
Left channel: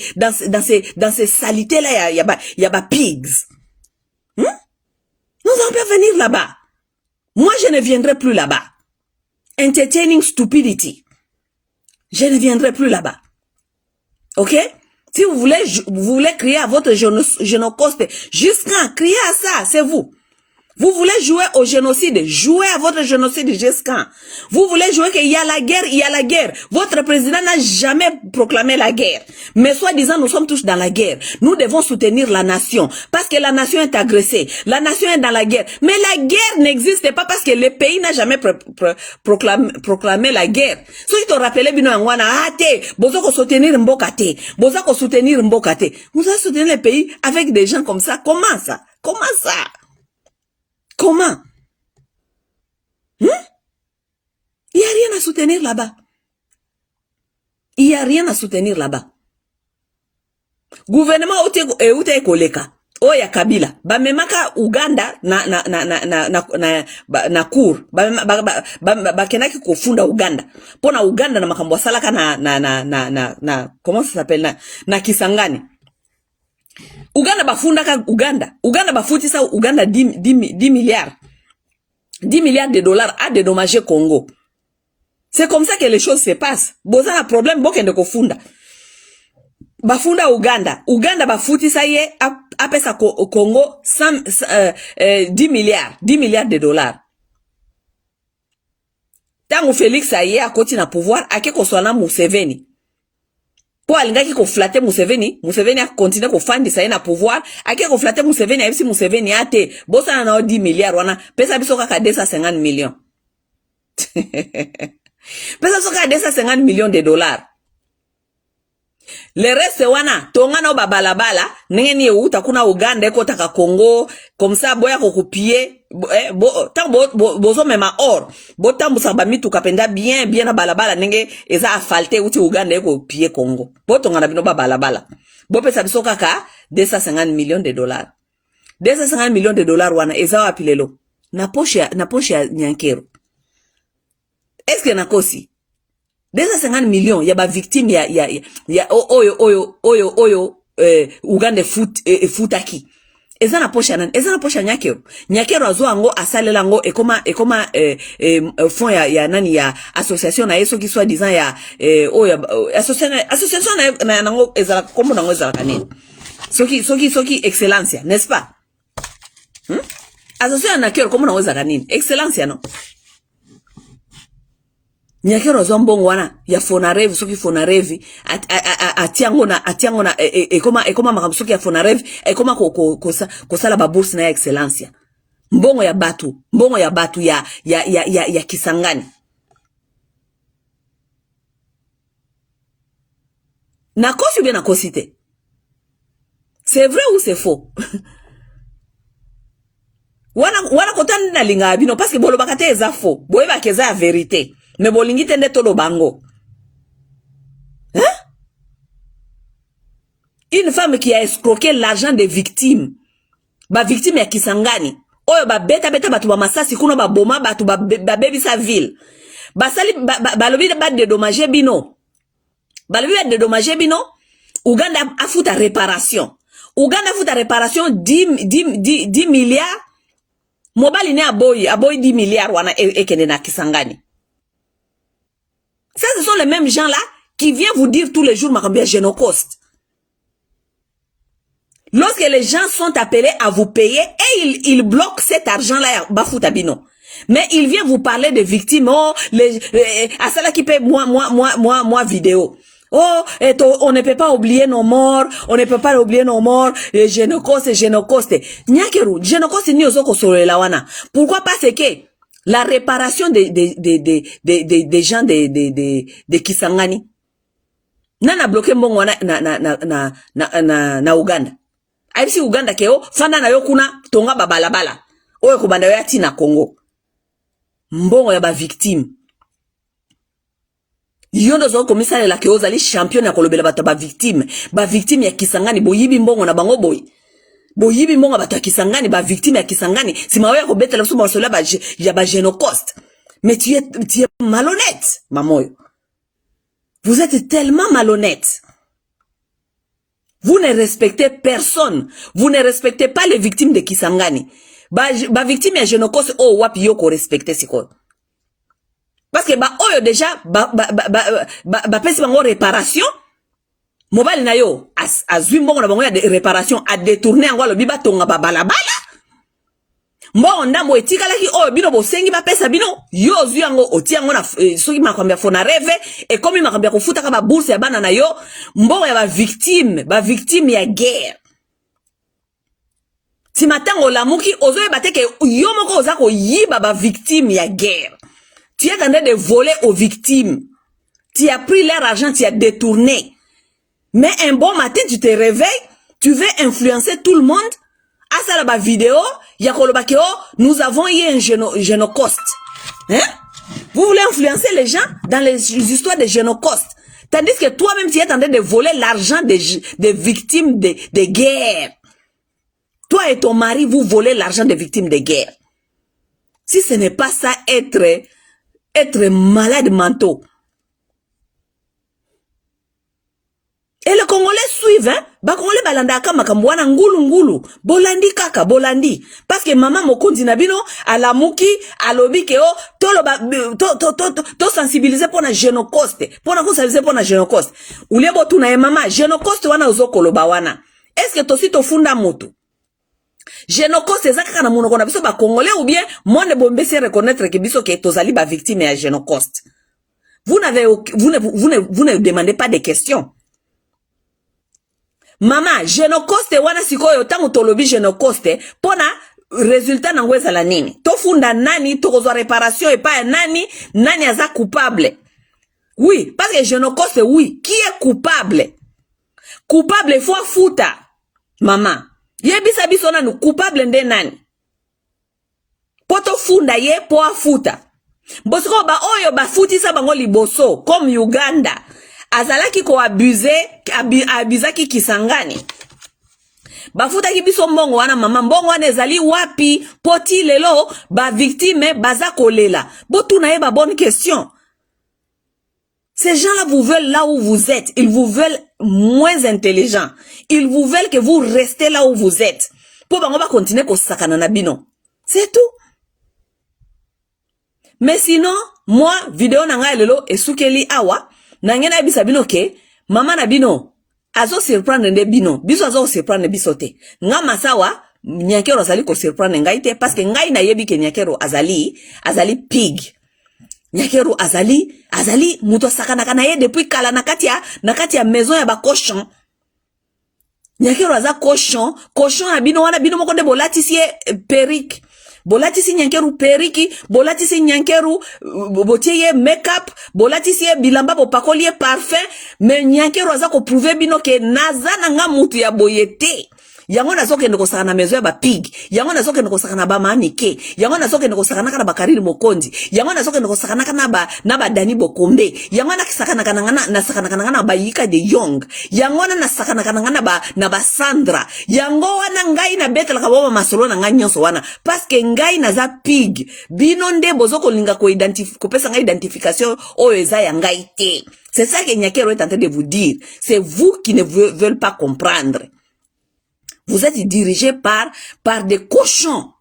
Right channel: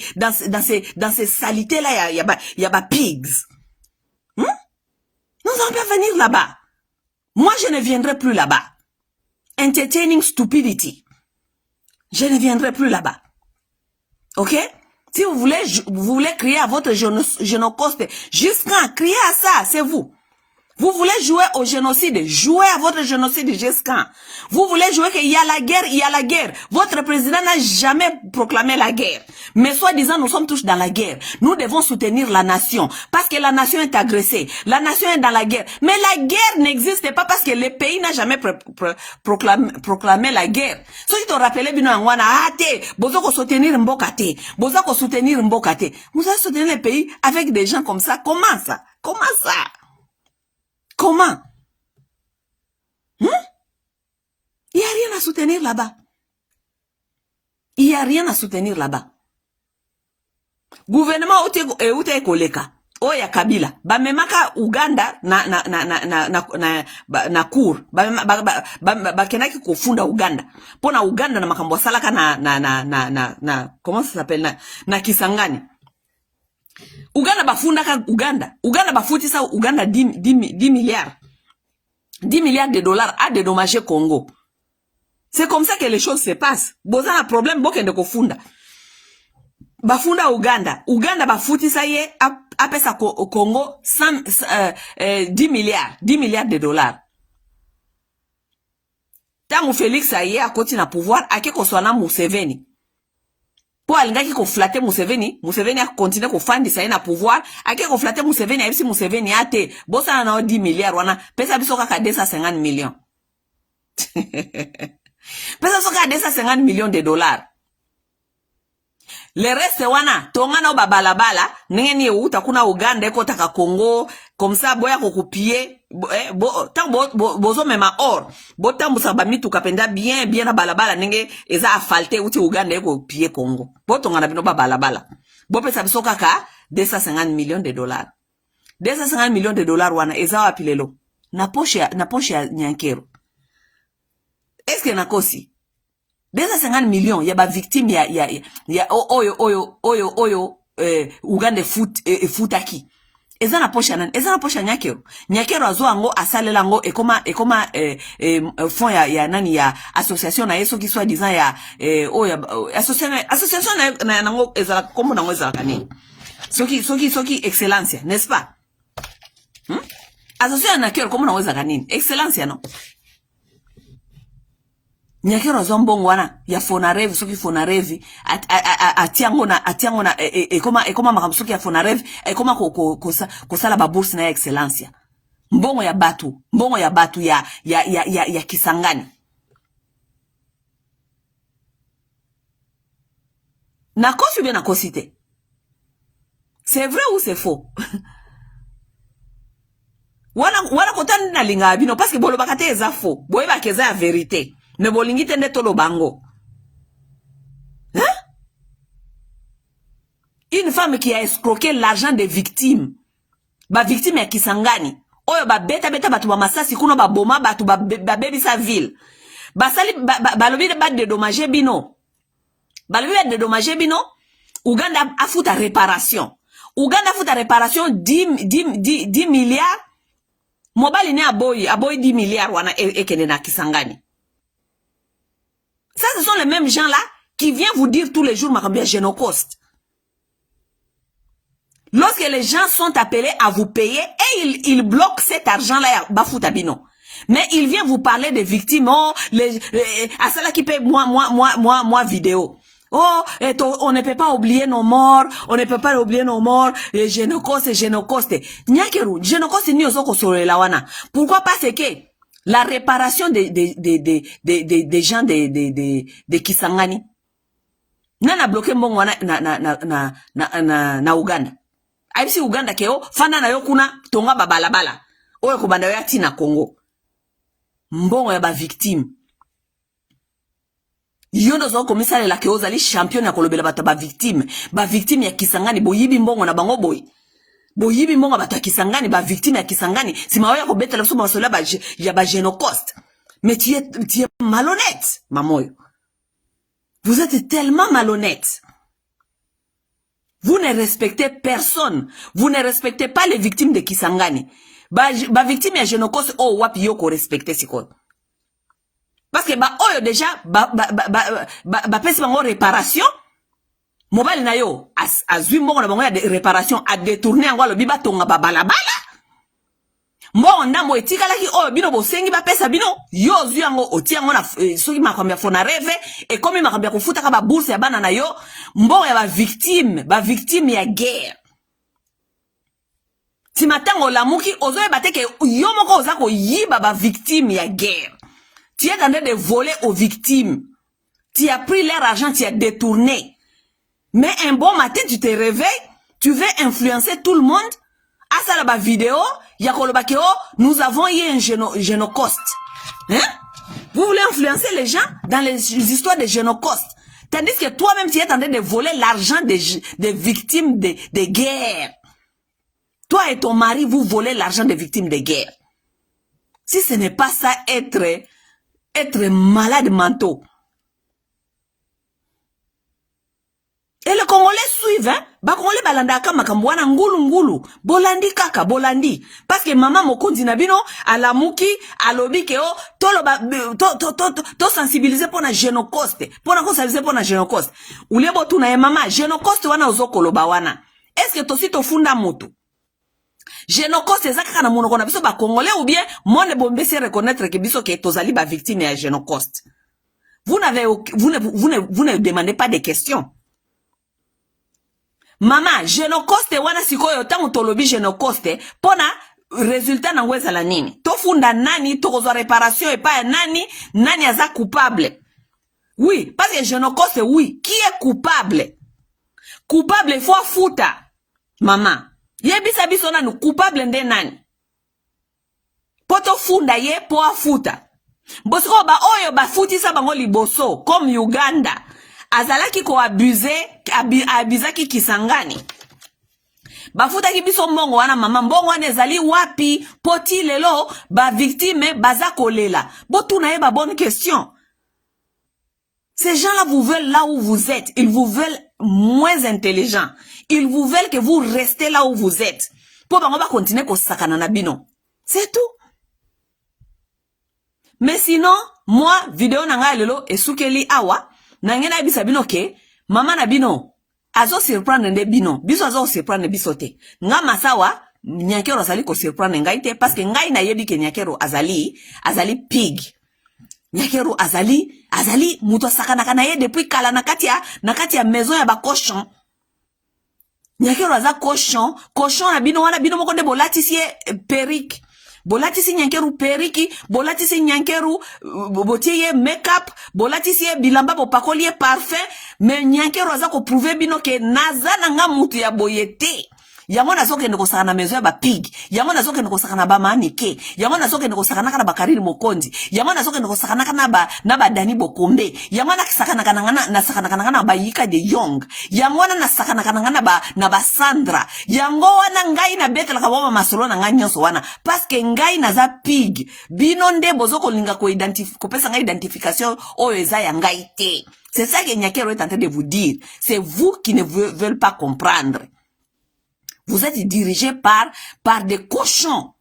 salités là, il y a pigs. Nous allons pas venir là-bas. Moi, je ne viendrai plus là-bas. Entertaining stupidity. Je ne viendrai plus là-bas. Ok? Si vous voulez crier à votre génocoste, jusqu'à crier à ça, c'est vous. Vous voulez jouer au génocide, jouez à votre génocide jusqu'à. Vous voulez jouer qu'il y a la guerre, il y a la guerre. Votre président n'a jamais proclamé la guerre. Mais soi-disant, nous sommes tous dans la guerre. Nous devons soutenir la nation. Parce que la nation est agressée. La nation est dans la guerre. Mais la guerre n'existe pas parce que le pays n'a jamais proclamé la guerre. Ceux qui t'ont rappelé, bozoko soutenir Mbokate. Bozoko soutenir Mbokate. Vous allez soutenir le pays avec des gens comme ça. Comment ça? Comment ça? Comment? Il n'y a rien à soutenir là-bas. Il n'y a rien à soutenir là-bas. Gouvernement Oute Koleka. Oya Kabila. Ba memaka Uganda na cour. Ba kenaki kofunda Uganda. Pona Uganda na makambo salaka comment ça s'appelle na Kisangani. Uganda bafunda ka Uganda bafuti sa Uganda 10 milliards. 10 milliards de dollars à dédommager Congo. C'est comme ça que les choses se passent. Boza un problème bokende kofunda. Bafunda Uganda. Uganda bafuti sa ye apesa au Congo 10 milliards de dollars. Tango Félix aye a koti na pouvoir ake koswana Museveni. Pour alingaki ko flatter Museveni a continué ko fandi sa na pouvoir, ake ko flatter Museveni a si Museveni ate, bosa na 10 milliards wana, pesa biso ka 250 millions. Pesa soka 250 millions de dollars. Le reste wana, tongana ba balabala, nengeni uta kuna Uganda eko taka Congo, comme ça boya ko copier, bozo mema or, botambu sa ba mitu kapenda bien na balabala nenge eza afalte uti Uganda eko copier Congo. Bo tongana bino ba balabala. Bo pesa biso kaka 250 millions de dollars. 250 millions de dollars wana ezawa pilelo. Na poche ya Nyankero. Est-ce que nakosi? 250 millions ya ba victime ya oyo Uganda futaki. Eza na poche nan, eza na poche Nyankero. Nyankero azo ango asalela ngo ekoma fond ya nani ya association na yeso ki soit disant ya association na nango eza kombo nango eza kanene. Soki excellence, n'est-ce pas? Association na Nyankero kombo nango eza kanene. Excellence no. Nyankero zombongo wana ya Fonarev soki Fonarev atiango na ekoma makambo soki ya Fonarev ekoma kosala ba bourse na ya excellence. Mbongo ya batu ya Kisangani. Na kosi bien na kosite. C'est vrai ou c'est faux? Wana kotani na linga bino parce que bolo bakate eza faux. Boye ba keza vérité. Ne bolingi tende tolo bango. Hein? Une femme qui a escroqué l'argent des victimes. Ba victime ya Kisangani. Oyo ba beta batu ba masasi kuno ba boma batu ba baby sa ville. Ba sali ba lobi ba dédommager bino. Ba lobi ba dédommager bino. Uganda afuta réparation. Uganda afuta réparation 10 milliards. Mobile ne aboy 10 milliards wana ekende na Kisangani. Ça, ce sont les mêmes gens-là qui viennent vous dire tous les jours, Makambia Génocoste. Lorsque les gens sont appelés à vous payer, et ils bloquent cet argent-là, Bafoutabino. Mais ils viennent vous parler de victimes, à celle qui paye moi, vidéo. Oh, on ne peut pas oublier nos morts, Génocoste. Nyakeru, Génocoste ni ozoko solo la wana. Pourquoi? Parce que la réparation des gens de Kisangani. Nana bloqué mbongo na Uganda. Aibisi Uganda keo, fanda na yo kuna, tonga babalabala. Oye kubanda ya tina Congo. Mbongo ya ba victime. Yondo zo komisare la keo zali champion ya kolobela bato ba victime. Ba victime ya Kisangani, boyibi mbongo na bango boy. Boyibi mbongo bata Kisangani, ba victime ya Kisangani, si mawe ya kobete la souma osola ya ba Génocoste. Mais tu es malhonnête, mamoyo. Vous êtes tellement malhonnête. Vous ne respectez personne. Vous ne respectez pas les victimes de Kisangani. Ba victime ya Génocoste, oh wapi yoko respecter siko. Parce que oyo déjà, pesi bango réparation, mobile na yo, azwi mbongo na bango ya réparation, a détourné ango lo biba tonga balabala. Mbongo ndambo etikalaki oyo bino bosengi ba pesa bino, yo zwi ango oti ango na soki makwambia Fonarev et comme makwambia kufuta ka ba bourse ya bana na yo, mbongo ya ba victime ya guerre. Si matango lamuki ozoye bateke yo moko ozako yiba ba victime ya guerre. Tu es en train de voler aux victimes. Tu as pris leur argent, tu as détourné. Mais un bon matin, tu te réveilles, tu veux influencer tout le monde. À ça, la vidéo, nous avons eu un Génocoste. Hein? Vous voulez influencer les gens dans les histoires de Génocoste. Tandis que toi-même, tu es en train de voler l'argent des victimes de guerre. Toi et ton mari, vous volez l'argent des victimes de guerre. Si ce n'est pas ça, être malade mentaux. Et les Congolais suivent, hein? Ba Congolais balanda kama kambwana ngulu. Bolandi kaka, bolandi. Parce que maman mokonzi na bino, alamuki, alobi ke o, to sensibiliser pour na Génocoste. Pour na sensibiliser pour na Génocoste. Ulebo tu na mama, Génocoste wana uzokolo ba wana. Est-ce que tosi to funda mutu? Génocoste ezaka na monoko na biso ba Congolais ou bien monde bombe se reconnaître que biso ke tozali ba victime ya Génocoste. Vous ne demandez pas de questions. Maman, Génocoste wana sikoyo tango tolobi Génocoste pona résultat na ngweza la nini. Tofunda nani tokozwa réparation et pas nani aza coupable. Oui, parce que Génocoste oui, qui est coupable? Coupable il faut futa. Maman, yebisa biso na coupable nde nani? Poto funda ye po afuta. Bosiko ba oyo ba futisa bango liboso comme Uganda. Azalaki ko abusaki Kisangani. bafutaki biso mbongo wana mama mbongo wana ezali wapi poti lelo ba victime baza kolela botuna ye ba bonne question. Ces gens-là vous veulent là où vous êtes. Ils vous veulent moins intelligent. Ils vous veulent que vous restez là où vous êtes. Pour bango ba continuer ko sakana na bino. C'est tout. Mais sinon, moi, vidéo nanga lelo esukeli awa, nangena bisa bino ke, mama na bino, azo surprendre nde bino, biso azo surprendre biso te. Nga masawa, Nyakero azali ko surprendre ngai te, parce que ngai na yebi ke Nyakero azali pig. Nyakero azali muto sakana kana ye depuis kala nakati ya maison ya ba cochon. Nyakero aza cochon na bino wana bino moko de bolatisi perruque. Bolatisi Nyankeru periki, bolatisi Nyankeru botiye make-up, bolatisi bilamba po pakoliye parfum, mais Nyankeru aza ko prouver bino ke naza nga mutu ya boyete. Yango nazoke ndeko sakana mezo ya ba pig, yango nazoke ndeko sakana ba manike, yango nazoke ndeko sakana kana ba Karine Mokonzi, yango nazoke ndeko sakana kana ba Dani Bokombe, yango na sakana kana ba Yika de Young, yango na sakana kana na ba Sandra, yango wana ngai na betela ka boma masolo na nganyo so wana, parce que ngai na za pig, bino nde bozoko linga ko pesa ngai identification o eza ya ngai te. C'est ça que Nyakero est en train de vous dire. C'est vous qui ne veulent pas comprendre. Vous êtes dirigé par des cochons.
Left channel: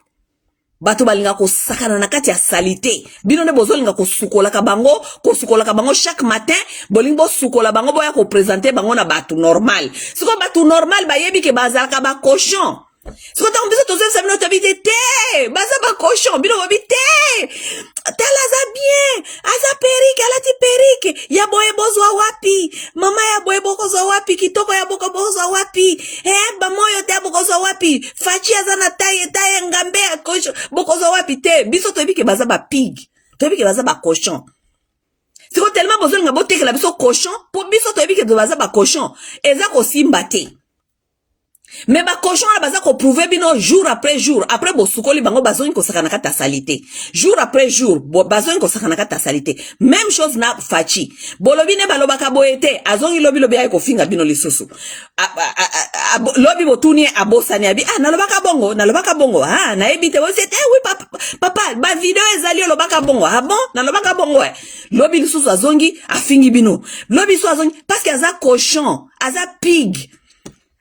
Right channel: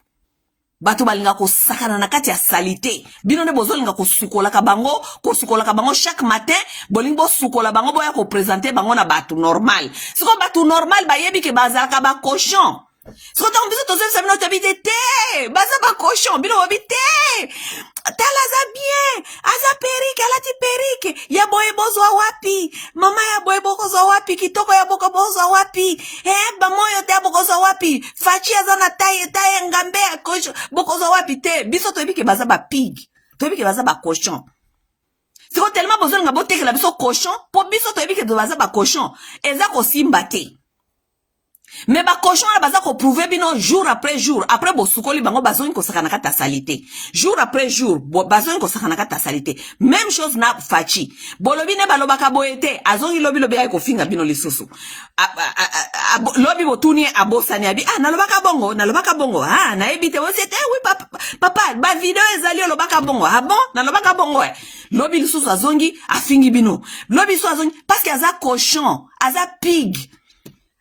Bato balinga ko sakana na kati ya salité. Bino ne bozolinga ko sukola ka bango chaque matin, bolingo sukola bango boya ko présenter bango na bato normal. Siko bato normal ba yebi ke bazaka ba cochon. Siko ta mbiso tozo sa bino tabite te. Baza ba cochon, bino wabite. Tala za bien. Aza perike, alati perike. Ya boye bozwa wapi. Mama ya boye bokozwa wapi. Kitoko ya boko bozwa wapi. Bamoyo te bokozwa wapi. Fachi aza na taye ngambe ya cochon. Bokozwa wapi te. Biso toyebi ke baza ba pig. Toyebi ke baza ba cochon. Siko tellement besoin nga boteke la biso cochon. Po biso toyebi ke baza ba cochon. Eza ko simba te. Mais ba cochon la baza ko prouver bino jour après jour. Après bo sukoli bango bazoni ko sakana kata salité. Jour après jour bazoni ko sakana kata salité. Même chose na Fachi. Bolobi ne balobaka boyete azongi lobi ay ko finga bino lisusu. Lobi botuni abosani abi nalobaka bongo na ebite we c'était oui papa ba vidéo ezali lobaka bongo bon nalobaka bongo lobi lisusu azongi afingi bino. Lobi so azongi parce que aza cochon, aza pig.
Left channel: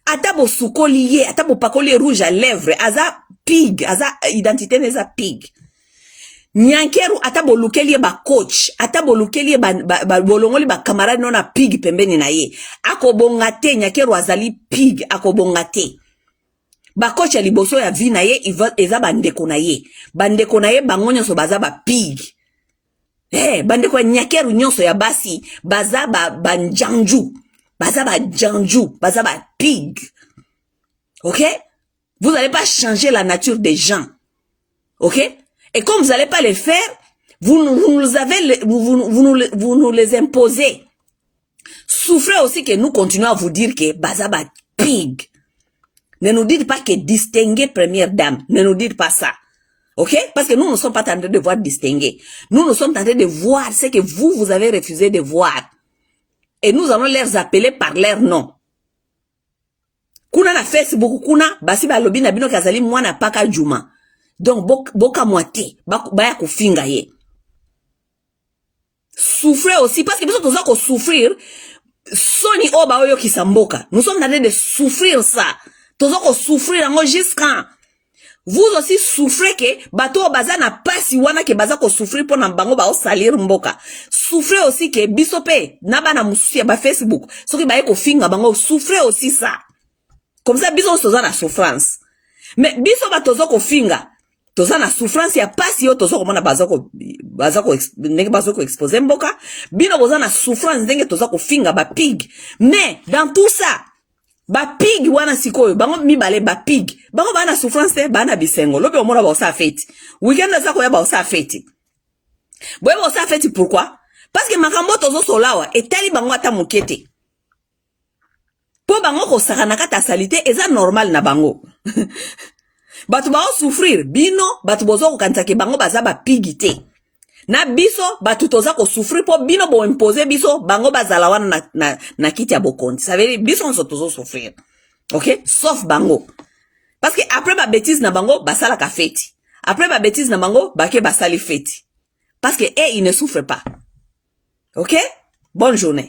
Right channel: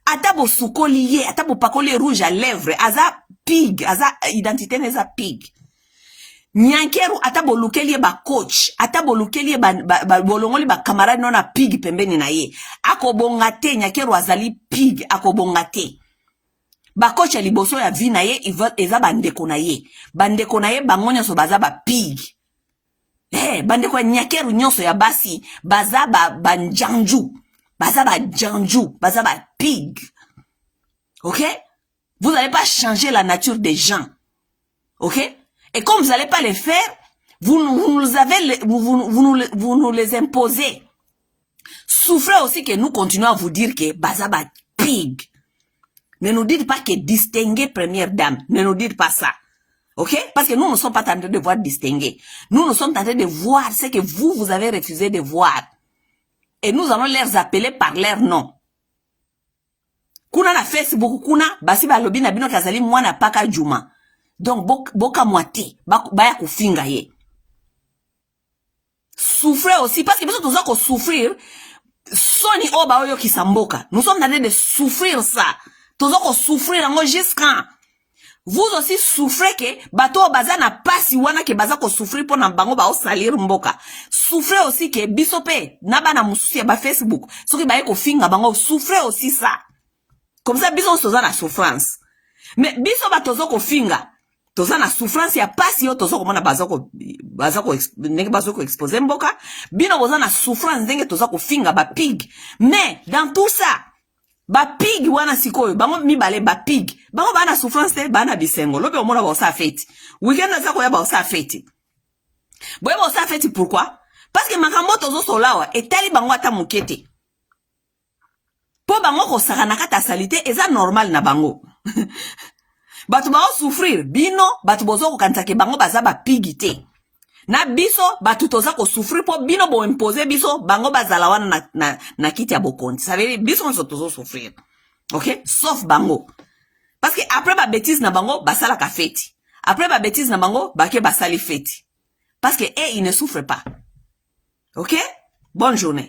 Ata bo sukoli ye, ata bo pakoli rouge à lèvres, aza pig, aza identité neza pig. Nyankeru ata bo lukeli ba coach, ata bo lukeli bolongoli ba camarade nona pig pembeni na ye. Ako bongate Nyankeru azali pig, ako bongate. Ba coach ali boso ya vi na ye, eza bandeko na ye. Bandeko na ye bangonyo so baza ba pig. Bandeko ya Nyankeru nyonso ya basi, baza ba njanju. Baza ba janju, baza ba pig. Ok? Vous n'allez pas changer la nature des gens. Ok? Et comme vous n'allez pas les faire, vous nous les imposez. Souffrez aussi que nous continuons à vous dire que baza ba pig. Ne nous dites pas que distinguer première dame. Ne nous dites pas ça. Ok? Parce que nous ne sommes pas en train de voir distinguer. Nous sommes en train de voir ce que vous avez refusé de voir. Et nous allons les appeler par leur nom. Kuna na Facebook, kuna, basi ba lobi na bino kazali mwana paka juma. Donc, boka moite, baya kufinga ye. Souffrez aussi, parce que nous sommes en souffrir, soni oba oyo kisamboka. Nous sommes en train de souffrir ça. Nous sommes souffrir en jusqu'à. Vous aussi souffrez que bato baza na pasi wana ke baza ko souffrir pour na bango ba o salir mboka. Souffrez aussi que bisope na bana mususi ba Facebook. Soki ba ko finga bango souffrez aussi ça. Comme ça biso toza na souffrance. Mais biso ba tozo ko finga. Toza na souffrance ya pasi yo tozo ko mona baza ko exposer mboka. Bino boza na souffrance ndenge toza ko finga ba pig. Mais dans tout ça ba pig wana sikoyo bango mibale ba pig bango bana souffrance te bana bisengo lobe omona ba osa fete weekend za ko ya ba osa fete boye ba osa fete pourquoi parce que makambo tozo solawa etali bango ata mukete po bango ko sakana kata salité eza normal na bango batu ba souffrir bino batu bozo ko kanta ke bango baza ba pig te na biso batu toza ko souffrir po bino bo imposer biso bango bazala wana na kiti ya bokonti. Ça veut dire biso on tozo souffrir. OK? Sauf bango. Parce que après ba bêtise na bango, basala ka feti. Après ba bêtise na bango, bake basali feti. Parce que ils ne souffrent pas. OK? Bonne journée.